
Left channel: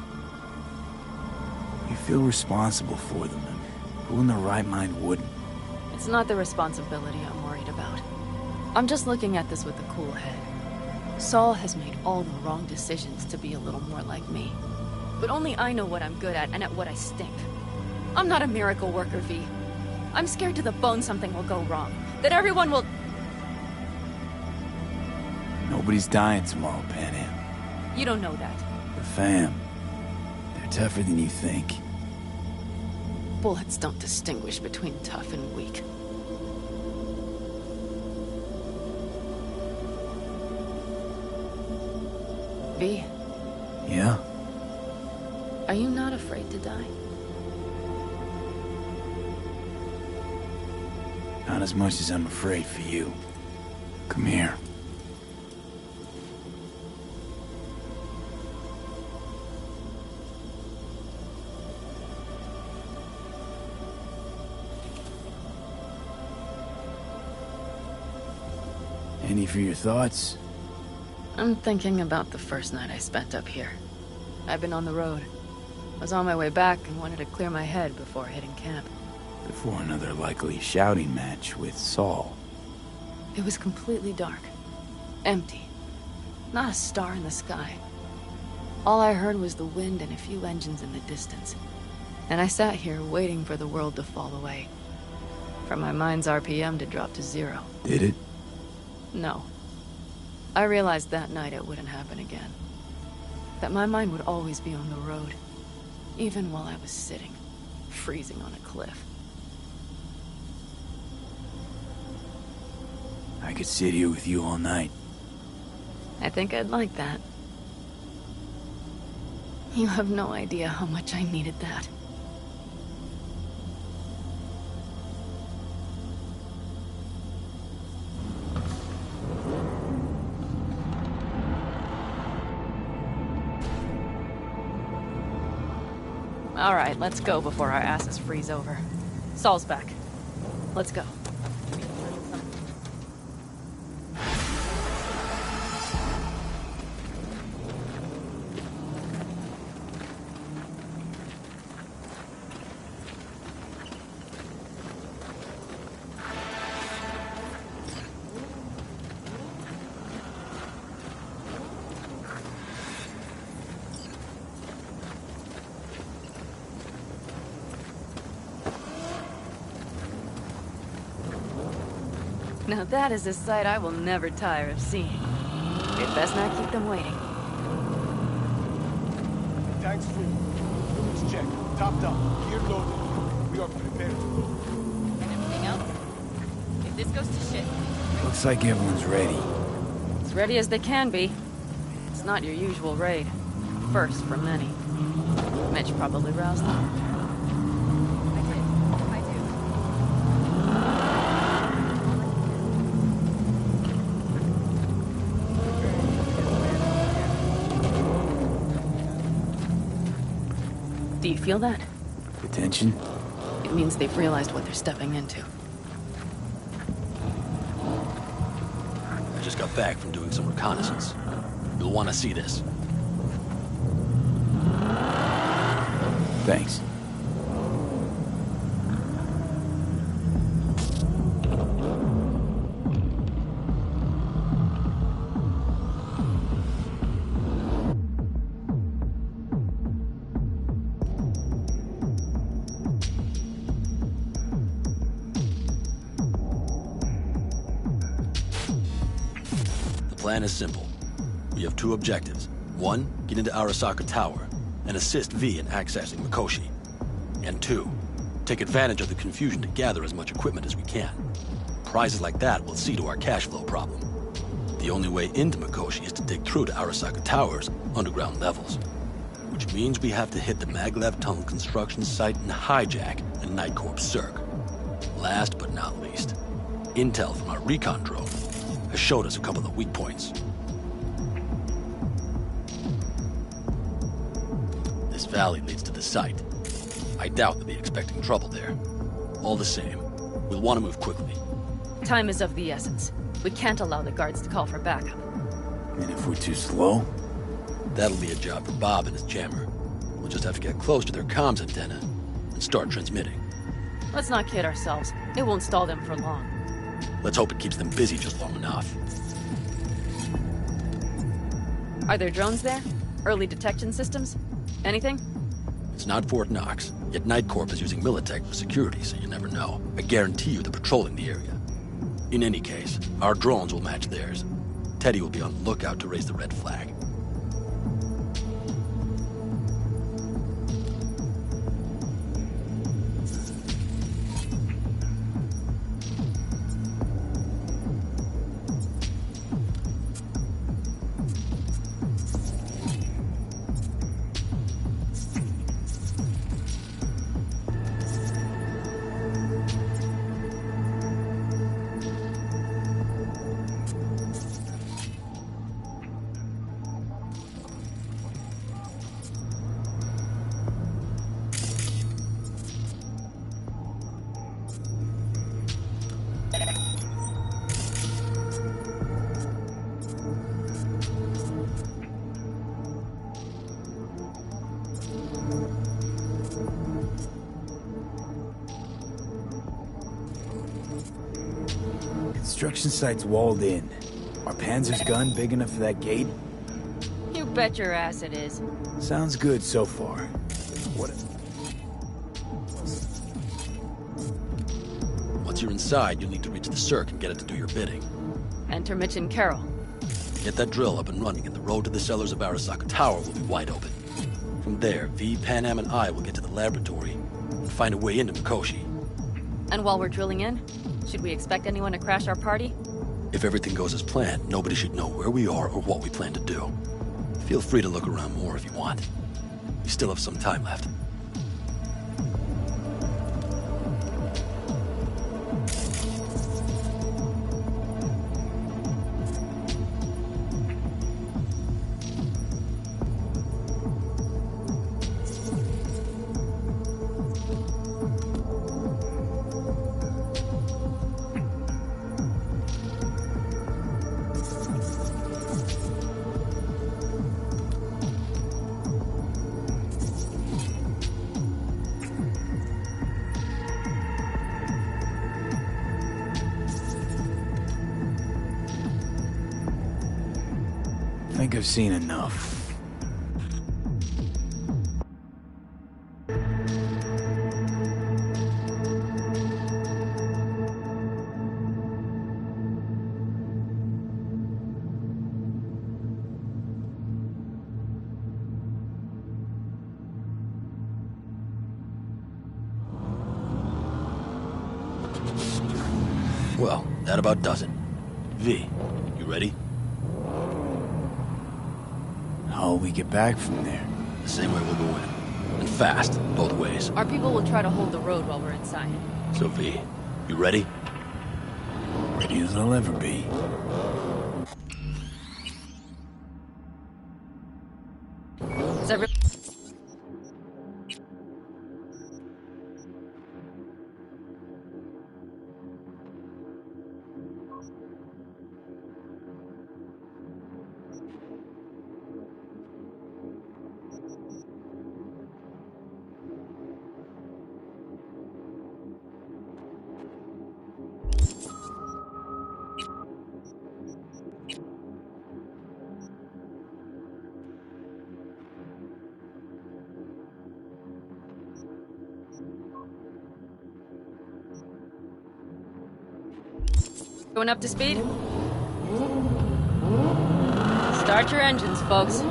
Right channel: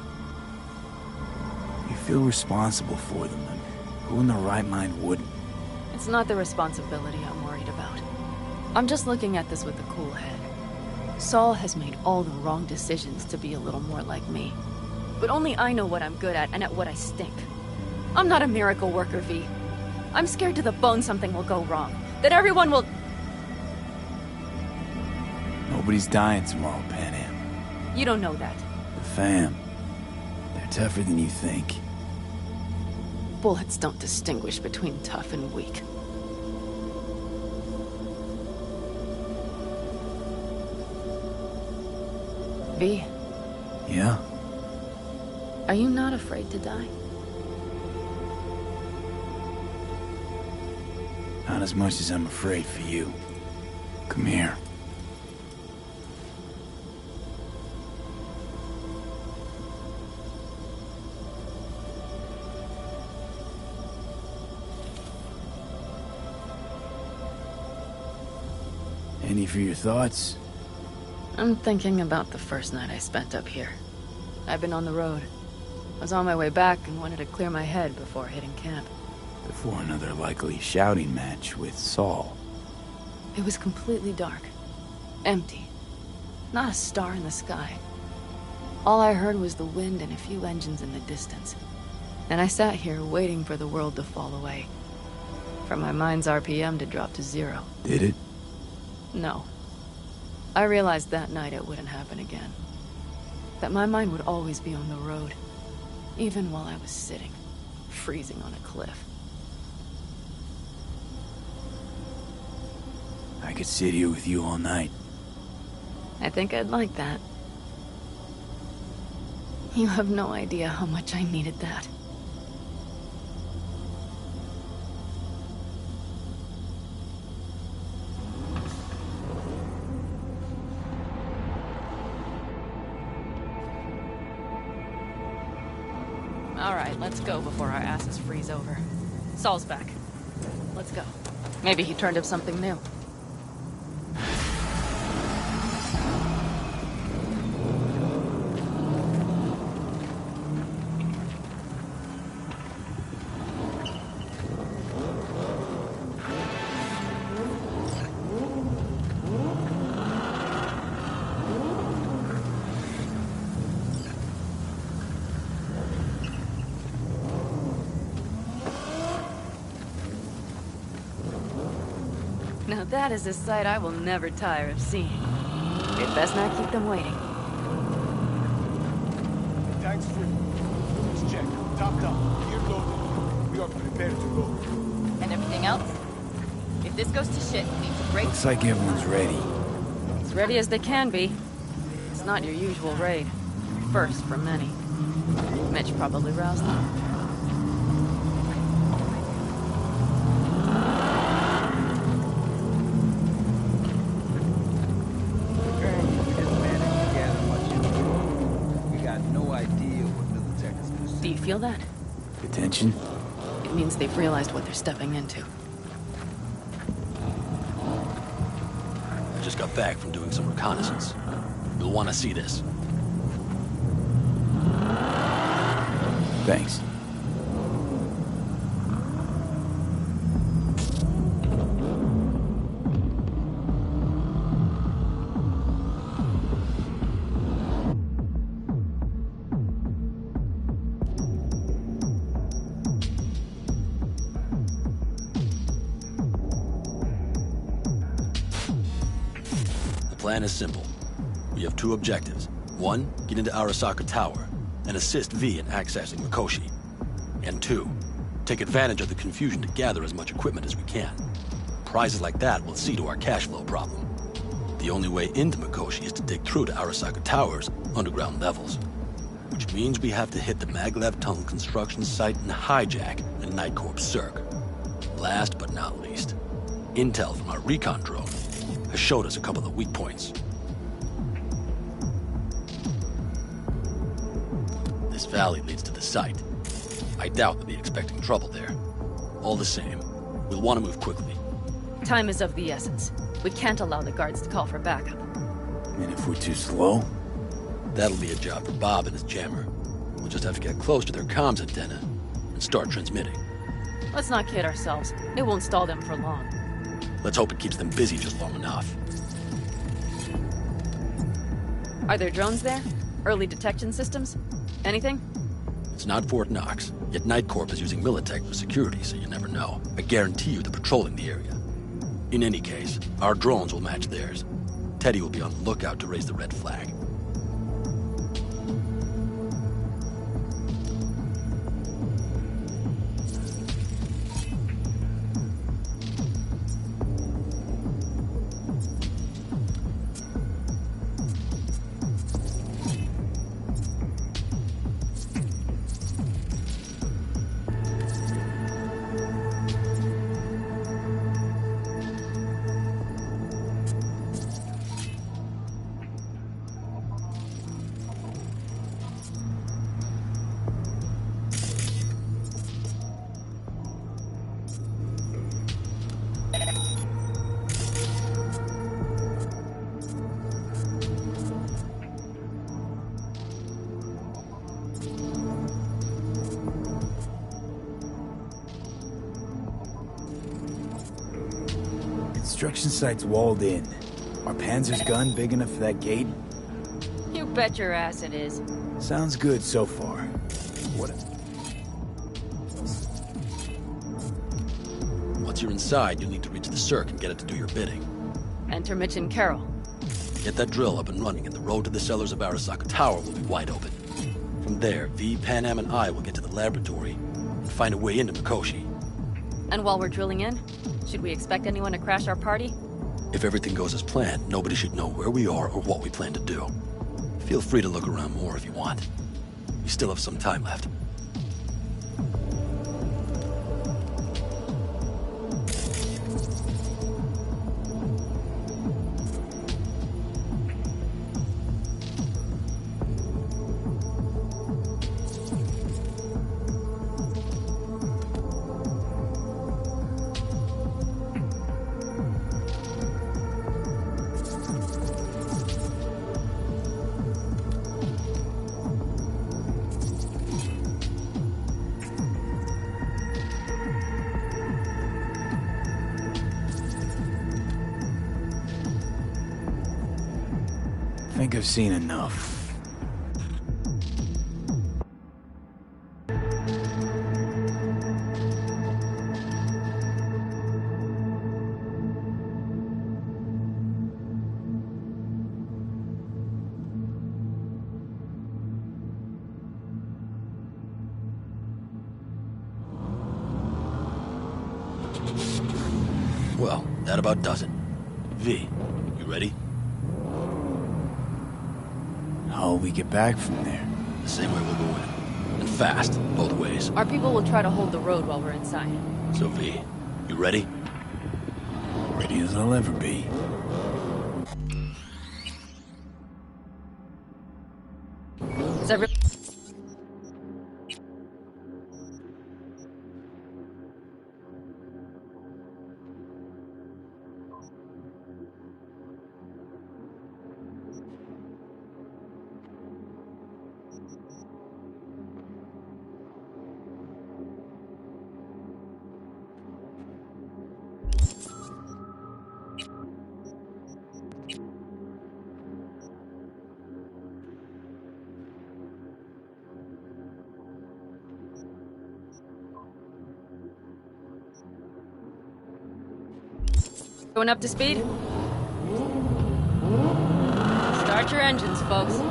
You feel responsible for them, and who in their right mind wouldn't? It's not the responsibility I'm worried about. I'm just looking at this with a cool head. Saul has made all the wrong decisions to be a little more like me. But only I know what I'm good at and at what I stink. I'm not a miracle worker, V. I'm scared to the bone something will go wrong. That everyone will... Nobody's dying tomorrow, Pan Am. You don't know that. The fam. They're tougher than you think. Bullets don't distinguish between tough and weak. V? Yeah? Are you not afraid to die? Not as much as I'm afraid for you. Come here. Any for your thoughts? I'm thinking about the first night I spent up here. I've been on the road. I was on my way back and wanted to clear my head before hitting camp. Before another likely shouting match with Saul. It was completely dark. Empty. Not a star in the sky. All I heard was the wind and a few engines in the distance. And I sat here waiting for the world to fall away. For my mind's RPM to drop to 0. Did it? No. I realized that night it wouldn't happen again. That my mind would always be on the road. Even while I was sitting, freezing on a cliff. I could sit here with you all night. I think I'd like that. You have no idea how much I needed that. All right, let's go before our asses freeze over. Saul's back. Let's go. Maybe he turned up something new. Now that is a sight I will never tire of seeing. We'd best not keep them waiting. Tanks free. Let's check. Topped up. Gear loaded. We are prepared to go. And everything else? If this goes to shit, we need to break... Looks like everyone's ready. As ready as they can be. It's not your usual raid. First for many. Mitch probably roused them. Do you feel that? The tension? It means they've realized what they're stepping into. I just got back from doing some reconnaissance. You'll want to see this. Thanks. The plan is simple. We have two objectives. One, get into Arasaka Tower and assist V in accessing Mikoshi. And two, take advantage of the confusion to gather as much equipment as we can. Prizes like that will see to our cash flow problem. The only way into Mikoshi is to dig through to Arasaka Tower's underground levels. Which means we have to hit the Maglev Tunnel construction site and hijack the Night Corps Cirque. Last but not least, intel from our recon drone has showed us a couple of weak points. This valley leads to the site. I doubt they'll be expecting trouble there. All the same, we'll want to move quickly. Time is of the essence. We can't allow the guards to call for backup. And if we're too slow? That'll be a job for Bob and his jammer. We'll just have to get close to their comms antenna and start transmitting. Let's not kid ourselves. It won't stall them for long. Let's hope it keeps them busy just long enough. Are there drones there? Early detection systems? Anything? It's not Fort Knox, yet Night Corp is using Militech for security, so you never know. I guarantee you they're patrolling the area. In any case, our drones will match theirs. Teddy will be on the lookout to raise the red flag. Construction site's walled in. Are Panzer's gun big enough for that gate? You bet your ass it is. Sounds good so far. What? Once you're inside, you'll need to reach the Cirque and get it to do your bidding. Enter Mitch and Carol. Get that drill up and running, and the road to the cellars of Arasaka Tower will be wide open. From there, V, Panam, and I will get to the laboratory and find a way into Mikoshi. And while we're drilling in, should we expect anyone to crash our party? If everything goes as planned, nobody should know where we are or what we plan to do. Feel free to look around more if you want. We still have some time left. I think I've seen enough. Well, that about does it. V, you ready? How'll we get back from there? The same way we'll go in. And fast, both ways. Our people will try to hold the road while we're inside. So V, you ready? Ready as I'll ever be. Is every... Going up to speed? Start your engines, folks.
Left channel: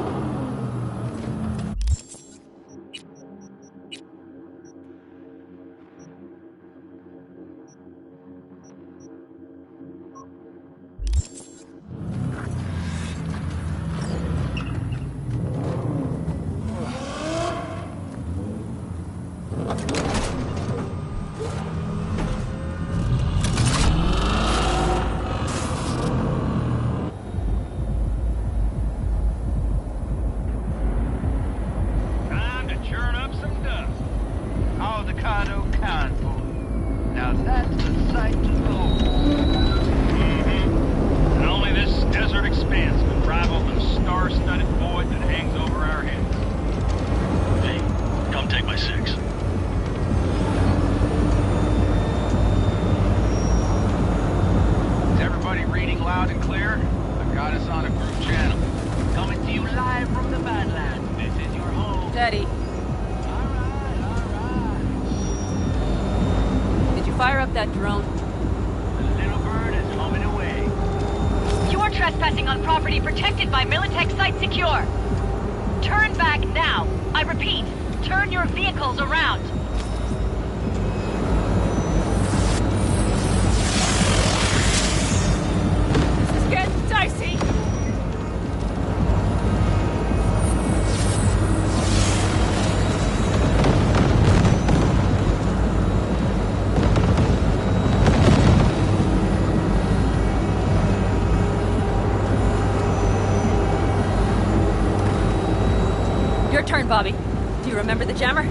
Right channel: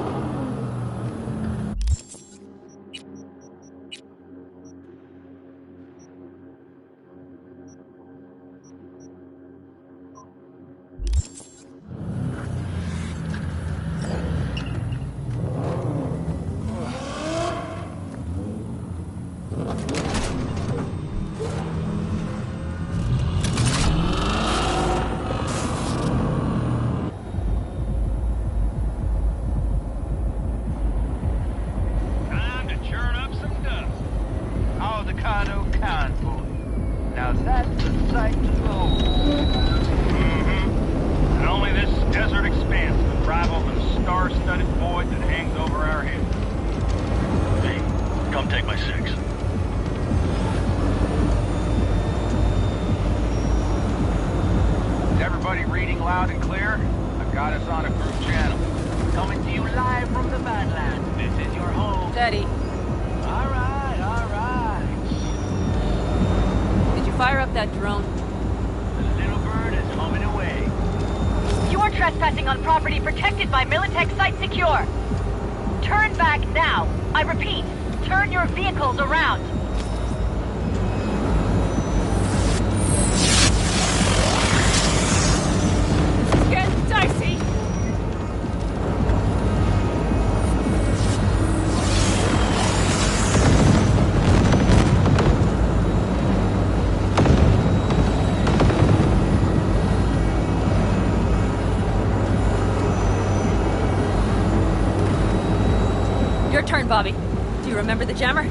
Bobby, do you remember the jammer?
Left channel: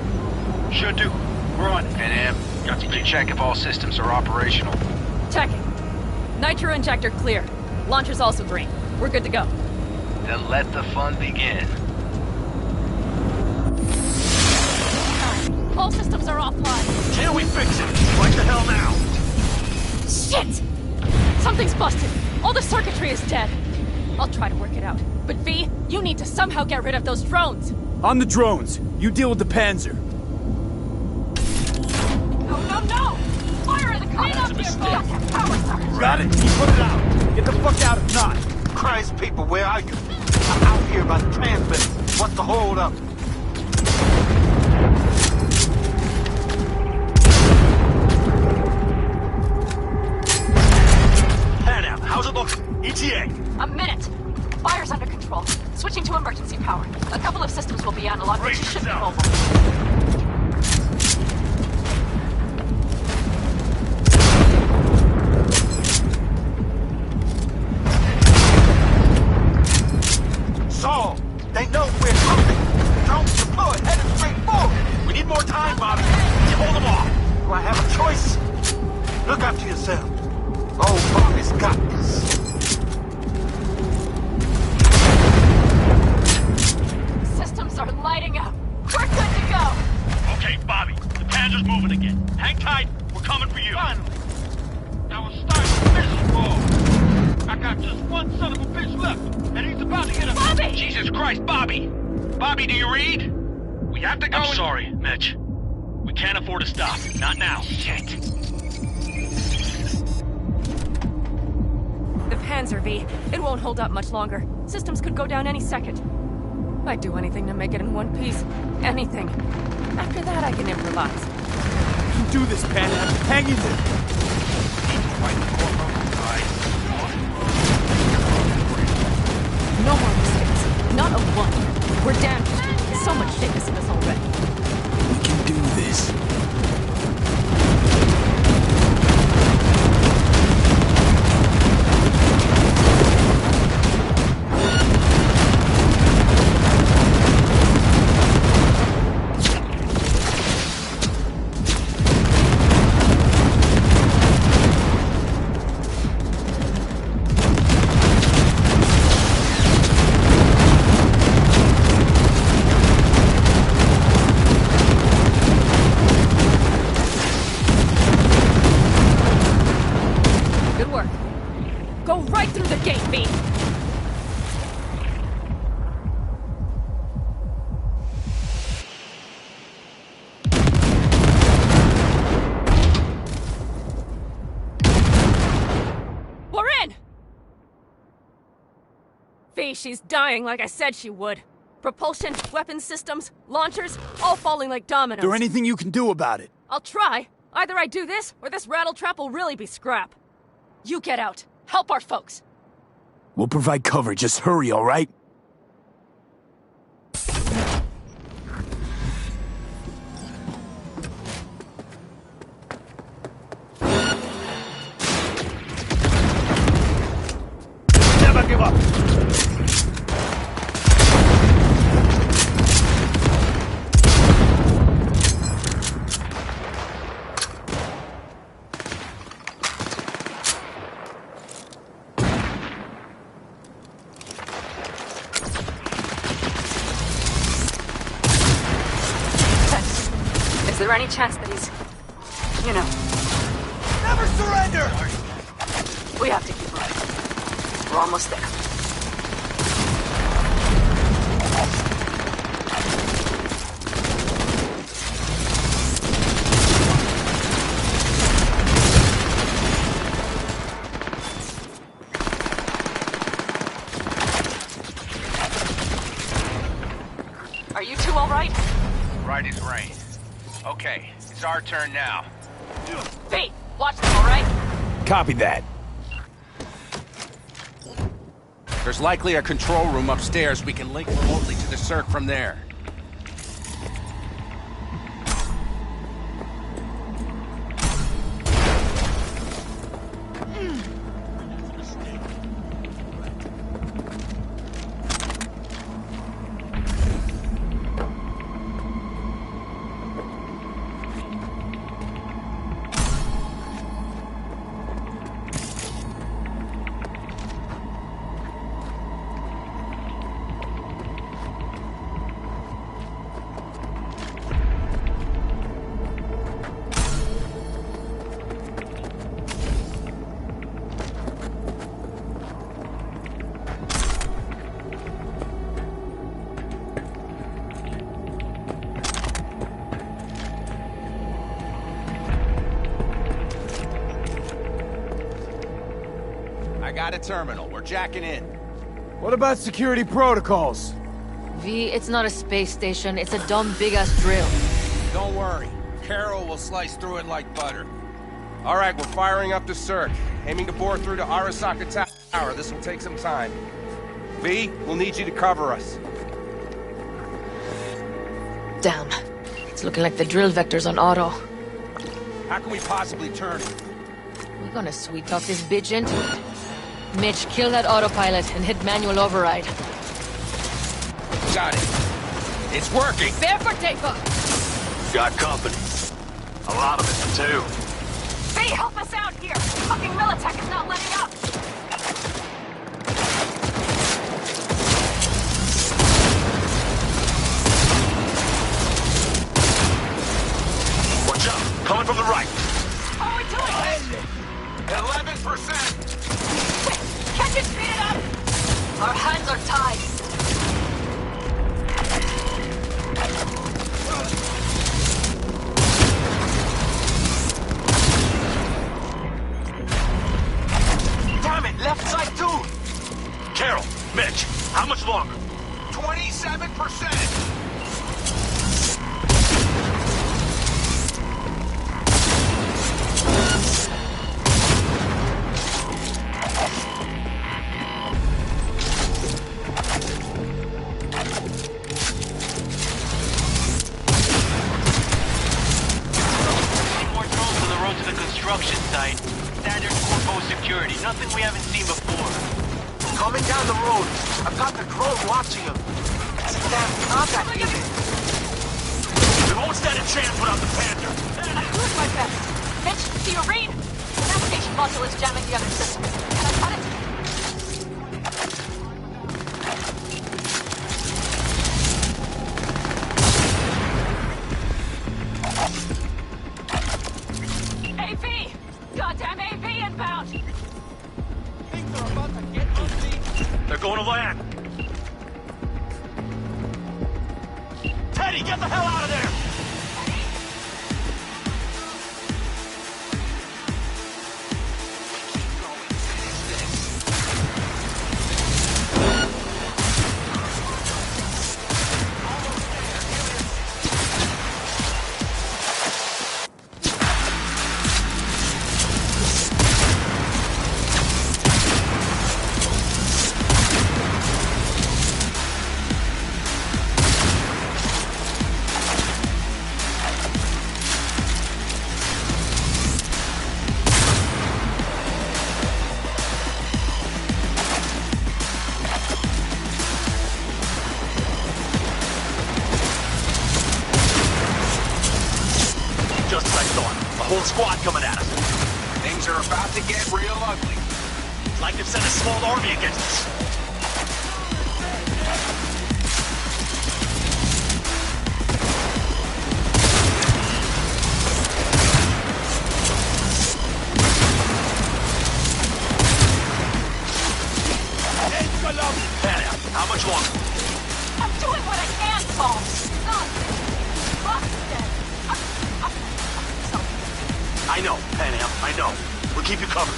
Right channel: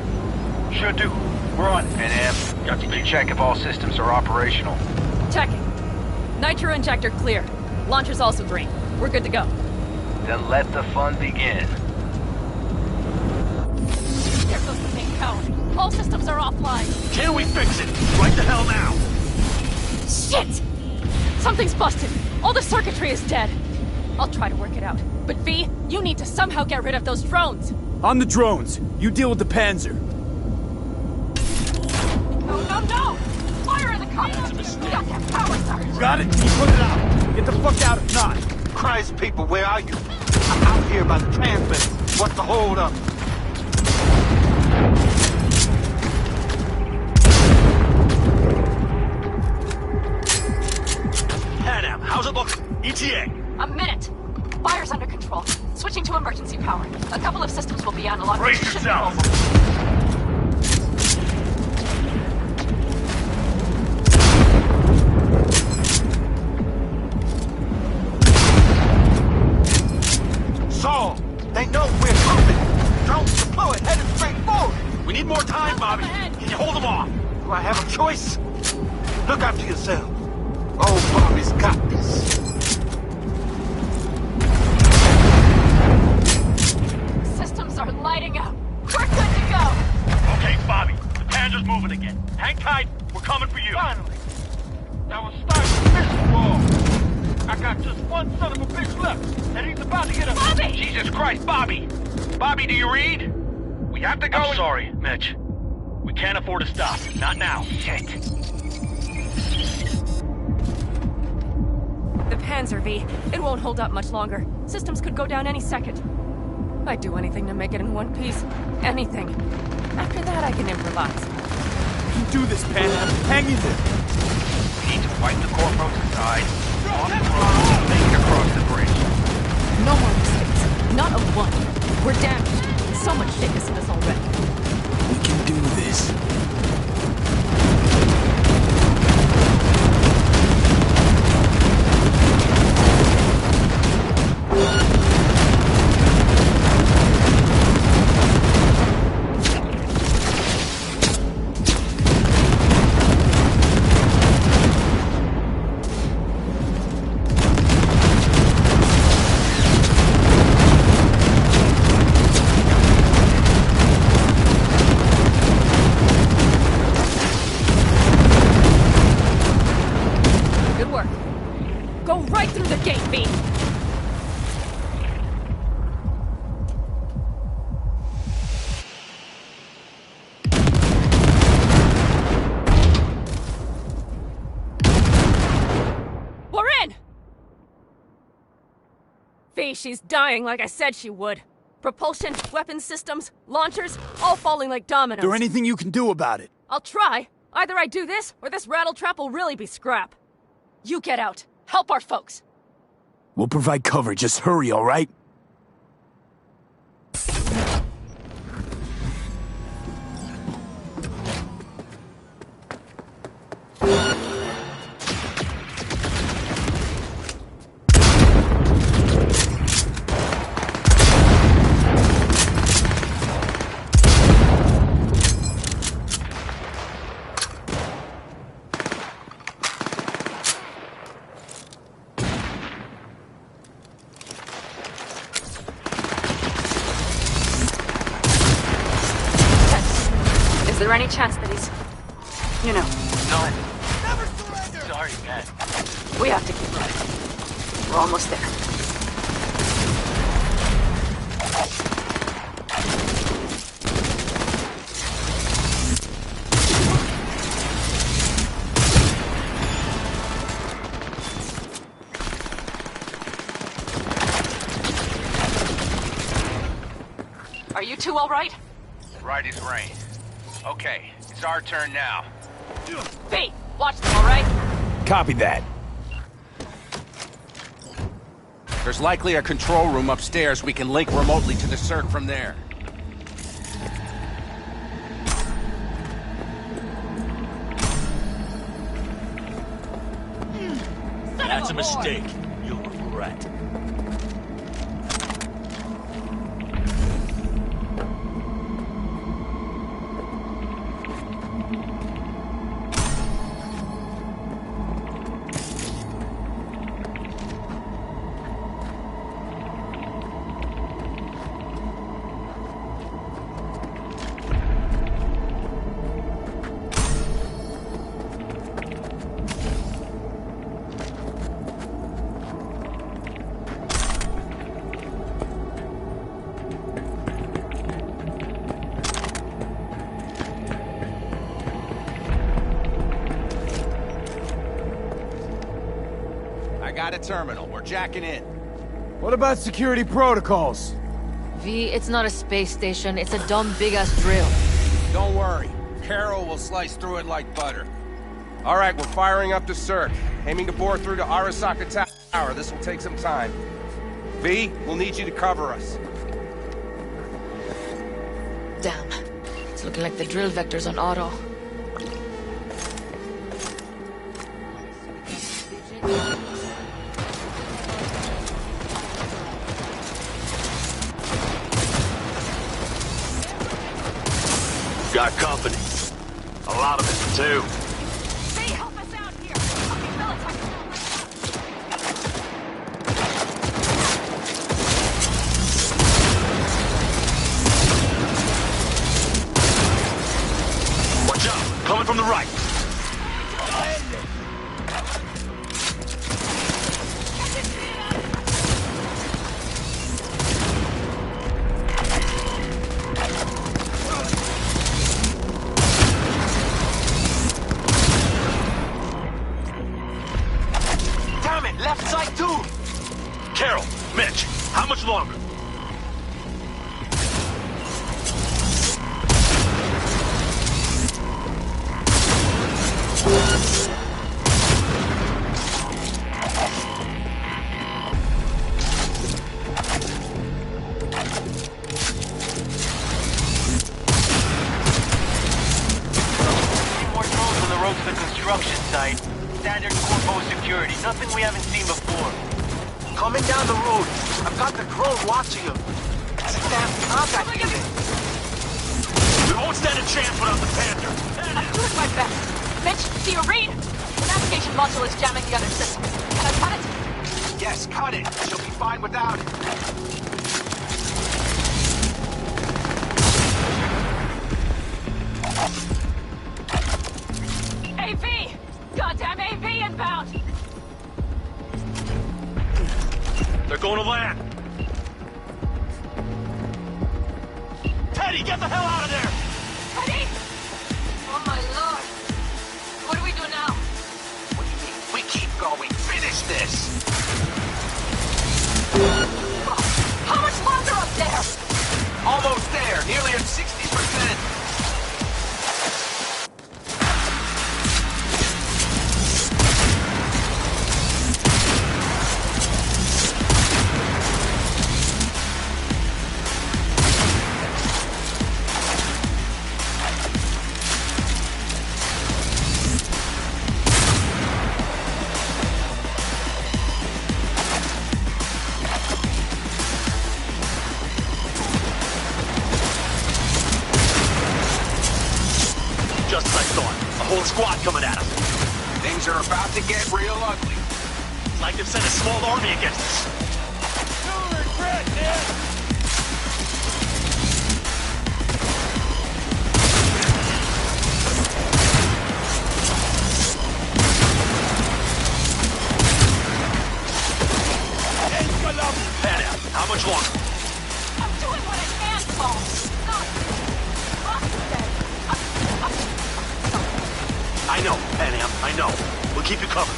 Sure do. We're on it. Pan Am, got to check if all systems are operational. Checking. Nitro injector clear. Launcher's also green. We're good to go. Then let the fun begin. All systems are offline. Can we fix it? Like the hell now? Shit! Something's busted. All the circuitry is dead. I'll try to work it out. But V, you need to somehow get rid of those drones. On the drones. You deal with the Panzer. No! Fire in the car! That's a mistake. Power surge! Got it? You put it out. Get the fuck out if not. Christ, people, where are you? I'm out here by the transmitter. What's the hold up? Pan, how's it look? ETA. A minute. Fire's under control. Switching to emergency power. A couple of systems will be analog. Brace yourself. Saul, they know we're moving. Drones deployed, headed straight forward. We need more time, Bobby. Hold them off. Do I have a choice? Look after yourself. Oh, Bobby's got this. Are lighting up. We're good to go. Okay, Bobby. The Panzer's moving again. Hang tight. We're coming for you. Finally. Now we'll start this war. I got just one son of a bitch left, and he's about to get us. Bobby! Jesus Christ, Bobby! Bobby, do you read? We have to go. I'm sorry, Mitch. We can't afford to stop. Not now. Shit. The Panzer, V. It won't hold up much longer. Systems could go down any second. I'd do anything to make it in one piece. Anything. After that, I can improvise. You can do this, Pan Am. Hang in there. We need Fight the corpo side. Off the road, make it across the bridge. No more mistakes. Not a one. We're damaged. So much shit missing us already. We can do this. Go right through the gate, V! We're in! V, she's dying like I said she would. Propulsion, weapon systems, launchers, all falling like dominoes. Is there anything you can do about it? I'll try. Either I do this, or this rattletrap will really be scrap. You get out. Help our folks. We'll provide cover. Just hurry, all right? Never give up. Is there any chance that he's... You know... No. Never surrender! Sorry, Dad. We have to keep right. We're almost there. Are you two all right? Right as rain. Okay, it's our turn now. V, watch them, all right? Copy that. There's likely a control room upstairs. We can link remotely to the circ from there. That's a mistake. You'll regret. I got a terminal. We're jacking in. What about security protocols? V, it's not a space station. It's a dumb big-ass drill. Don't worry. Carol will slice through it like butter. All right, we're firing up the circ. Aiming to bore through to Arasaka Tower. This will take some time. V, we'll need you to cover us. Damn. It's looking like the drill vector's on auto. How can we possibly turn it? We're gonna sweet talk this bitch into it. Mitch, kill that autopilot and hit manual override. Got it. It's working. There for takeoff! Got company. A lot of it, too. V, help us out here! Fucking Militech is not letting up! Watch out! Coming from the right. How are we doing? 11%. Catch it, speed it up! Our hands are tied. construction site. Standard corpo security. Nothing we haven't seen before. Coming down the road. I've got the drone watching him. Don't stand a chance without the Panther. Who's my best? Mitch, do you read? The navigation module is jamming the other system. Can I cut it? Yes, cut it. You'll be fine without it. AV! Goddamn AV inbound! They're going to land. Teddy, get the hell out of there! Teddy! Oh my lord. What do we do now? We keep going. Finish this. How much longer up there? Almost there. Nearly at 60%. To get real ugly. Like they've sent a small army against us. How much longer? I'm doing what I can, Paul. God. Ross is dead. I know, Pan Am, I know. We'll keep you covered.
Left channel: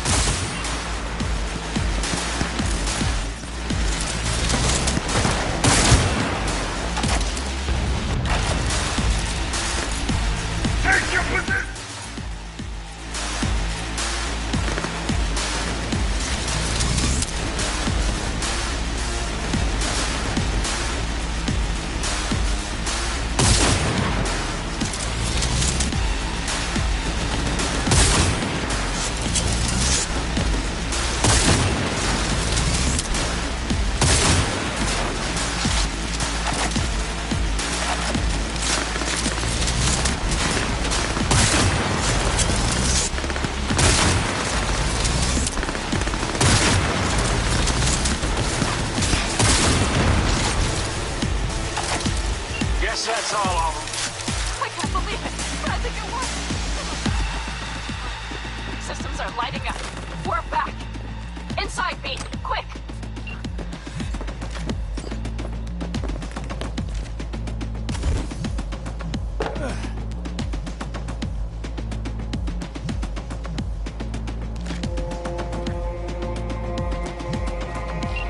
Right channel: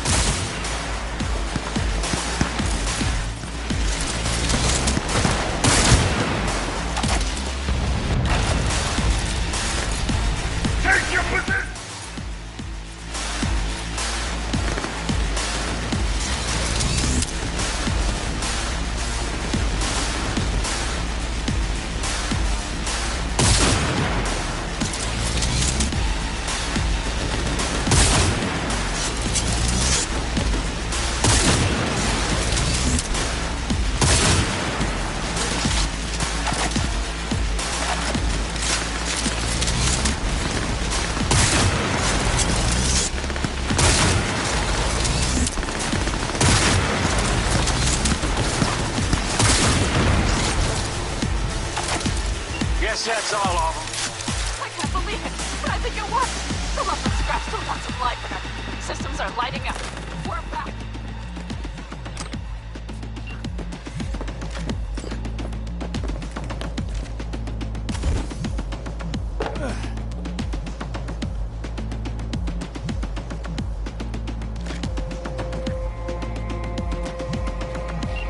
Take your position!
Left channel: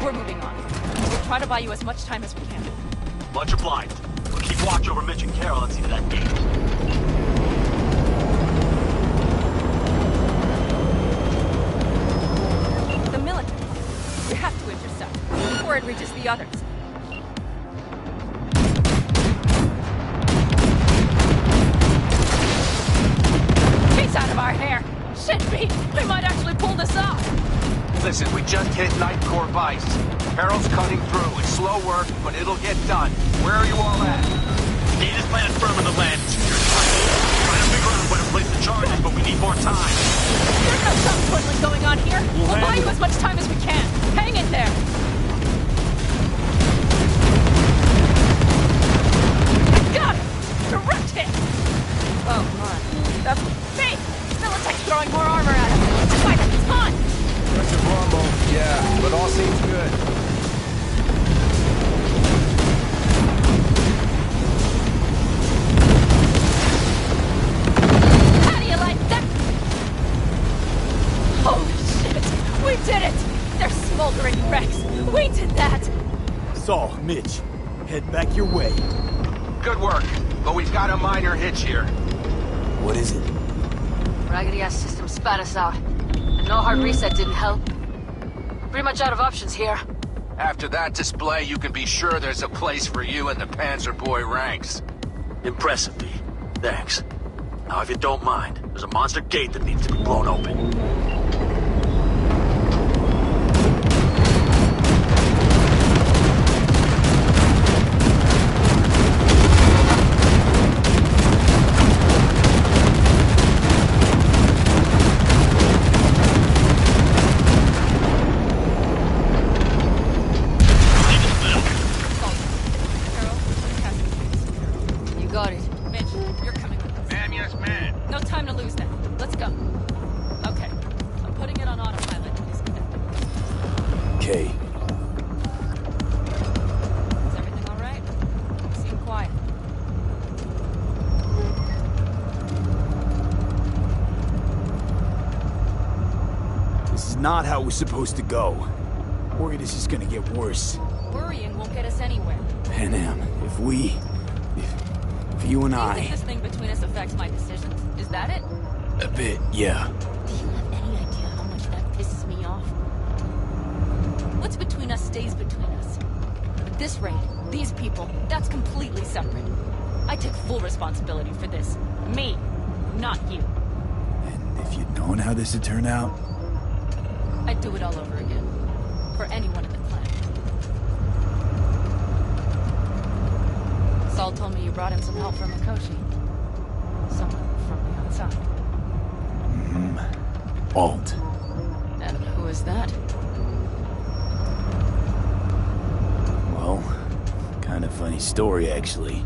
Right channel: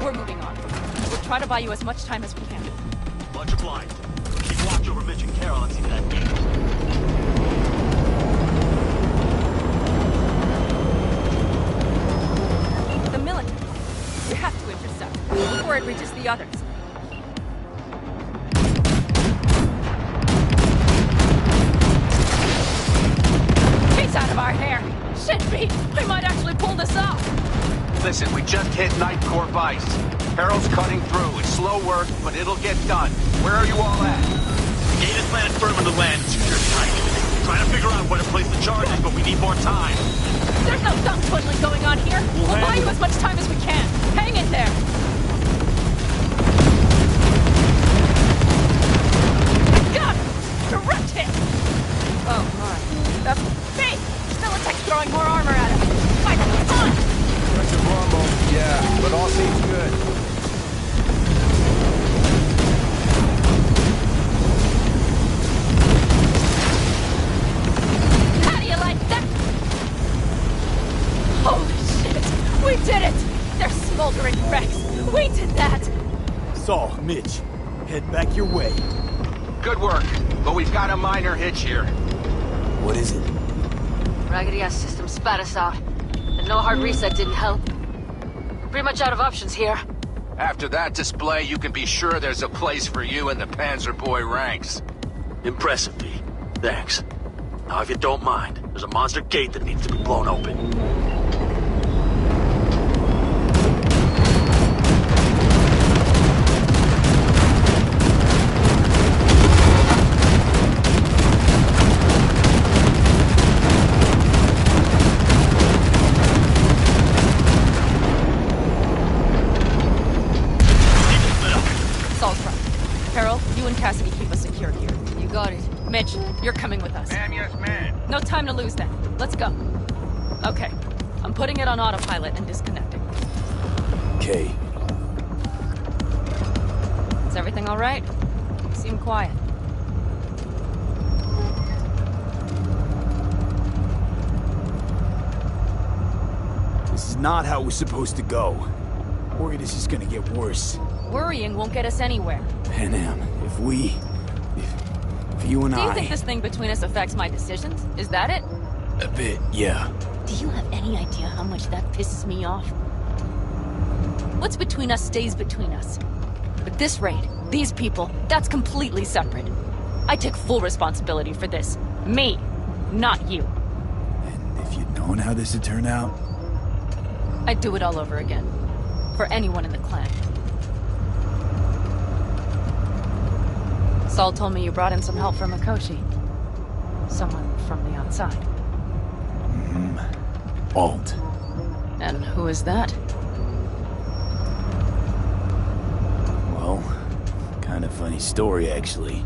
We're moving on. We'll try to buy you as much time as we can. Much obliged. We'll keep watch over Mitch and Carol and see to that gate. The military. We have to intercept before it reaches the others. He's out of our hair. Shit, Pete. We might actually pull this off. Listen, we just hit Night Core Vice. Harold's cutting through. It's slow work, but it'll get done. Where are you all at? Gate is planted firm in the land. Trying to figure out where to place the charges, but we need more time. There's no dumb twiddling going on here. We'll buy you as much time as we can. Hang in there. Got him! Direct hit! Oh my. That's me! Militech's throwing more armor at him. Fight him, come on! Aggressive rumble, yeah, but all seems good. How do you like that? Holy shit! We did it! They're smoldering wrecks! We did that! Saul, Mitch, head back your way. Good work, but we've got a minor hitch here. What is it? Raggedy-ass system spat us out. No hard reset didn't help. Pretty much out of options here. After that display, you can be sure there's a place for you in the Panzer Boy ranks. Impressive, Pete. Thanks. Now, if you don't mind, there's a monster gate that needs to be blown open. You're coming with us. Ma'am, yes, ma'am. No time to lose then. Let's go. Okay. I'm putting it on autopilot and disconnecting. Okay. Is everything all right? You seem quiet. This is not how we're supposed to go. Worried it's just gonna get worse. Worrying won't get us anywhere. Panam, if you and Do you I... think this thing between us affects my decisions? Is that it? A bit, yeah. Do you have any idea how much that pisses me off? What's between us stays between us. But this raid, these people, that's completely separate. I take full responsibility for this. Me, not you. And if you'd known how this would turn out... I'd do it all over again. For anyone in the clan. Saul told me you brought in some help from Mikoshi. Someone from the outside. Alt. And who is that? Well, kind of funny story, actually.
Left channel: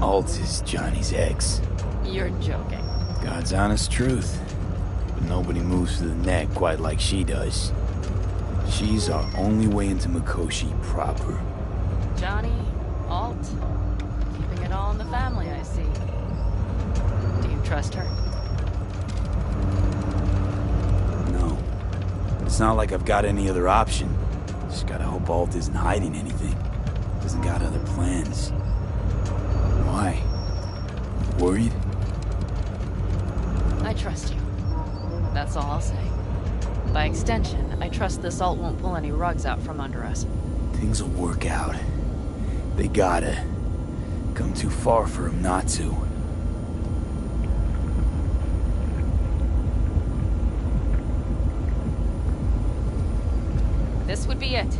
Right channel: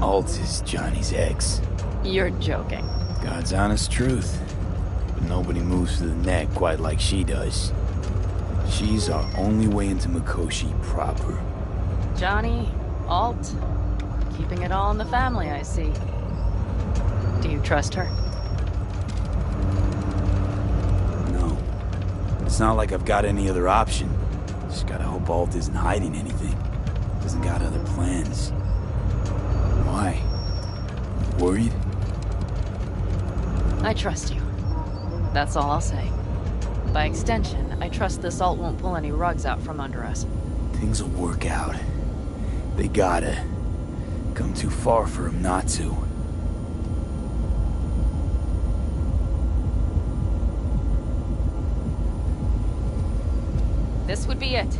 Alt is Johnny's ex. You're joking. God's honest truth. But nobody moves to the neck quite like she does. She's our only way into Mikoshi proper. Johnny, Alt, keeping it all in the family, I see. Do you trust her? No. It's not like I've got any other option. Just gotta hope Alt isn't hiding anything. Doesn't got other plans. Why? Worried? I trust you. That's all I'll say. By extension, I trust this Alt won't pull any rugs out from under us. Things will work out. They gotta. Come too far for him not to. This would be it.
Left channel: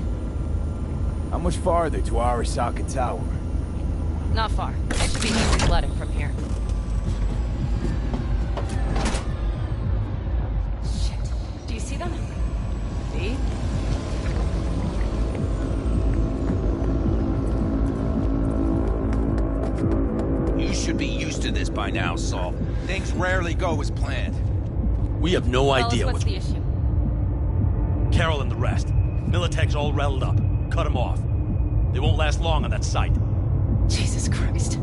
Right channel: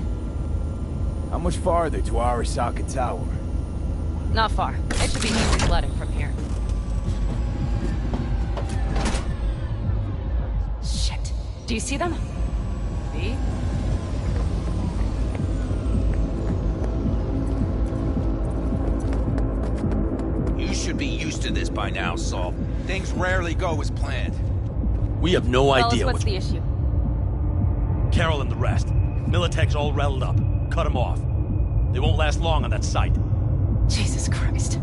How much farther to Arasaka Tower? Not far. It should be easy sledding from here. Shit. Do you see them? V? You should be used to this by now, Saul. Things rarely go as planned. We have no idea what's the issue. Carol and the rest. Militech's all riled up. Cut them off. They won't last long on that site. Jesus Christ.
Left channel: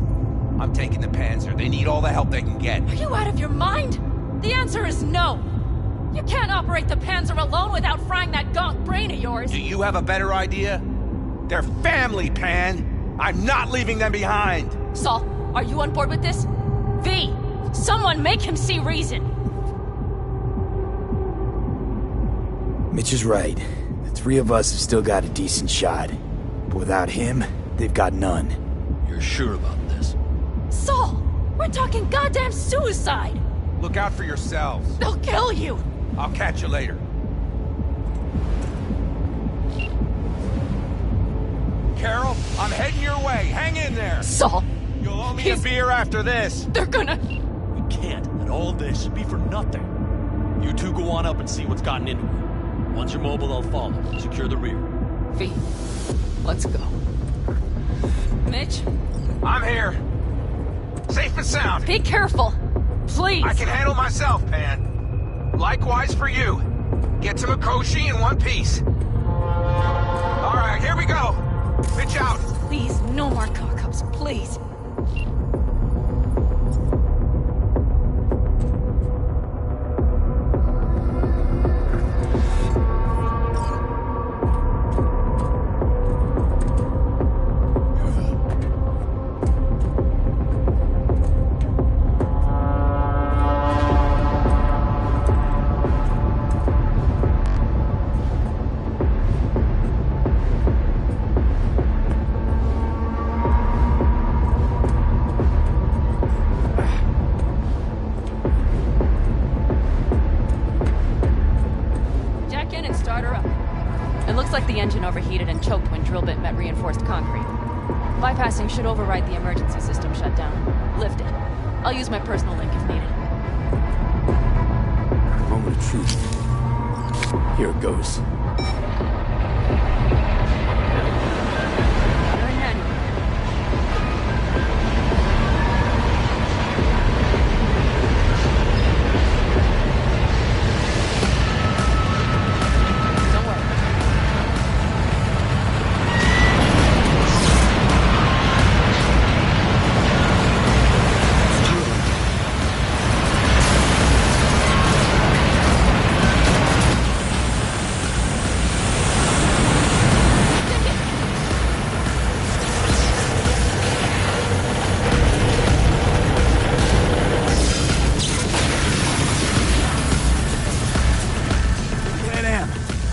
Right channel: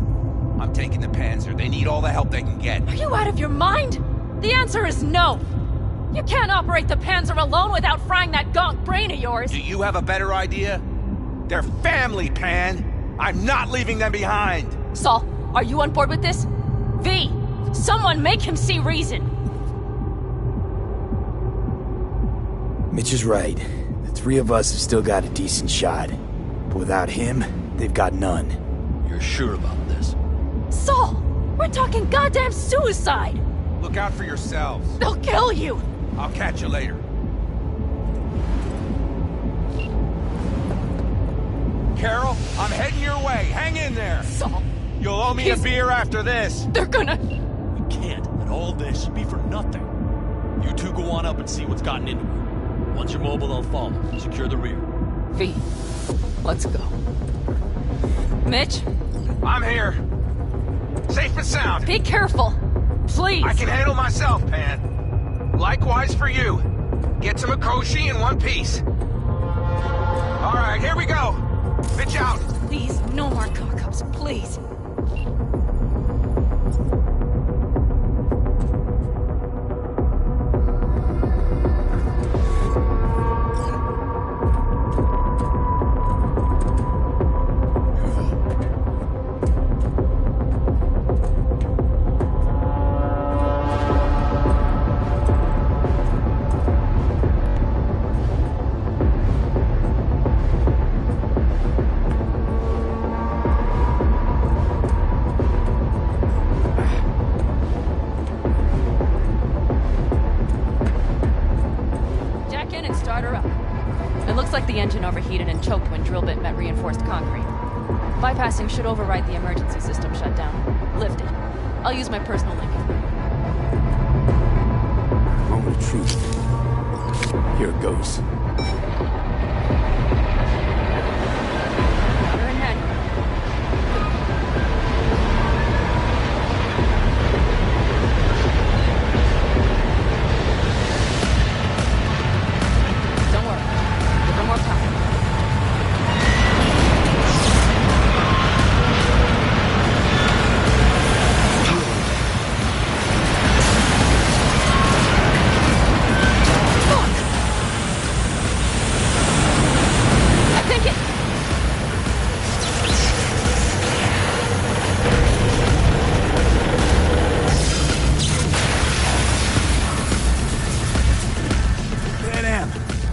I'm taking the Panzer. They need all the help they can get. Are you out of your mind? The answer is no. You can't operate the Panzer alone without frying that gaunt brain of yours. Do you have a better idea? They're family, Pan. I'm not leaving them behind. Saul, are you on board with this? V, someone make him see reason. Mitch is right. The three of us have still got a decent shot. But without him, they've got none. You're sure about this? Saul, we're talking goddamn suicide. Look out for yourselves. They'll kill you. I'll catch you later. Carol, I'm heading your way. Hang in there. Saul. You'll owe me a beer after this. They're gonna... We can't let all this be for nothing. You two go on up and see what's gotten into her. Once you're mobile, they'll follow. Secure the rear. V, let's go. Mitch? I'm here. Safe and sound. Be careful. Please. I can handle myself, Pan. Likewise for you. Get to Mikoshi in one piece. All right, here we go. Mitch out. Please, no more cock-ups, please. the engine overheated and choked when drill bit met reinforced concrete. Bypassing should override the emergency system shutdown. Lift it. I'll use my personal link if needed. Moment of truth. Here it goes. Water and manual. Don't worry. No more time.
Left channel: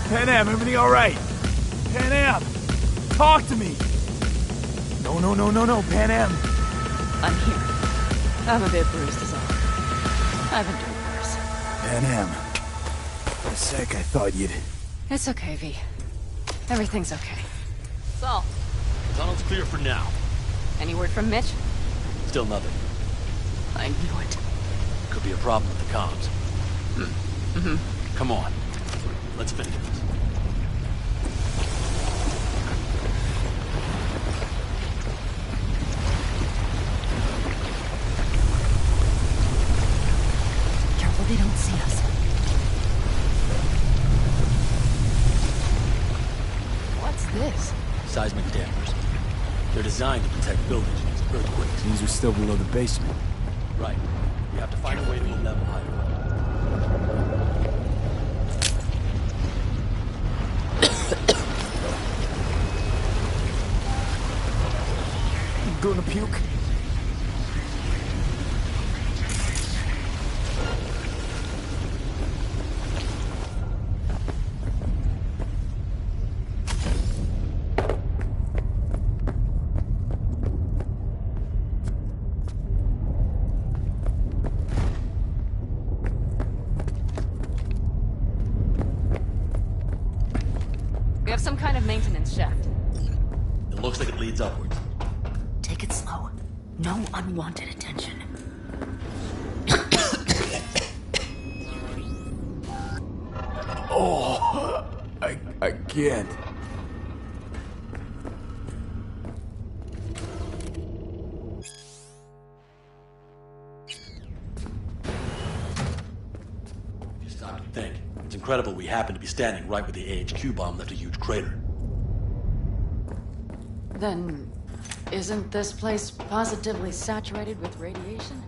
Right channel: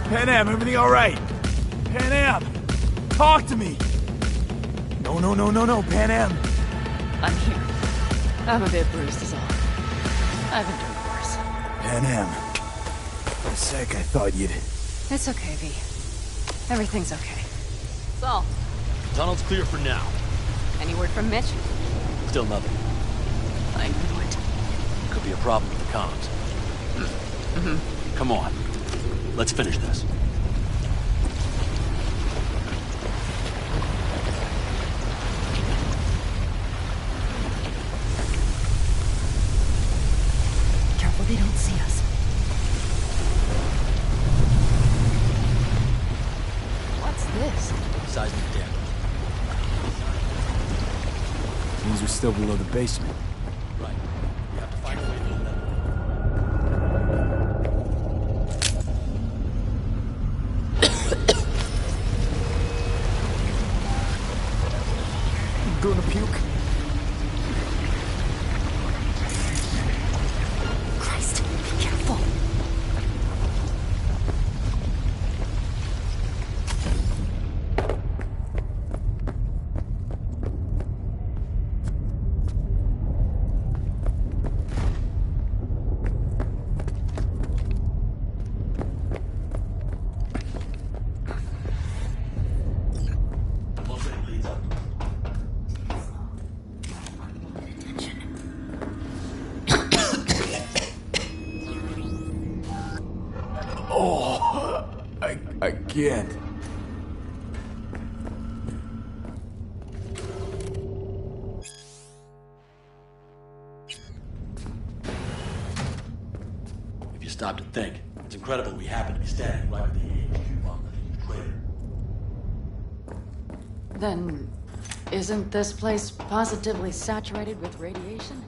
Pan Am, everything all right? Pan Am, talk to me. No, Pan Am. I'm here. I'm a bit bruised is all. I've endured worse. Pan Am. For a sec, I thought you'd... It's okay, V. Everything's okay. Saul. Tunnel's clear for now. Any word from Mitch? Still nothing. I knew it. Could be a problem with the comms. Come on. Let's finish this. Careful they don't see us. What's this? Seismic dampers. They're designed to detect buildings. Means we're still below the basement. Right. We have to find a way to level. Gonna puke? Christ, be careful. We have some kind of maintenance shaft. Looks like it leads up. Take it slow. No unwanted attention. Oh, I can't. If you stop to think, it's incredible we happen to be standing right where the AHQ bomb left a huge crater. Then, isn't this place positively saturated with radiation?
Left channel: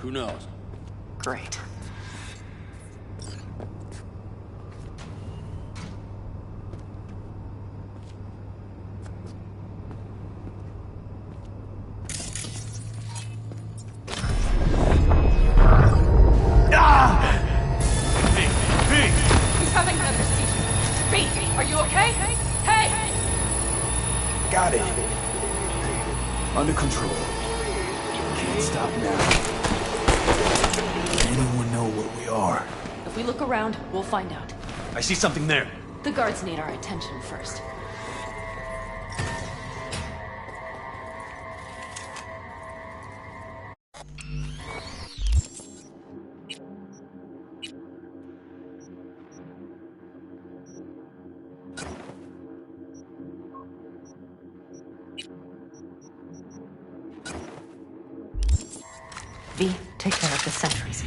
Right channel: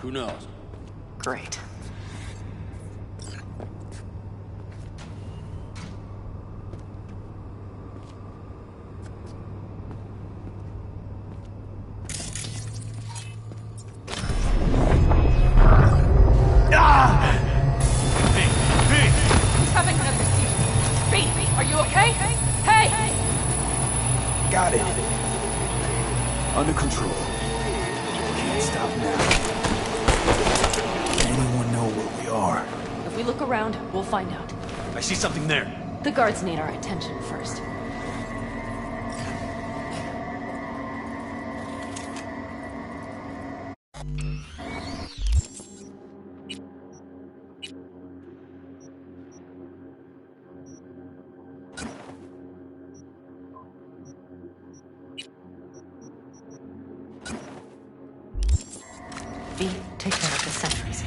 Who knows? Great. He's having another seizure. B, are you okay? Hey! Got it. Under control. Can't stop now. Anyone know where we are? If we look around, we'll find out. I see something there. The guards need our attention first. V, take care of the sentries.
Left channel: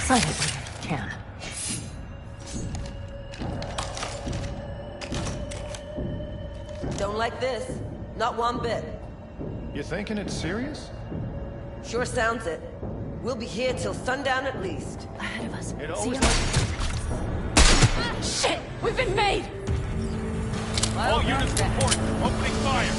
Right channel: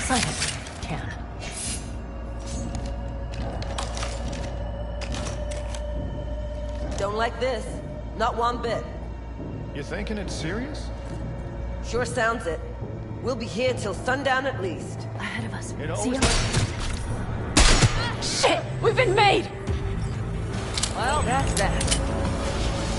Silently, if you can. Don't like this. Not one bit. You thinking it's serious? Sure sounds it. We'll be here till sundown at least. Ahead of us. It See always ya. Shit! We've been made! Well, that's that. Opening fire.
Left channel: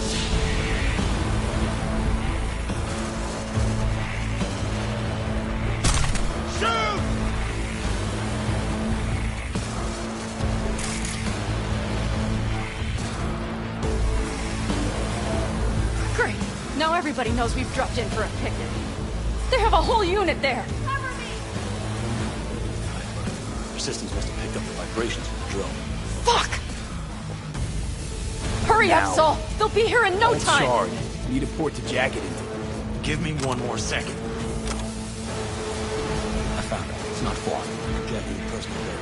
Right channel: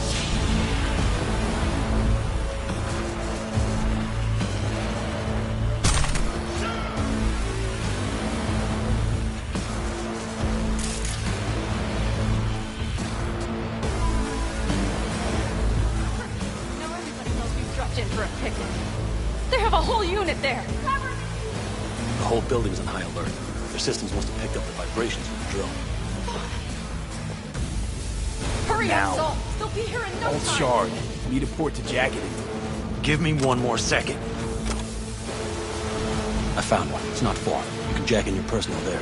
Great. Now everybody knows we've dropped in for a picnic. They have a whole unit there. The whole building is on high alert. Their systems must have picked up the vibrations from the drill. Fuck! Hurry now. up, Saul! They'll be here in no Hold time! shard. Need a port to jacket into. Give me one more second. I found it. It's not far. You can jack in your personal there.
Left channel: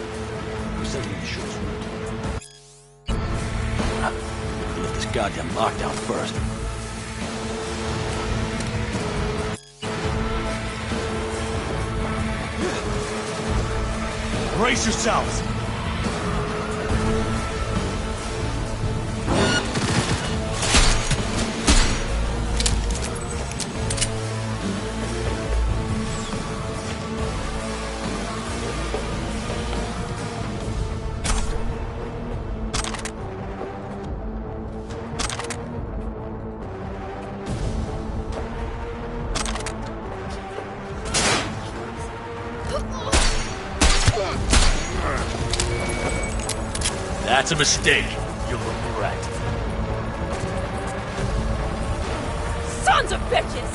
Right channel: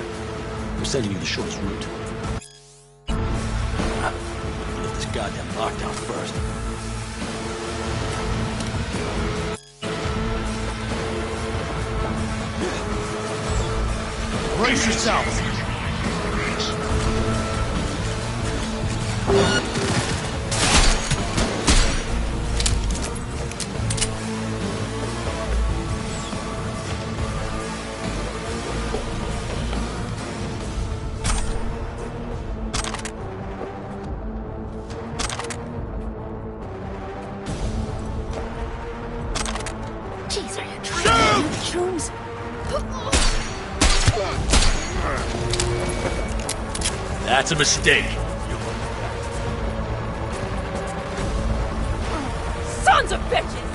We're sending you the shortest route. We'll lift this goddamn lockdown first. Brace yourselves! That's a mistake. You look right. Sons of bitches!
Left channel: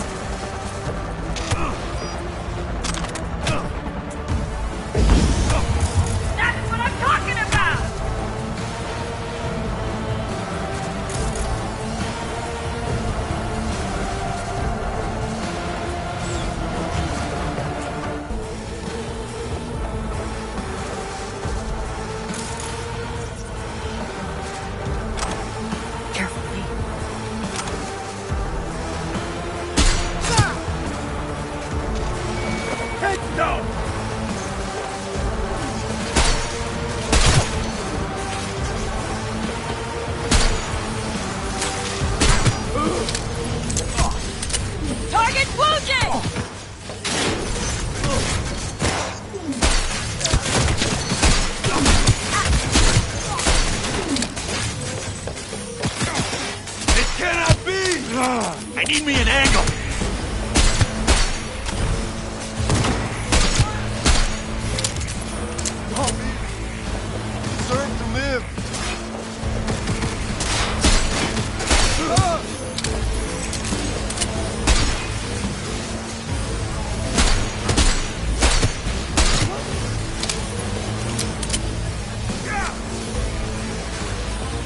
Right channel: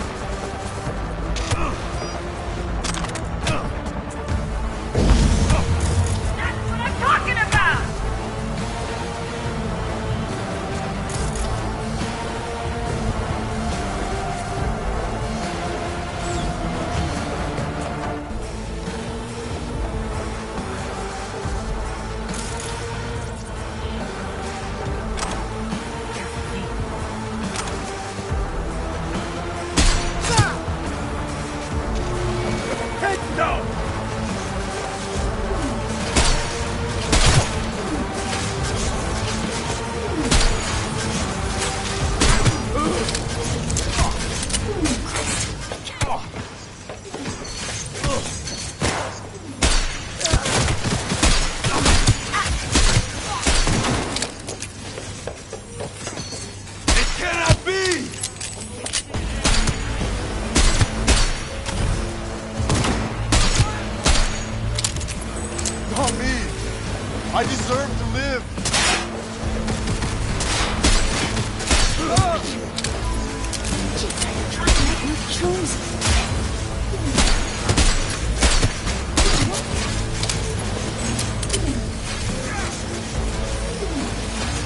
That's what I'm talking about! I need me an angle. Not me. I deserve to live.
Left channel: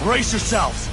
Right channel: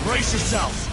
Brace yourselves.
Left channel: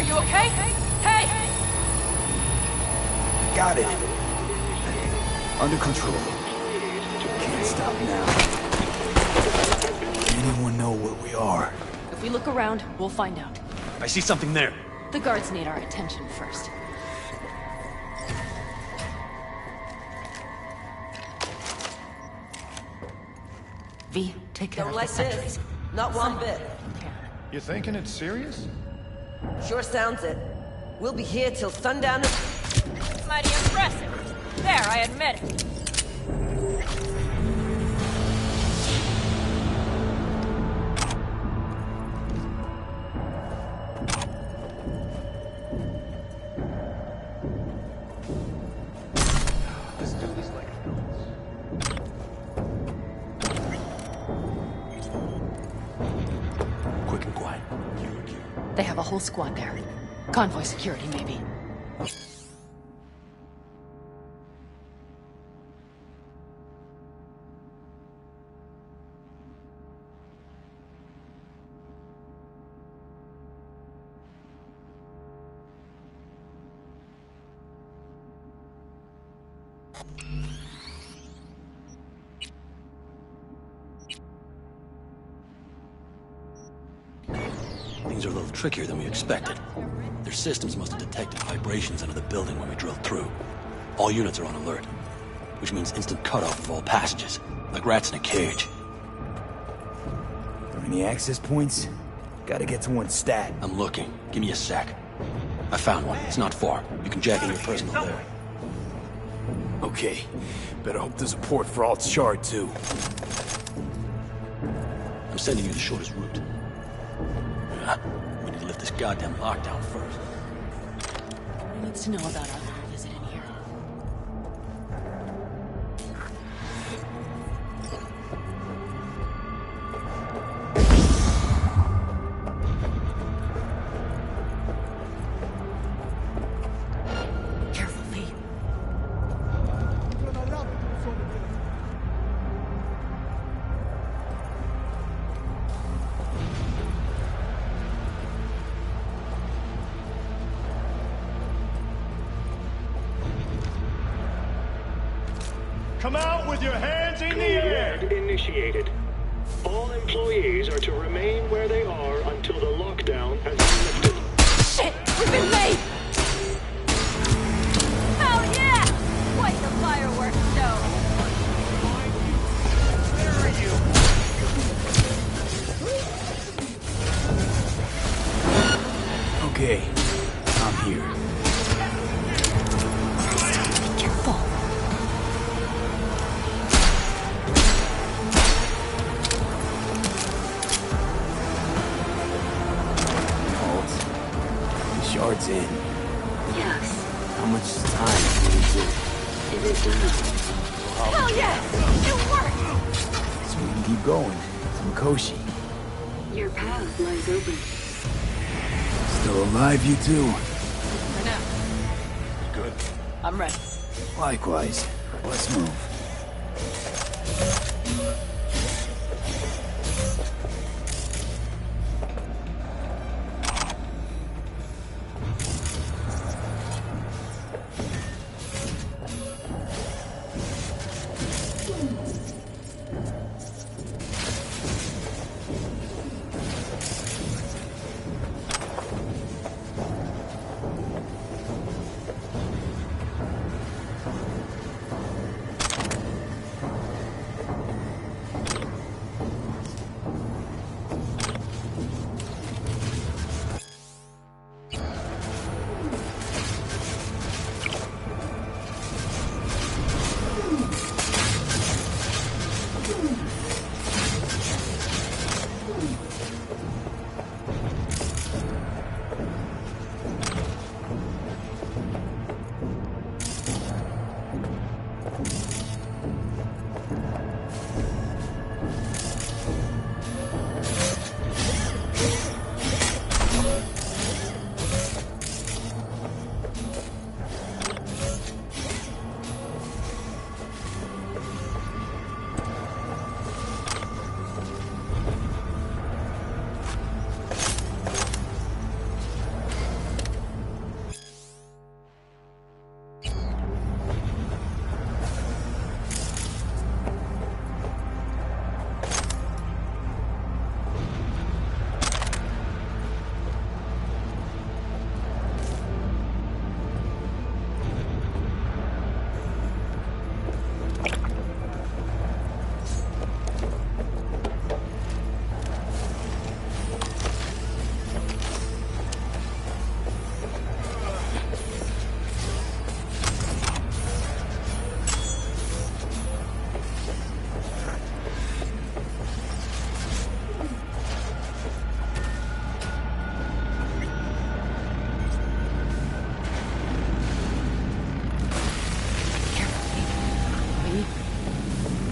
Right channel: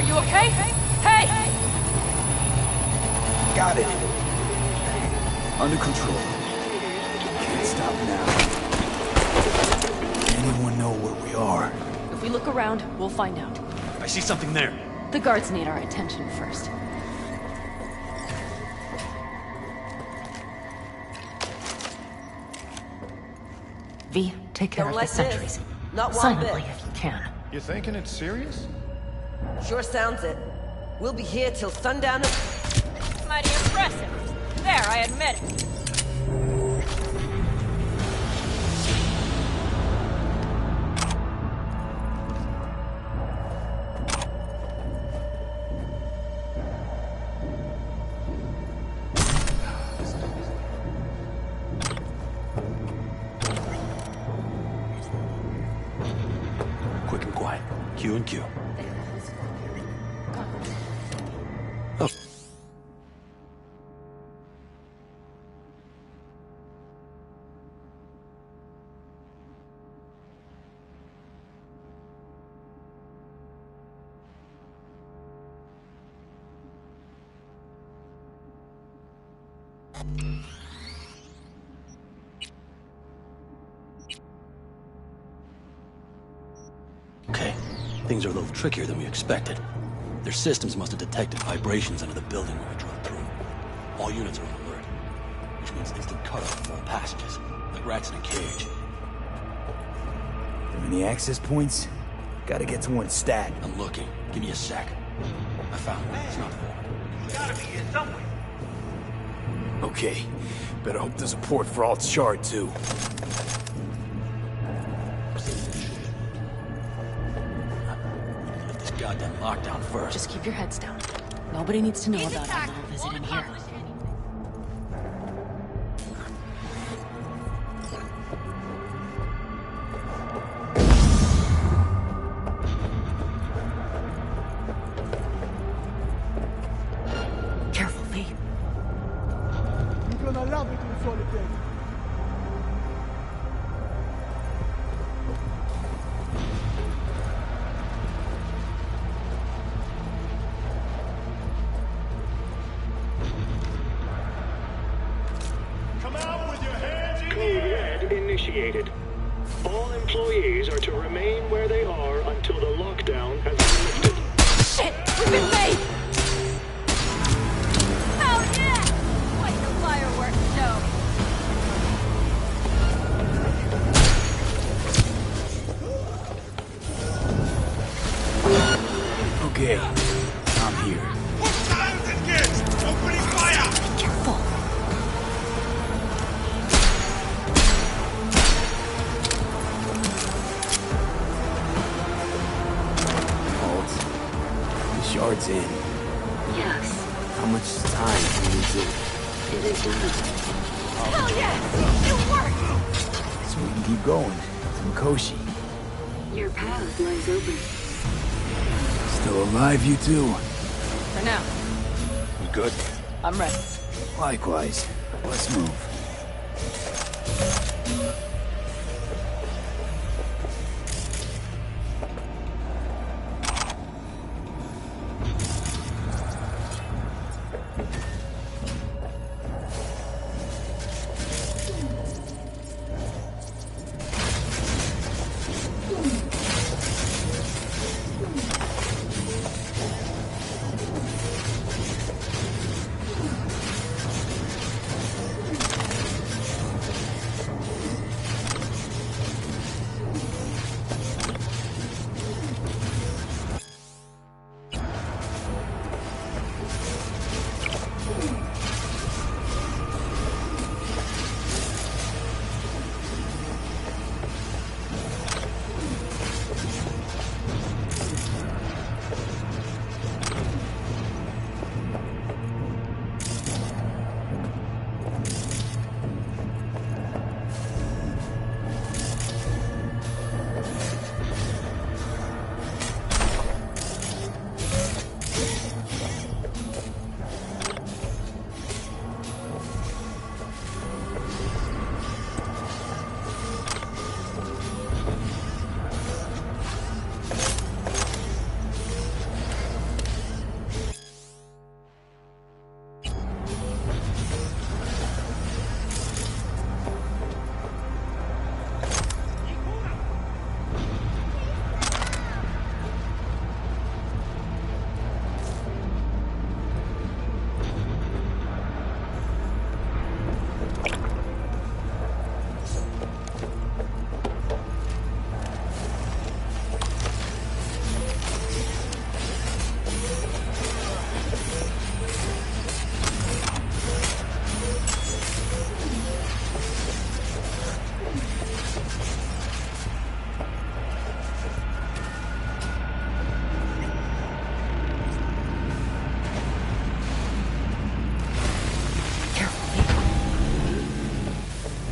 Are you okay? Hey! Got it. Under control. Can't stop now. Anyone know where we are? If we look around, we'll find out. I see something there. The guards need our attention first. V, take care Don't of like the sentries. this. Not one Silently, bit. if you can. You thinking it's serious? Sure sounds it. We'll be here till sundown. Mighty impressive. There, I admit it. Quick and quiet. Q and Q. They have a whole squad there. Convoy security, maybe. Oh. Okay, things are a little trickier than we expected. Their systems must have detected vibrations under the building when we drilled through. All units are on alert, which means instant cutoff of all passages, like rats in a cage. There any access points? Gotta get to one stat. I'm looking. Give me a sec. I found one. It's not far. You can jack in your personal area. Okay. Better hope there's a port for Alt's shard, too. I'm sending you the shortest route. We need to lift this goddamn lockdown first. Just keep your heads down. Nobody needs to know about our little visit in here. Careful, V. Come out with your hands in the air! Code red initiated. All employees are to remain where they are until the lockdown has been lifted. Shit! We've been late! Hell yeah! Quite the fireworks show! Okay, I'm here. Be careful. The shard's in. Yes, How much time do we need to... it is done. Hell yes! It worked! So we can keep going. To Mikoshi. Your path lies open. Still alive, you two? For now. You good? I'm ready. Likewise. Let's move.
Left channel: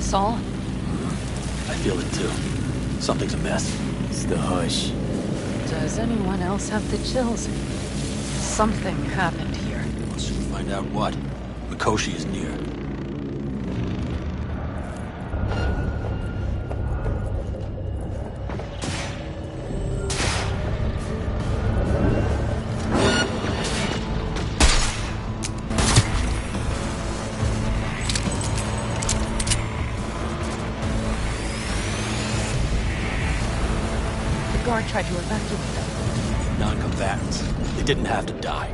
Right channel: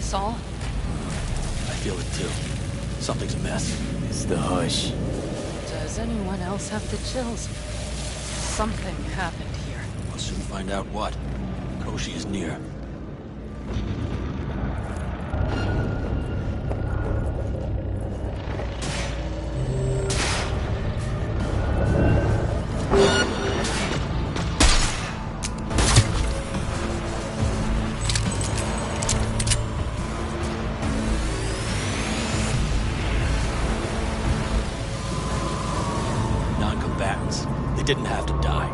Saul? I feel it too. Something's amiss. It's the hush. Does anyone else have the chills? Something happened here. We'll soon find out what. Mikoshi is near. Non-combatants. They didn't have to die.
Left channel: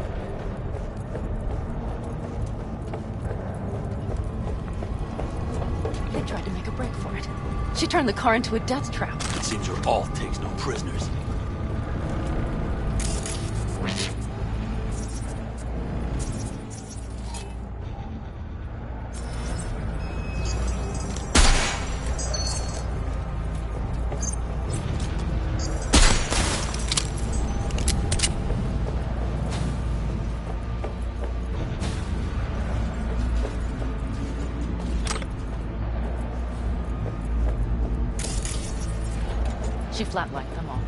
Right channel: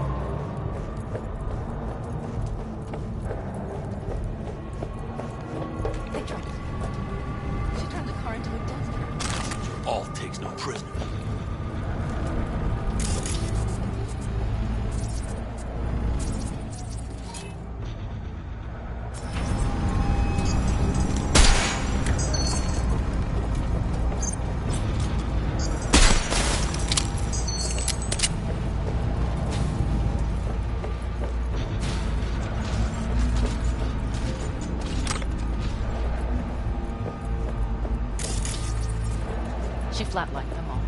They tried to make a break for it. She turned the car into a death trap. It seems your alt takes no prisoners. She flatlined them all.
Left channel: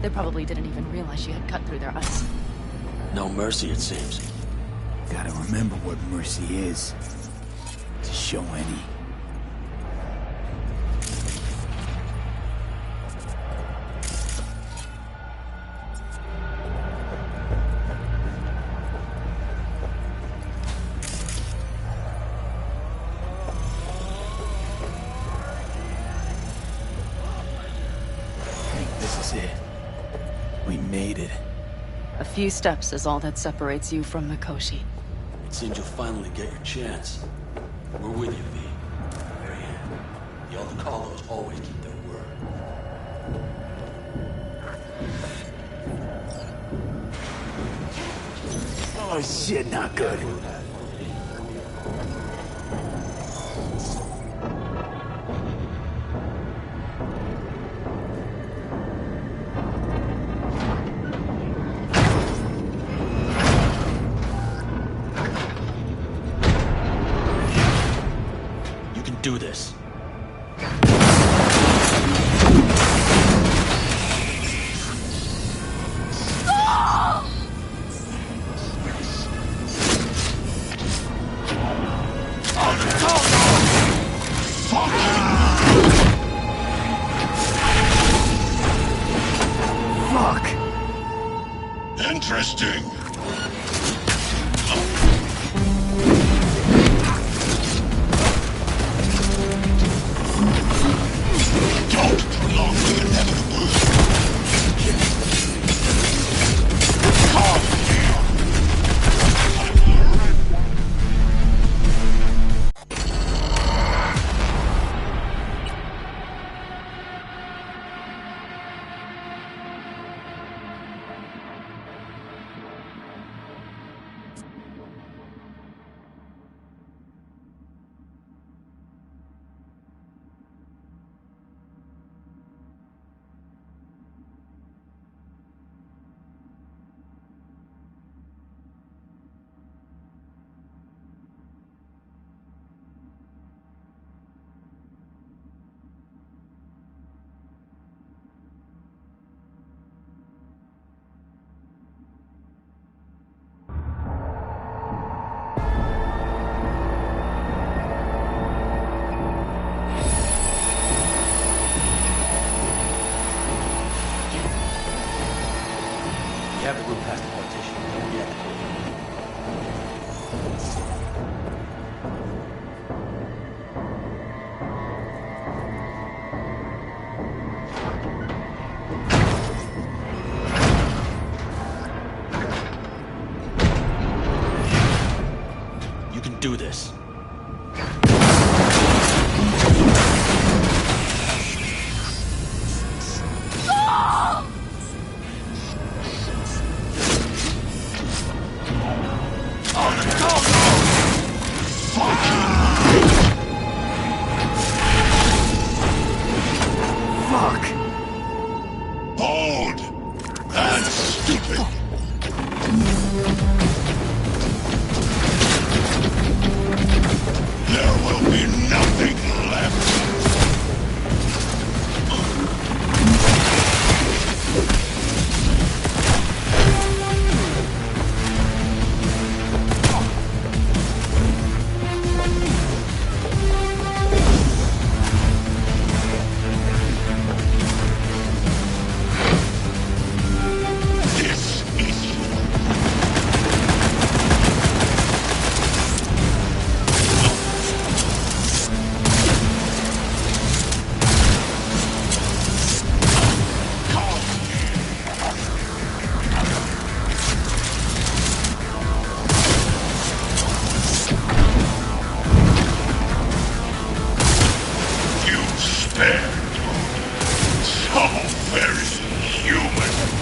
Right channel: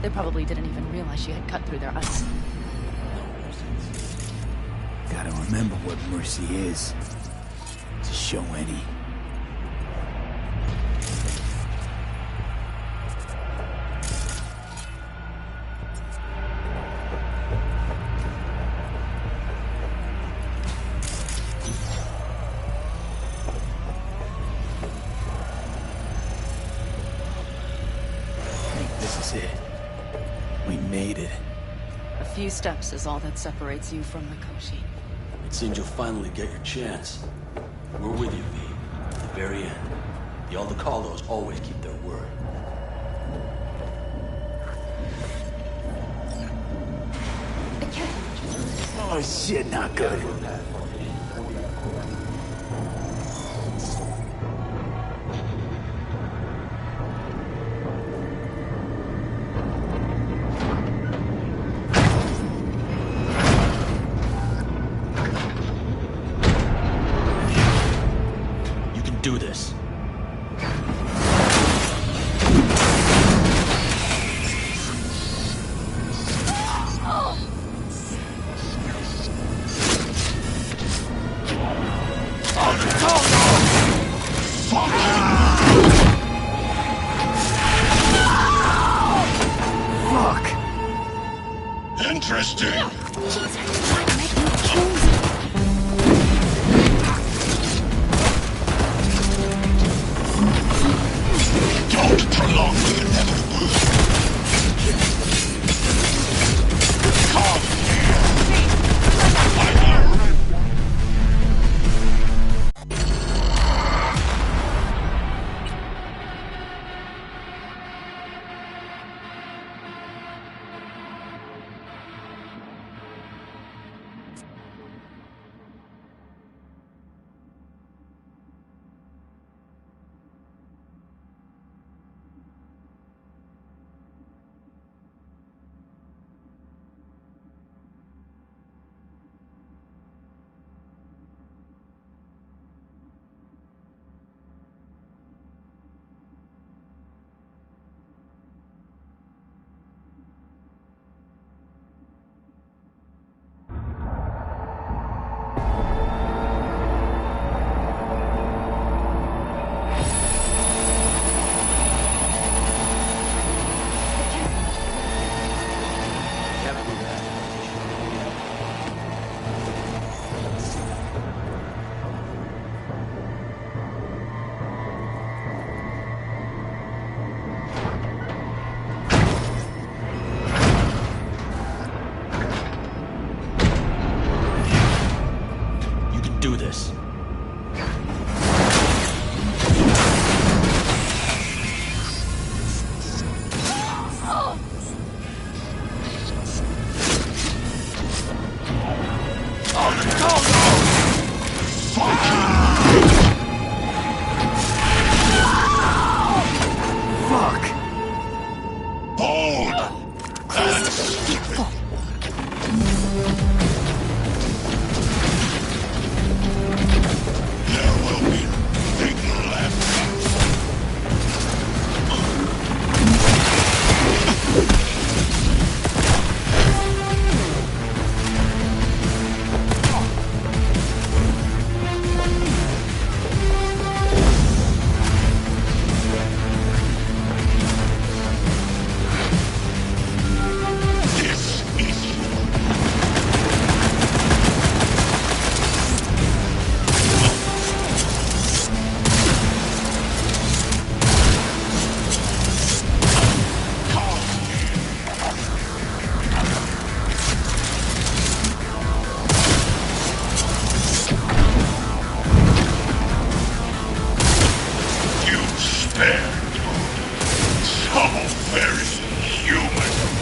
They probably didn't even realize she had cut through their ice. No mercy, it seems. Gotta remember what mercy is. To show any. We made it. A few steps is all that separates you from Mikoshi. It seems you'll finally get your chance. We're with you, V. To the very end. The Aldecaldos always keep their word. Oh shit, not good. Do this. Fuck. Interesting. Don't prolong the inevitable. Come here. You have to move past the partition. Don't get it. You can do this. Fuck. Bold and stupid. How very human.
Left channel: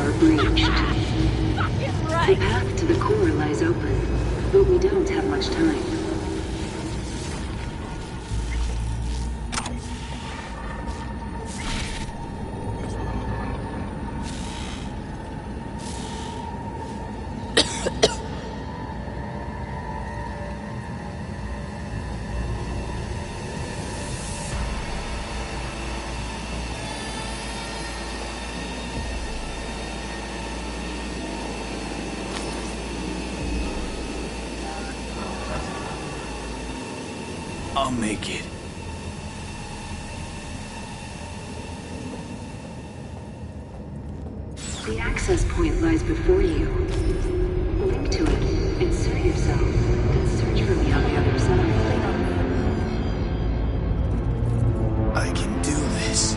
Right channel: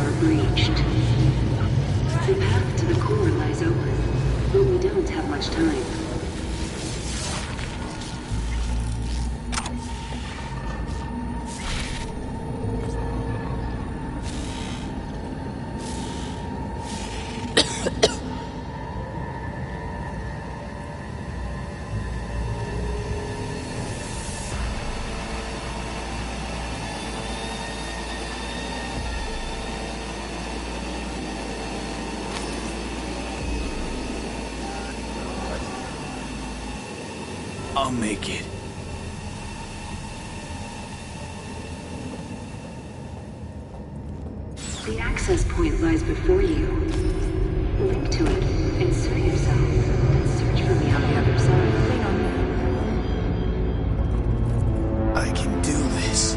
are breached. The path to the core lies open, but we don't have much time. I'll make it. The access point lies before you. Link to it, insert yourself, then search for me on the other side. Lean on me. I can do this.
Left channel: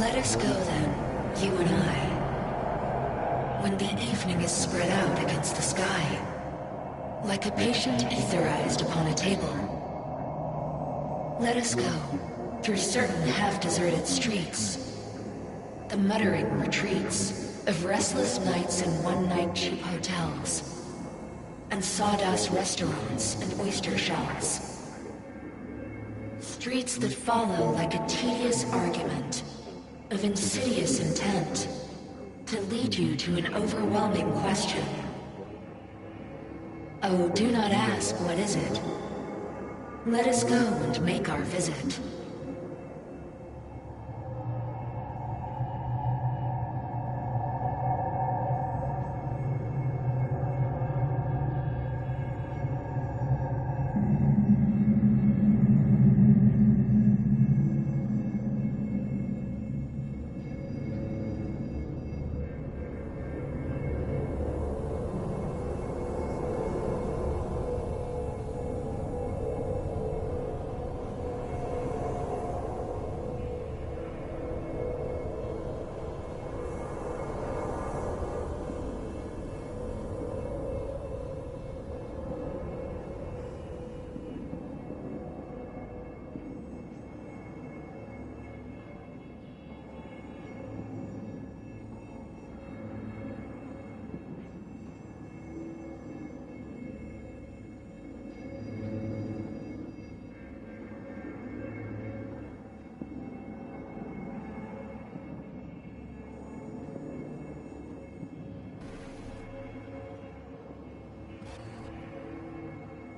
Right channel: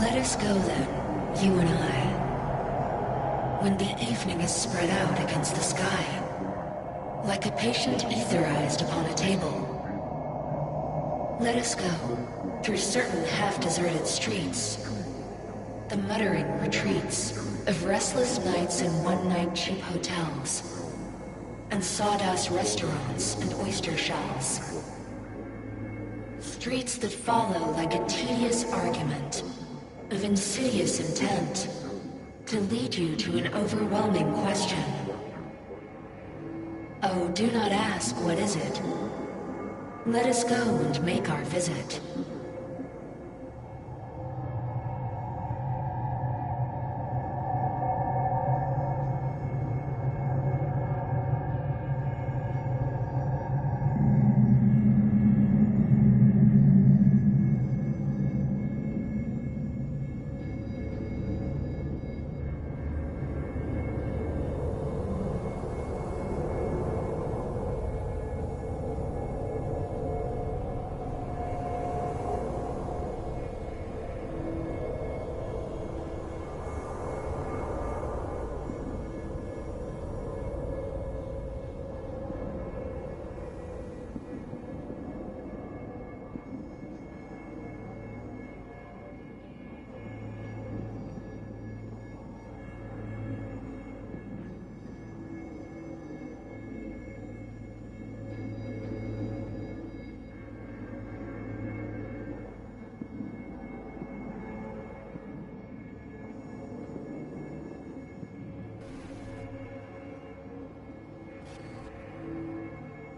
Let us go then, you and I. When the evening is spread out against the sky, like a patient etherized upon a table. Let us go through certain half-deserted streets, the muttering retreats of restless nights in one-night cheap hotels, and sawdust restaurants and oyster shells. Streets that follow like a tedious argument of insidious intent to lead you to an overwhelming question. Oh, do not ask, what is it? Let us go and make our visit.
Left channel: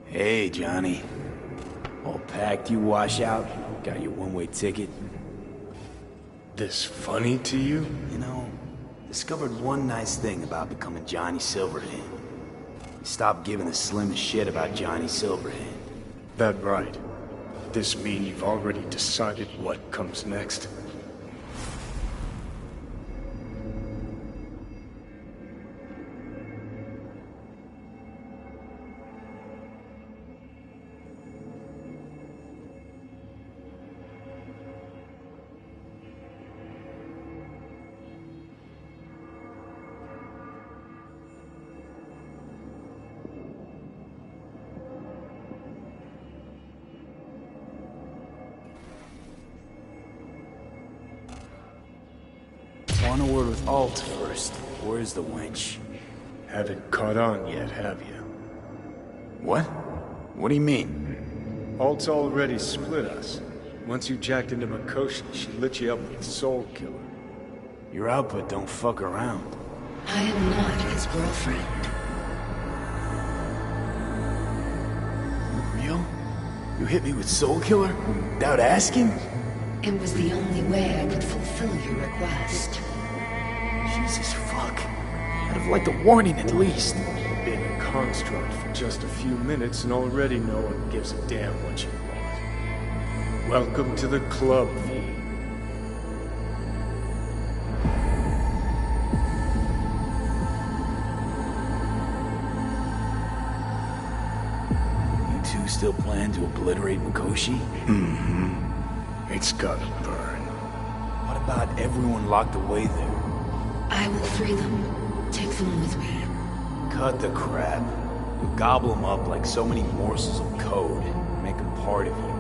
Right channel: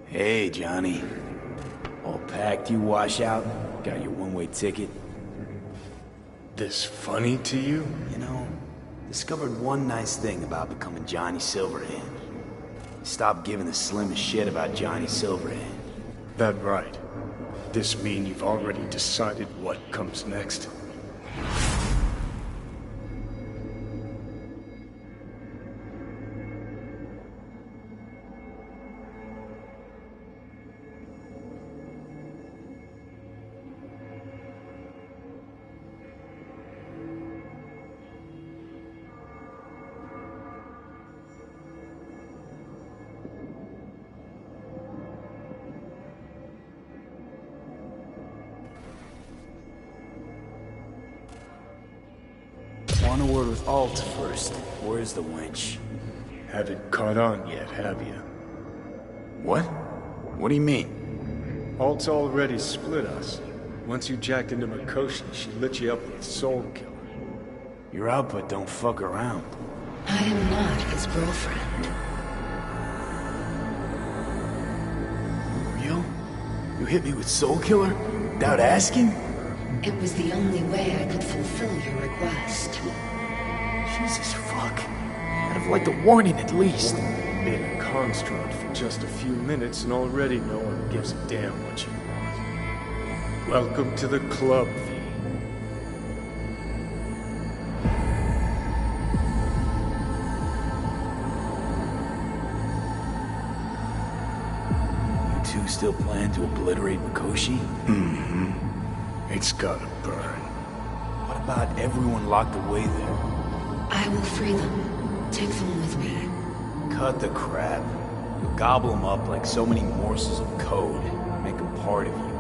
Hey, Johnny. All packed, you wash out? Got your one-way ticket? This funny to you? You know, discovered one nice thing about becoming Johnny Silverhand. You stopped giving the slimmest shit about Johnny Silverhand. That right. This mean you've already decided what comes next? Want a word with Alt first. Where's the wench? Haven't caught on yet, have you? What? What do you mean? Alt's already split us. Once you jacked into Mikoshi, she lit you up with Soul Killer. Your output don't fuck around. I am not his girlfriend. You real? You hit me with Soul Killer? Without asking? It was the only way I could fulfill your request. Jesus fuck. I'd have liked a warning at least. Been a construct for just a few minutes and already no one gives a damn what you want. Welcome to the club, V. You two still plan to obliterate Mikoshi? Mm-hmm. It's gotta burn. What about everyone locked away there? I will free them. Take them with me. Cut the crap. You'll gobble them up like so many morsels of code. Make them part of you.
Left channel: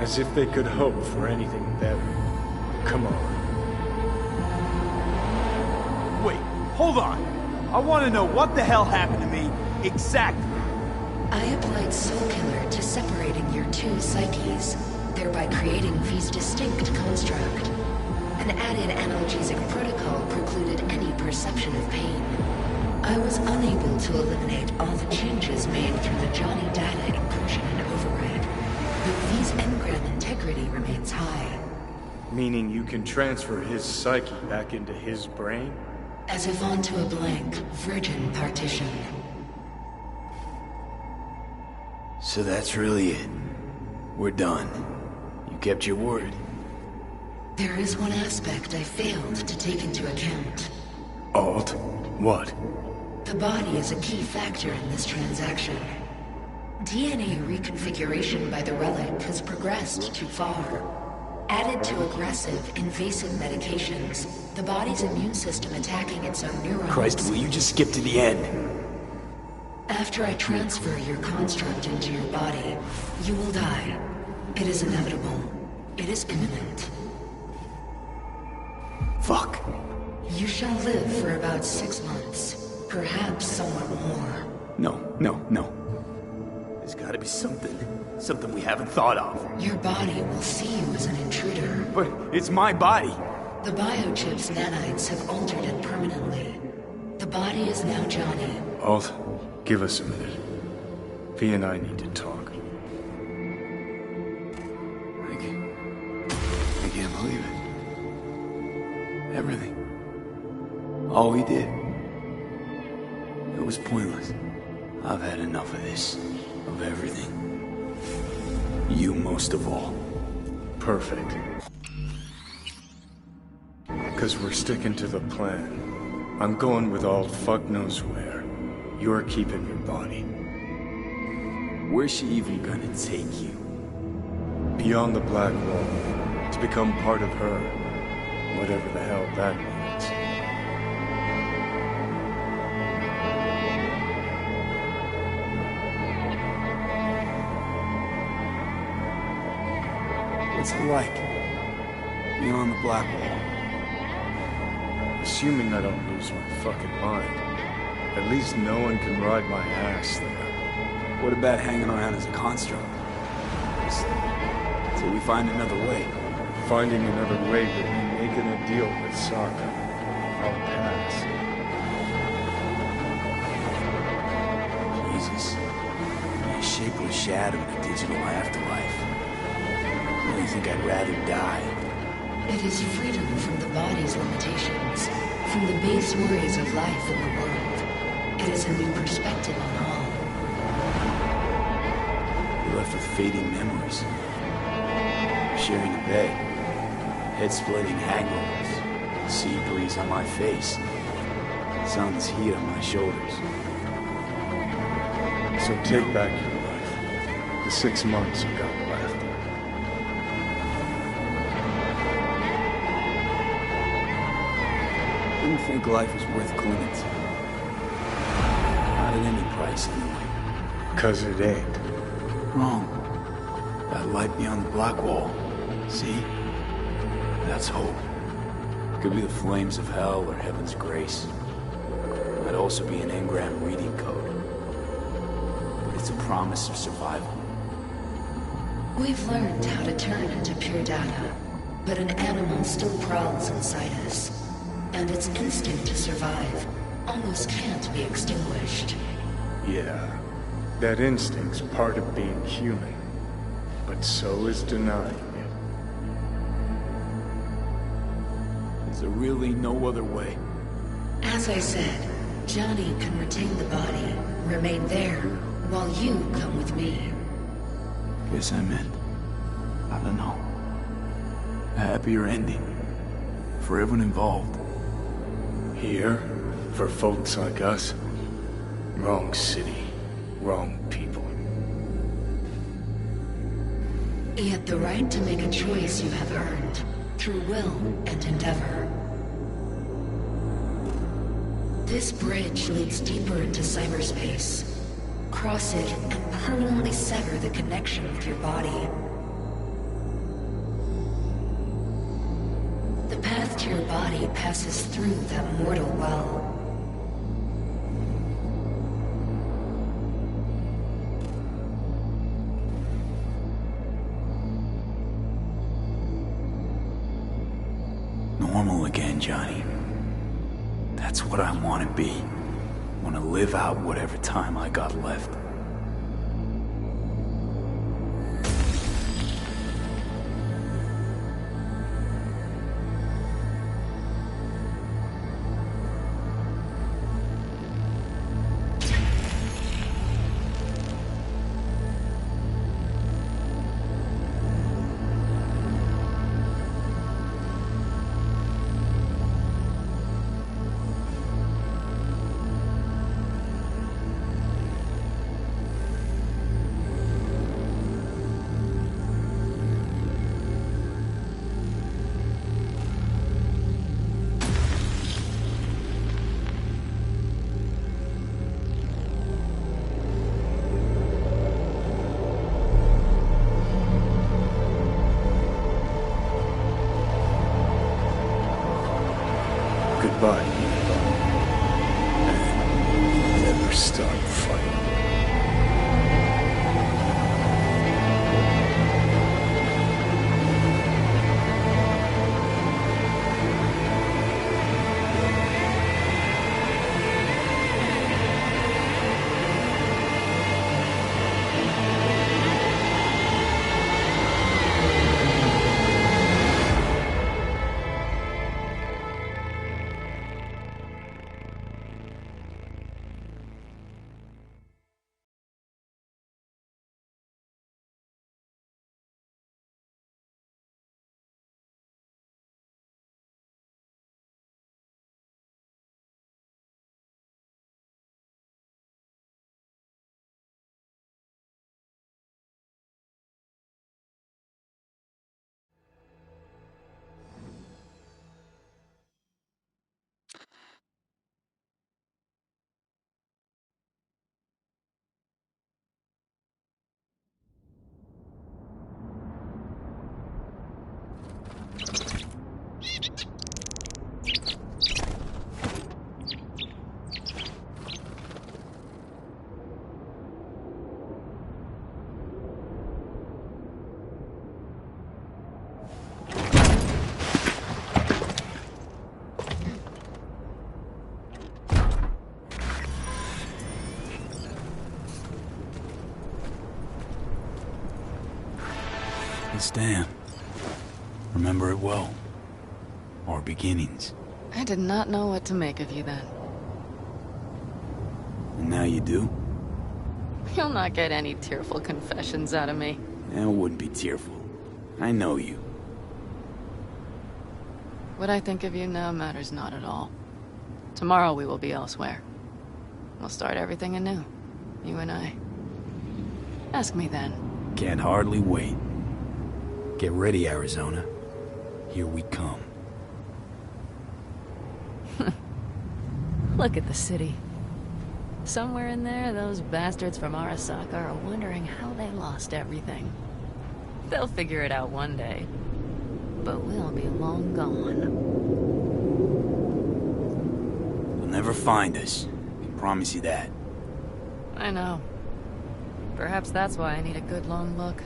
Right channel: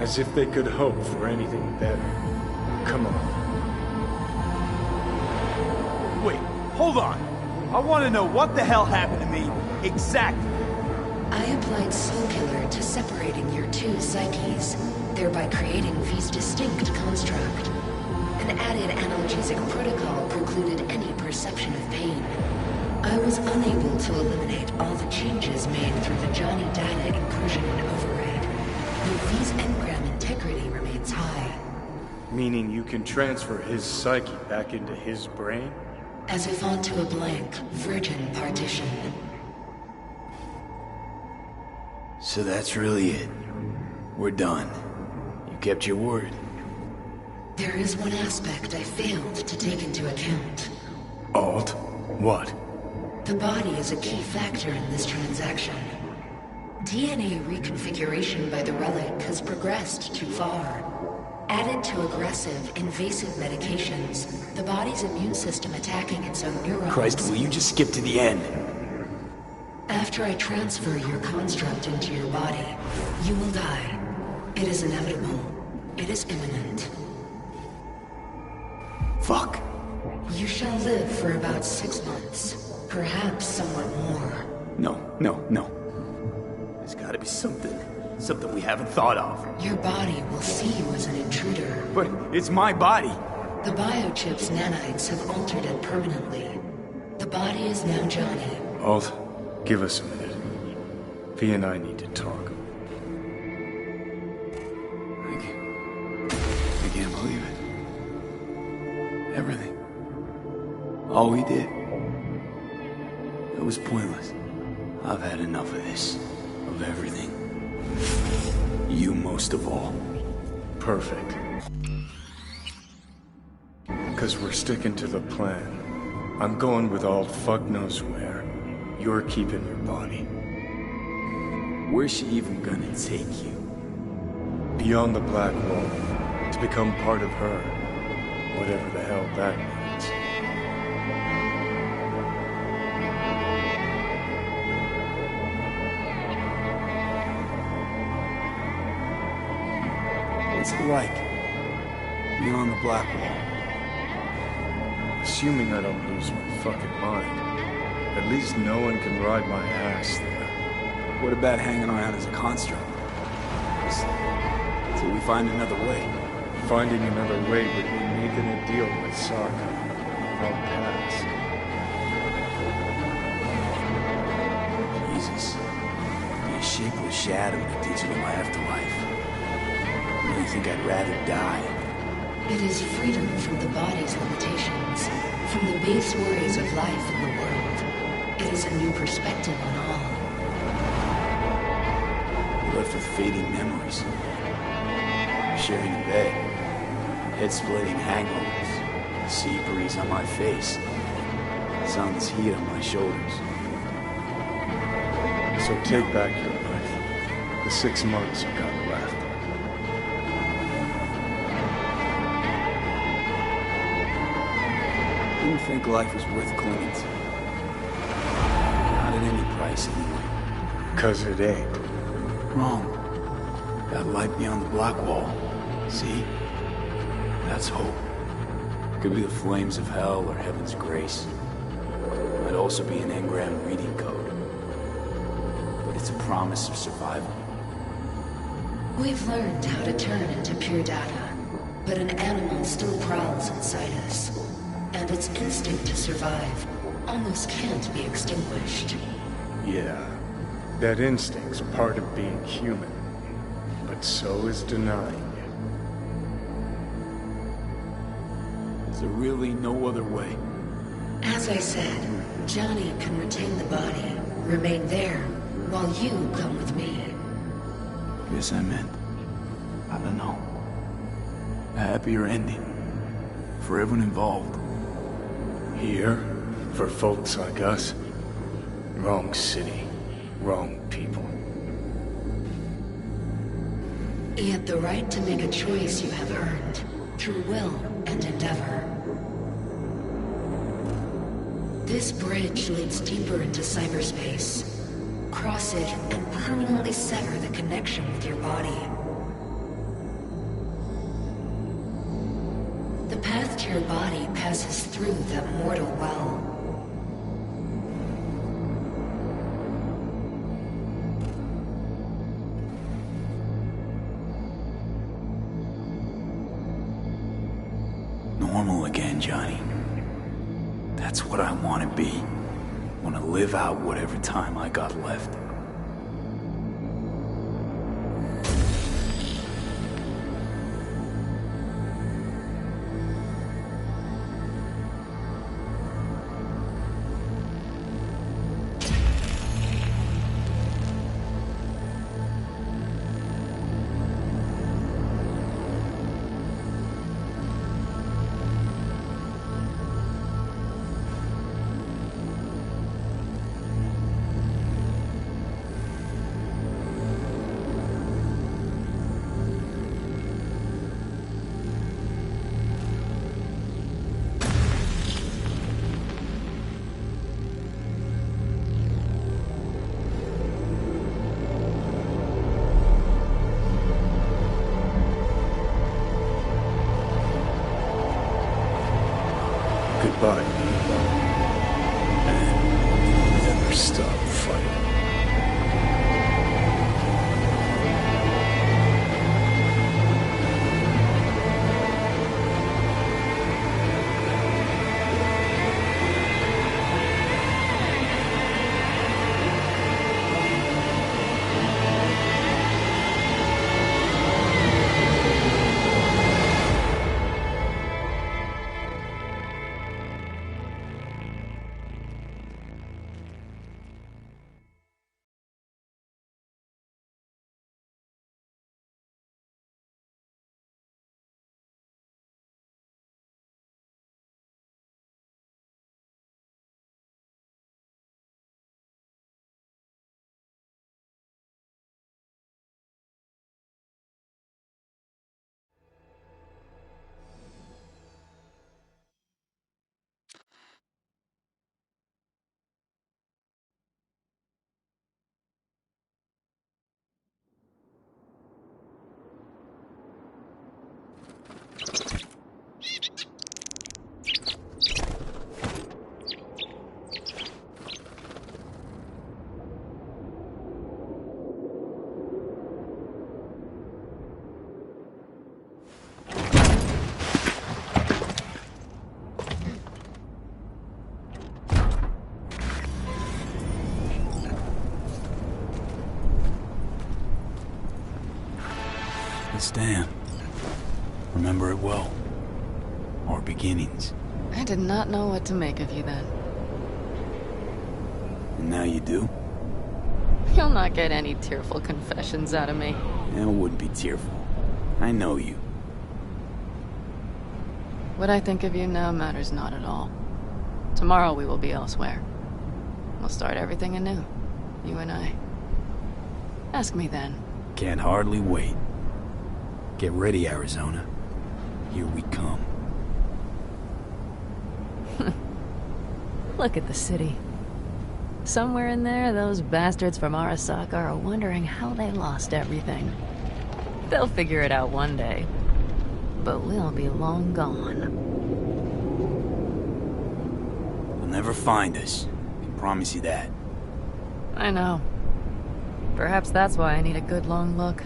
As if they could hope for anything better. Come on. Wait, hold on. I want to know what the hell happened to me exactly. I applied Soul Killer to separating your two psyches, thereby creating V's distinct construct. An added analgesic protocol precluded any perception of pain. I was unable to eliminate all the changes made through the Johnny data inclusion and override, but V's engram integrity remains high. Meaning you can transfer his psyche back into his brain? As if onto a blank, virgin partition. So that's really it. We're done. You kept your word. There is one aspect I failed to take into account. Alt? What? The body is a key factor in this transaction. DNA reconfiguration by the relic has progressed too far. Added to aggressive, invasive medications, the body's immune system attacking its own neurons. Christ, will you just skip to the end? After I transfer your construct into your body, you will die. It is inevitable. It is imminent. Fuck. You shall live for about 6 months. Perhaps somewhat more. No. There's gotta be something we haven't thought of. Your body will see you as an intruder. But it's my body. The biochip's nanites have altered it permanently. The body is now Johnny. Alt, give us a minute. V and I need to talk. I can't believe it. Everything. All we did. It was pointless. I've had enough of this. Of everything. You most of all. Perfect. Because we're sticking to the plan. I'm going with Alt fuck knows where. You're keeping your body. Where's she even gonna take you? Beyond the Black Wall. To become part of her. Whatever the hell that means. What's it like? Beyond the Black Wall? Assuming I don't lose my fucking mind. At least no one can ride my ass there. What about hanging around as a construct? Just till we find another way. Finding another way would mean making a deal with Sokka. I'll pass. Jesus. Be a shapeless shadow in a digital afterlife. I really think I'd rather die. It is freedom from the body's limitations, from the base worries of life in the world. It is a new perspective on all. We're left with fading memories. Sharing a bed. Head-splitting hangovers. Sea breeze on my face. Sun's heat on my shoulders. So take back your life. The 6 months you got left. Didn't think life was worth clinging to. Not at any price, anyway. 'Cause it ain't. Wrong. That light beyond the Black Wall. See? That's hope. Could be the flames of hell or heaven's grace. Might also be an engram reading code. But it's a promise of survival. We've learned how to turn into pure data, but an animal still prowls inside us. And its instinct to survive almost can't be extinguished. Yeah, that instinct's part of being human. But so is denying it. Is there really no other way? As I said, Johnny can retain the body, remain there, while you come with me. Guess I meant, I don't know, a happier ending. For everyone involved. Here, for folks like us, wrong city, wrong people. Yet the right to make a choice you have earned, through will and endeavor. This bridge leads deeper into cyberspace. Cross it and permanently sever the connection with your body. The path to your body passes through that mortal well. Normal again, Johnny. That's what I want to be. Want to live out whatever time I got left. Goodbye, B. And never stop fighting. This dam. Remember it well. Our beginnings. I did not know what to make of you then. And now you do? You'll not get any tearful confessions out of me. It wouldn't be tearful. I know you. What I think of you now matters not at all. Tomorrow we will be elsewhere. We'll start everything anew. You and I. Ask me then. Can't hardly wait. Get ready, Arizona. Here we come. Look at the city. Somewhere in there, those bastards from Arasaka are wondering how they lost everything. They'll figure it out one day. But we'll be long gone. They'll never find us. I can promise you that. I know. Perhaps that's why I need a good long look.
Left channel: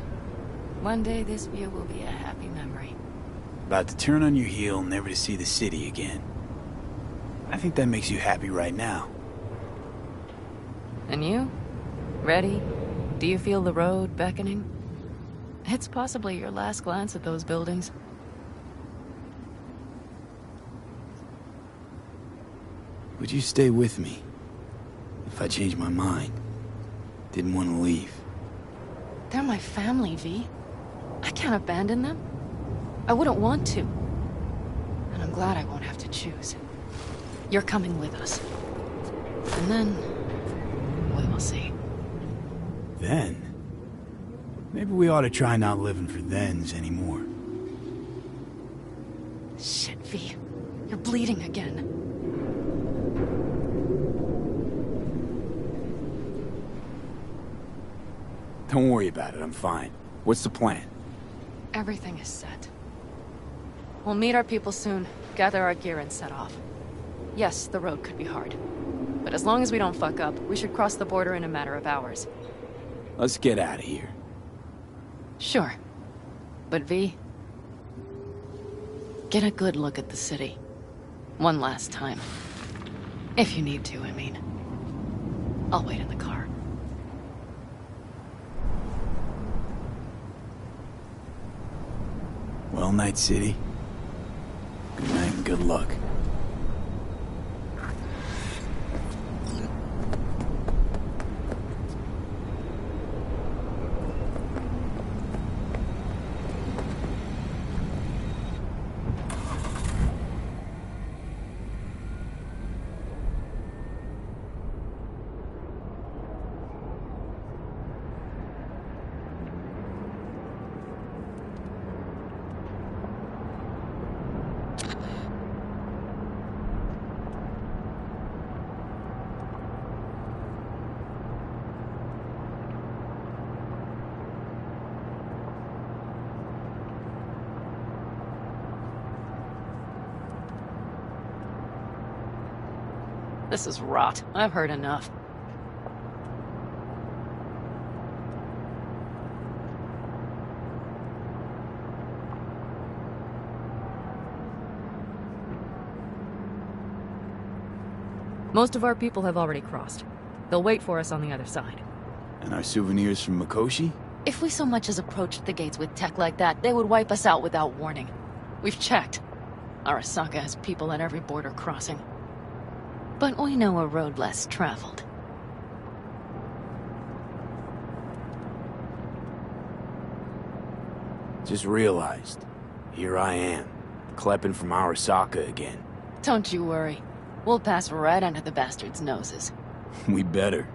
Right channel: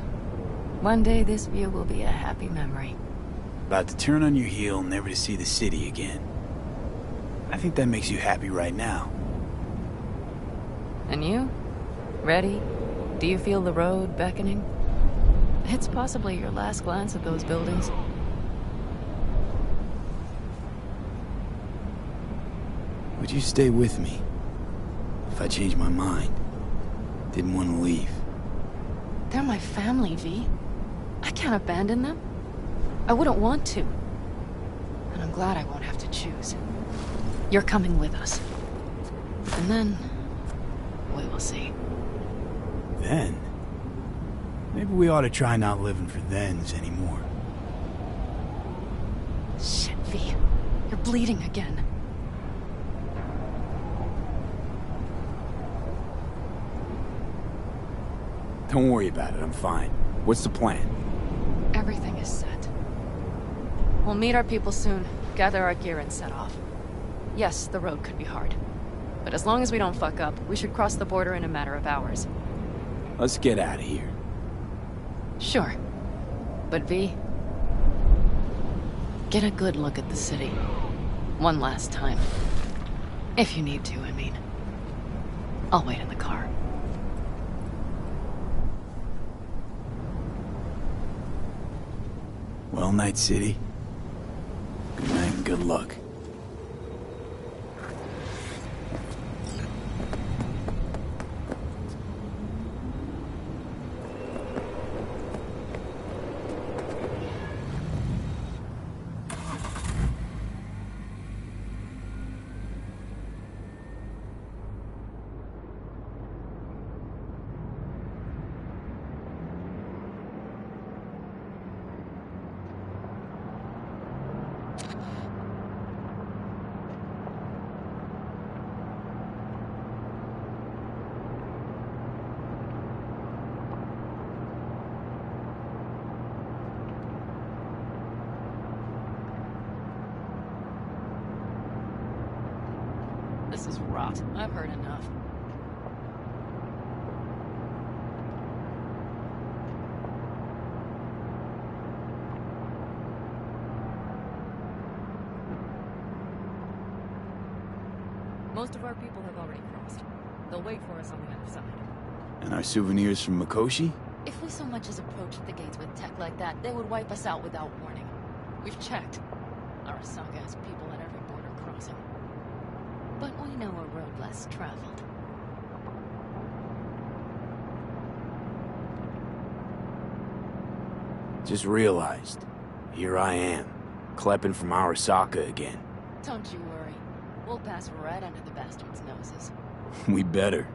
One day this view will be a happy memory. About to turn on your heel, never to see the city again. I think that makes you happy right now. And you? Ready? Do you feel the road beckoning? It's possibly your last glance at those buildings. Would you stay with me? If I changed my mind. Didn't want to leave. They're my family, V. I can't abandon them. I wouldn't want to. And I'm glad I won't have to choose. You're coming with us. And then... we will see. Then? Maybe we ought to try not living for thens anymore. Shit, V. You're bleeding again. Don't worry about it, I'm fine. What's the plan? Everything is set. We'll meet our people soon, gather our gear and set off. Yes, the road could be hard. But as long as we don't fuck up, we should cross the border in a matter of hours. Let's get out of here. Sure. But V... get a good look at the city. One last time. If you need to, I mean. I'll wait in the car. Well, Night City. Good night and good luck. This is rot. I've heard enough. Most of our people have already crossed. They'll wait for us on the other side. And our souvenirs from Mikoshi? If we so much as approached the gates with tech like that, they would wipe us out without warning. We've checked. Arasaka has people at every border crossing. But we know a road less traveled. Just realized. Here I am, klepping from Arasaka again. Don't you worry. We'll pass right under the bastards' noses. We better.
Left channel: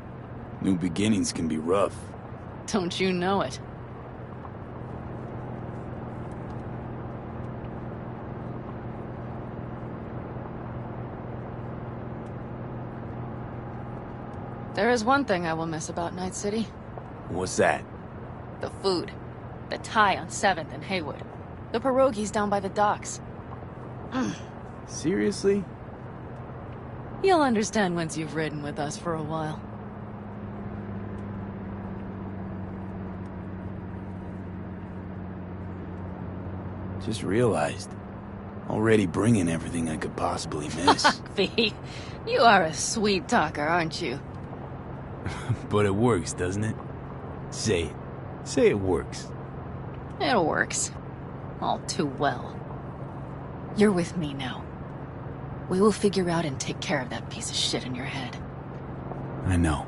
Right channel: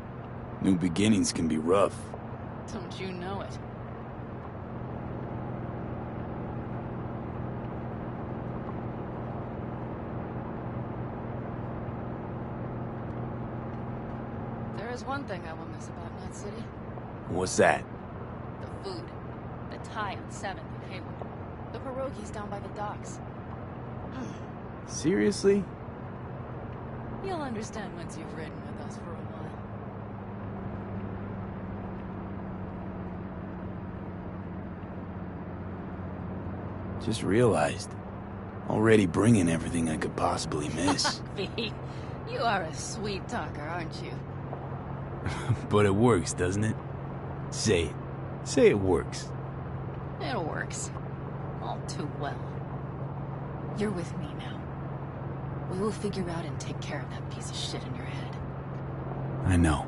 New beginnings can be rough. Don't you know it? There is one thing I will miss about Night City. What's that? The food. The Thai on 7th and Haywood. The pierogies down by the docks. Seriously? You'll understand once you've ridden with us for a while. Just realized. Already bringing everything I could possibly miss. V, you are a sweet talker, aren't you? But it works, doesn't it? Say it. Say it works. It works. All too well. You're with me now. We will figure out and take care of that piece of shit in your head. I know.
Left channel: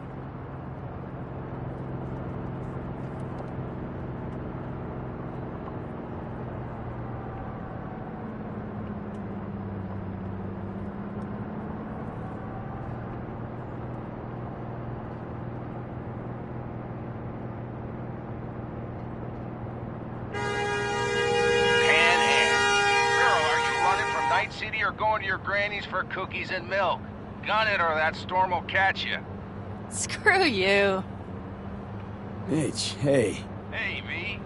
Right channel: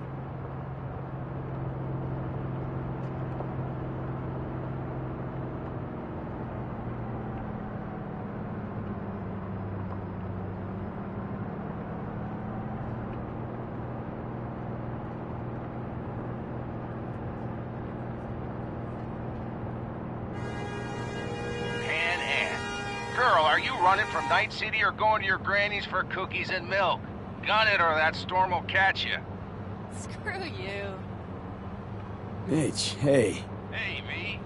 Night City or going to your granny's for cookies and milk? Gun it or that storm will catch you. Screw you. Mitch, hey. Hey, V.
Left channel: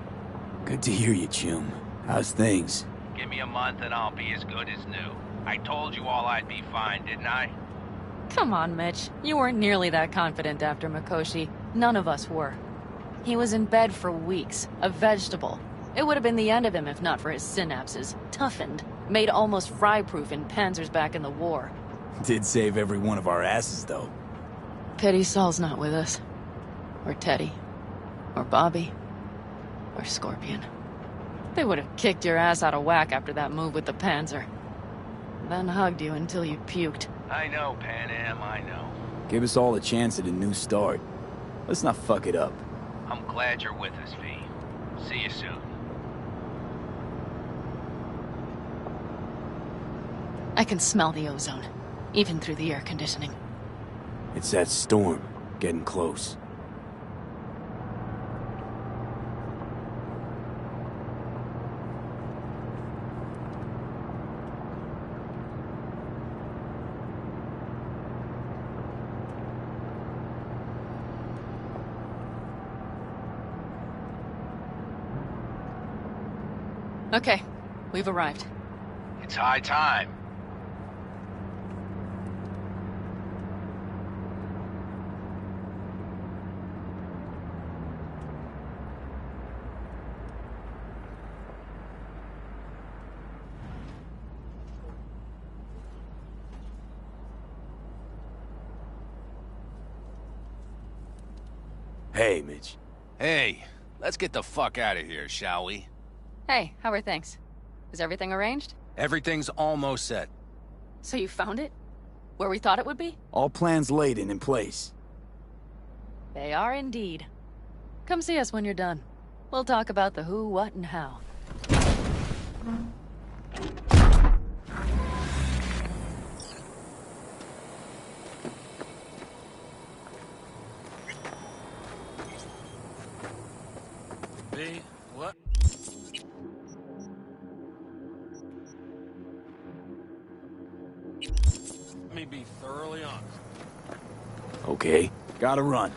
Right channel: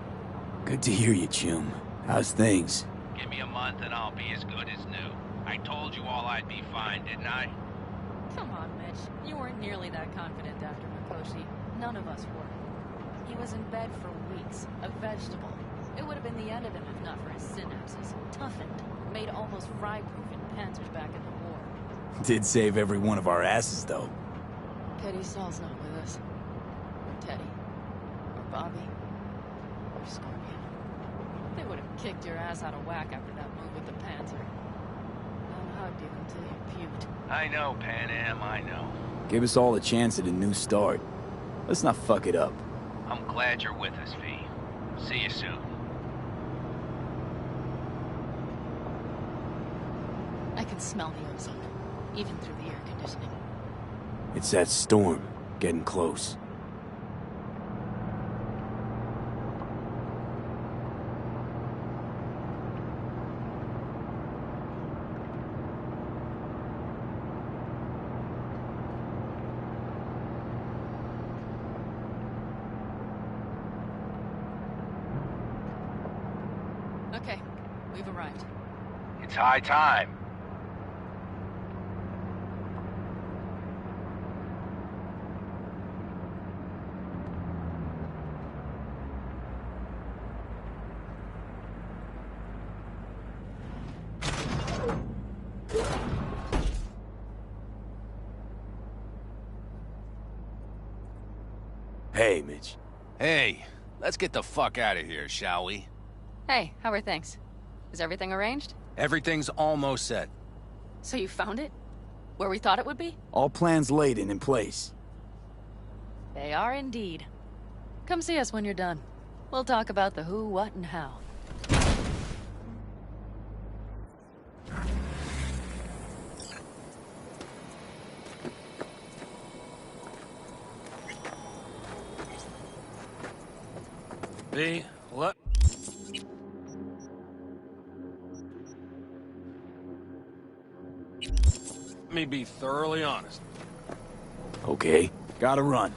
Good to hear you, chum. How's things? Give me a month and I'll be as good as new. I told you all I'd be fine, didn't I? Come on, Mitch. You weren't nearly that confident after Mikoshi. None of us were. He was in bed for weeks, a vegetable. It would have been the end of him if not for his synapses. Toughened. Made almost fry-proof in panzers back in the war. Did save every one of our asses, though. Pity Saul's not with us. Or Teddy. Or Bobby. Or Scorpion. They would have kicked your ass out of whack after that move with the panzer. Then hugged you until you puked. I know, Pan Am, I know. Give us all a chance at a new start. Let's not fuck it up. I'm glad you're with us, V. See you soon. I can smell the ozone, even through the air conditioning. It's that storm, getting close. Okay, we've arrived. It's high time. Hey, Mitch. Hey, let's get the fuck out of here, shall we? Hey, how are things? Is everything arranged? Everything's almost set. So you found it? Where we thought it would be? All plans laid and in place. They are indeed. Come see us when you're done. We'll talk about the who, what, and how. V, let me be thoroughly honest. Okay, gotta run.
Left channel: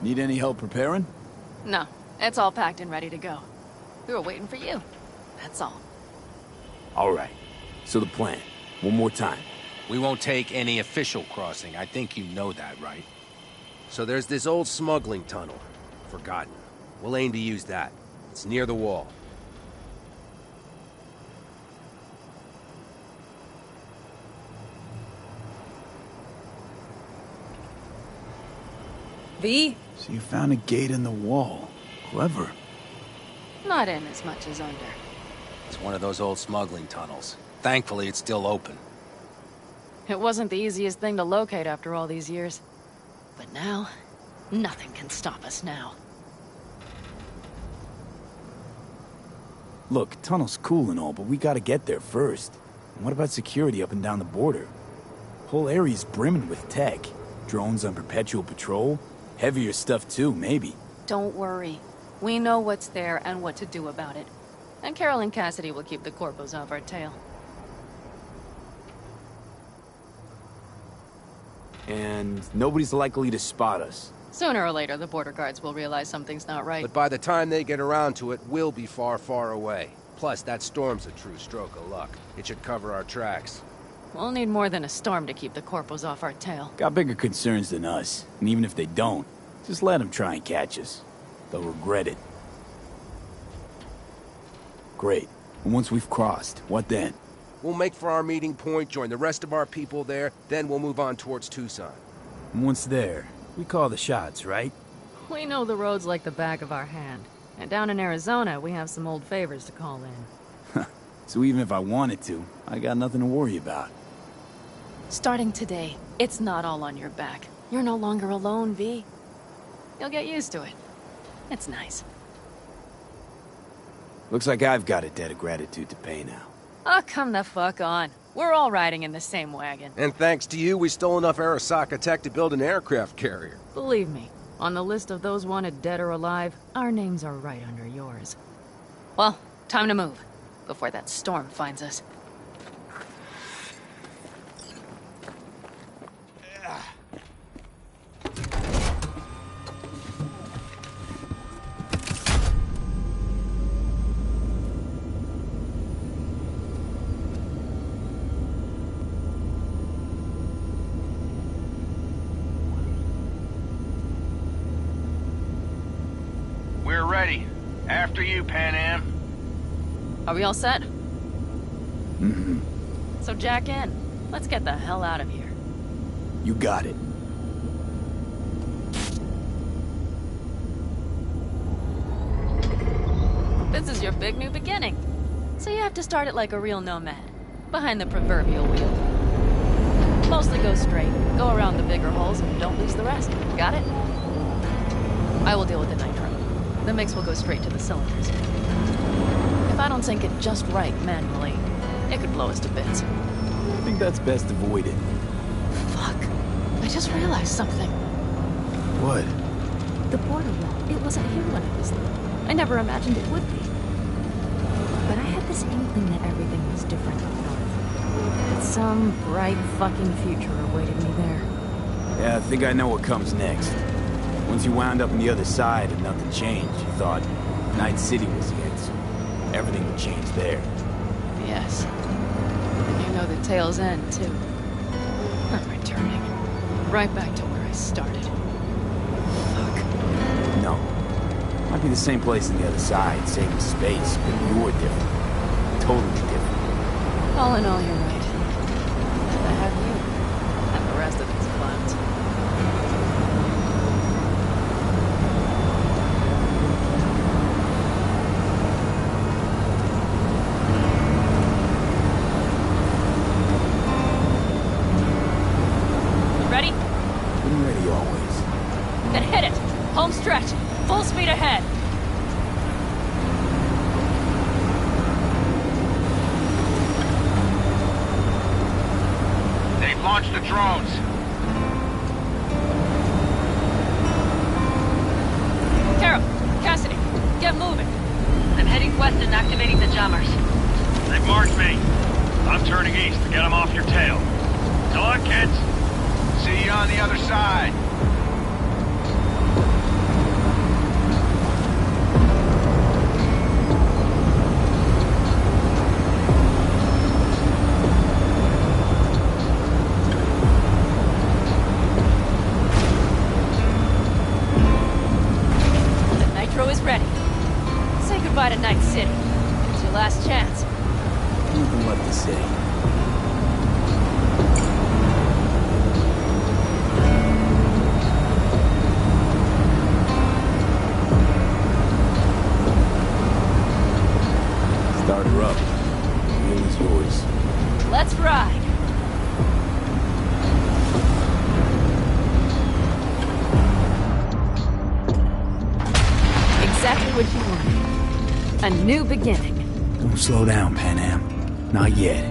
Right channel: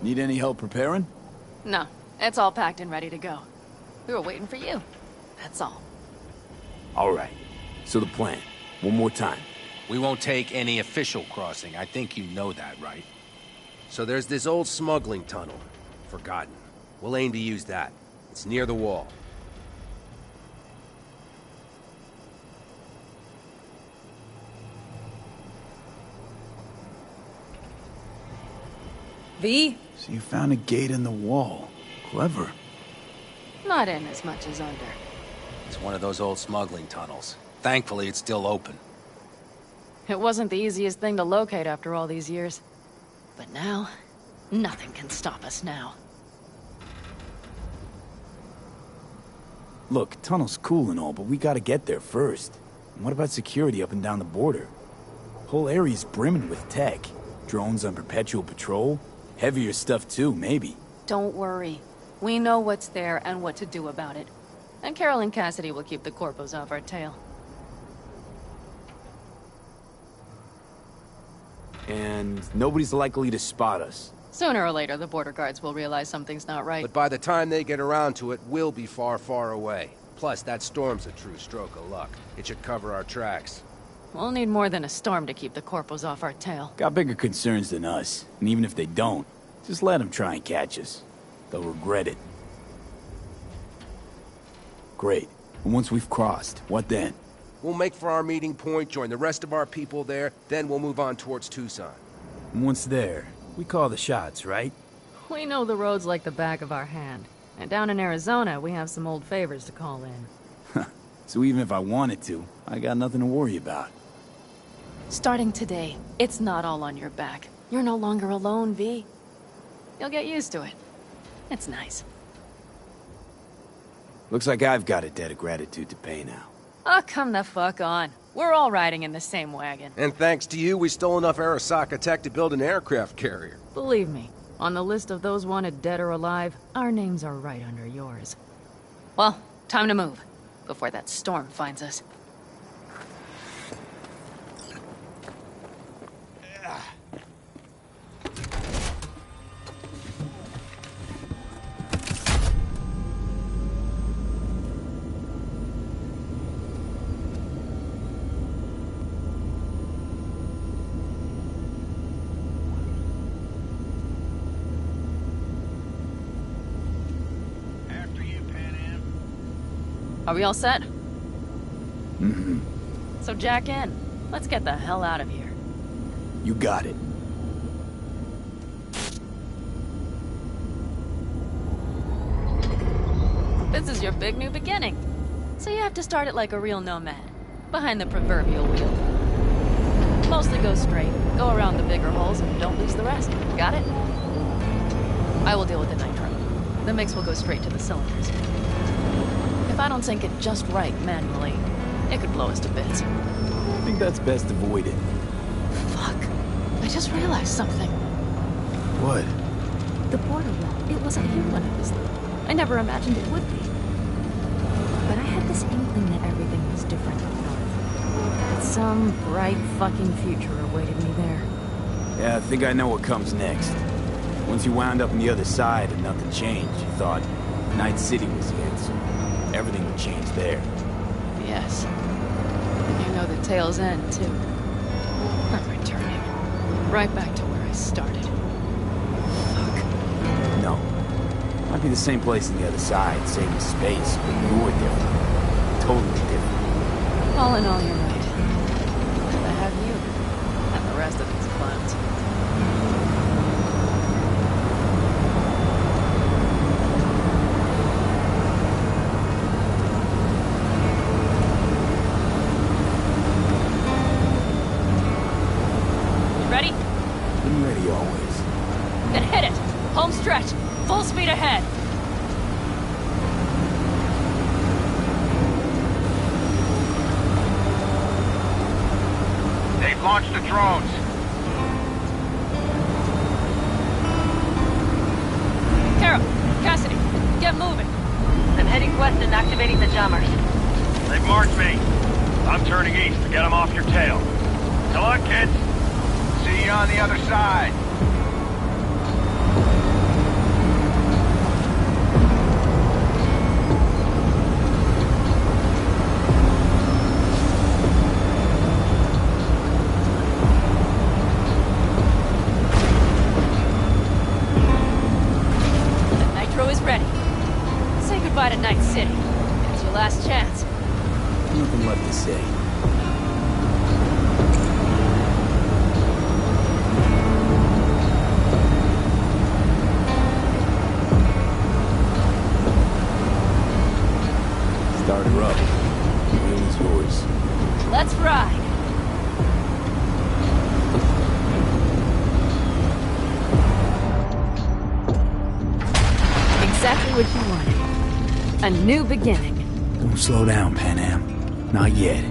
Need any help preparing? No, it's all packed and ready to go. We were waiting for you. That's all. All right. So the plan. One more time. We won't take any official crossing. I think you know that, right? So there's this old smuggling tunnel. Forgotten. We'll aim to use that. It's near the wall. V? So you found a gate in the wall. Clever. Not in as much as under. It's one of those old smuggling tunnels. Thankfully, it's still open. It wasn't the easiest thing to locate after all these years. But now, nothing can stop us now. Look, tunnel's cool and all, but we gotta get there first. And what about security up and down the border? Whole area's brimming with tech. Drones on perpetual patrol. Heavier stuff too, maybe. Don't worry. We know what's there and what to do about it. And Carol and Cassidy will keep the corpos off our tail. And nobody's likely to spot us. Sooner or later, the border guards will realize something's not right. But by the time they get around to it, we'll be far, far away. Plus, that storm's a true stroke of luck. It should cover our tracks. We'll need more than a storm to keep the corpos off our tail. Got bigger concerns than us. And even if they don't, just let them try and catch us. They'll regret it. Great. And once we've crossed, what then? We'll make for our meeting point, join the rest of our people there, then we'll move on towards Tucson. And once there, we call the shots, right? We know the roads like the back of our hand. And down in Arizona, we have some old favors to call in. So even if I wanted to, I got nothing to worry about. Starting today, it's not all on your back. You're no longer alone, V. You'll get used to it. It's nice. Looks like I've got a debt of gratitude to pay now. Oh, come the fuck on. We're all riding in the same wagon. And thanks to you, we stole enough Arasaka tech to build an aircraft carrier. Believe me, on the list of those wanted dead or alive, our names are right under yours. Well, time to move, before that storm finds us. After you, Pan Am. Are we all set? Mm-hmm. So jack in. Let's get the hell out of here. You got it. This is your big new beginning. So you have to start it like a real nomad. Behind the proverbial wheel. Mostly go straight, go around the bigger holes, and don't lose the rest. Got it? I will deal with the nitro. The mix will go straight to the cylinders. If I don't sync it just right manually, it could blow us to bits. I think that's best avoided. Fuck. I just realized something. What? The border wall. It wasn't here when I was little. I never imagined it would be. But I had this inkling that everything was different up north. That some bright fucking future awaited me there. Yeah, I think I know what comes next. Once you wound up on the other side and nothing changed, you thought Night City was it, so everything would change there. Yes. And you know the tale's end, too. I'm returning. Right back to where I started. Fuck. No. Might be the same place on the other side, saving space, but you're different. Totally different. All in all, you're right. And I have you. And the rest of these clowns. Ready? Been ready always. Then hit it! Home stretch! Full speed ahead! They've launched the drones. Carol! Cassidy! Get moving! I'm heading west and activating the jammers. They've marked me. I'm turning east to get them off your tail. Good luck, kids. See you on the other side. last chance. Nothing left to say. Start her up. The wheel is yours. Let's ride. Exactly what you wanted. A new beginning. Don't slow down, Pan Am. Not yet.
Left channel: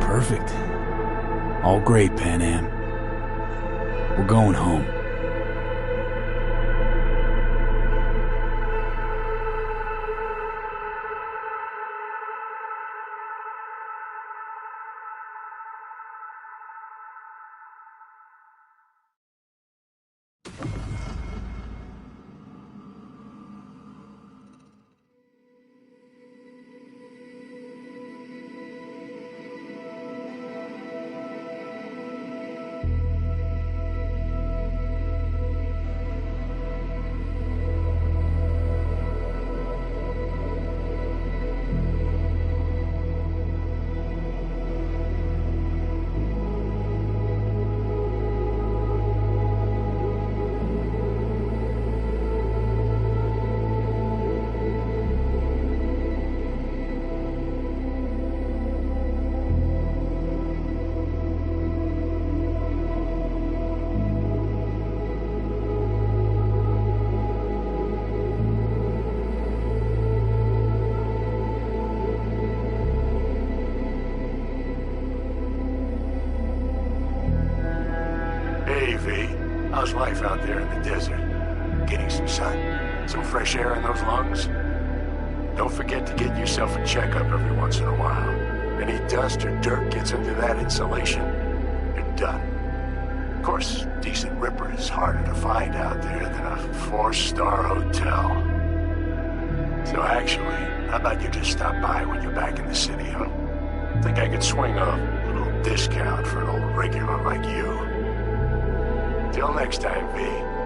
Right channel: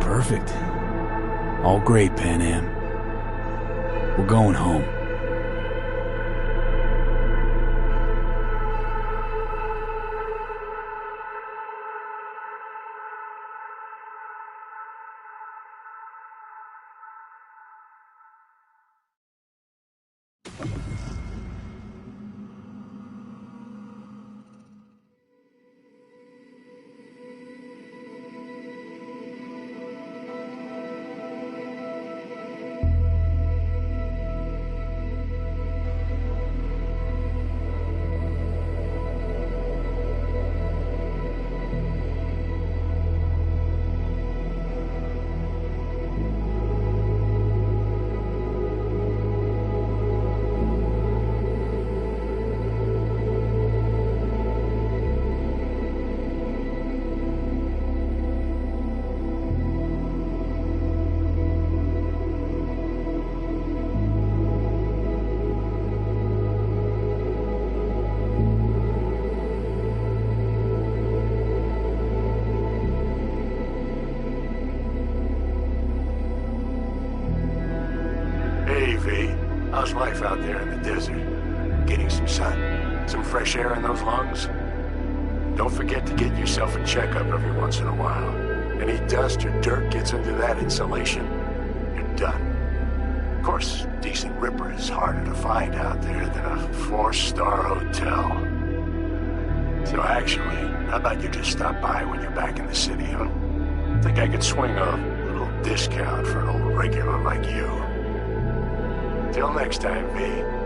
Perfect. All great, Pan Am. We're going home. Hey, V. How's life out there in the desert? Getting some sun? Some fresh air in those lungs? Don't forget to get yourself a checkup every once in a while. Any dust or dirt gets into that insulation, you're done. Of course, decent ripper is harder to find out there than a 4-star hotel. So actually, how about you just stop by when you're back in the city, huh? Think I could swing a little discount for an old regular like you. Till next time, V.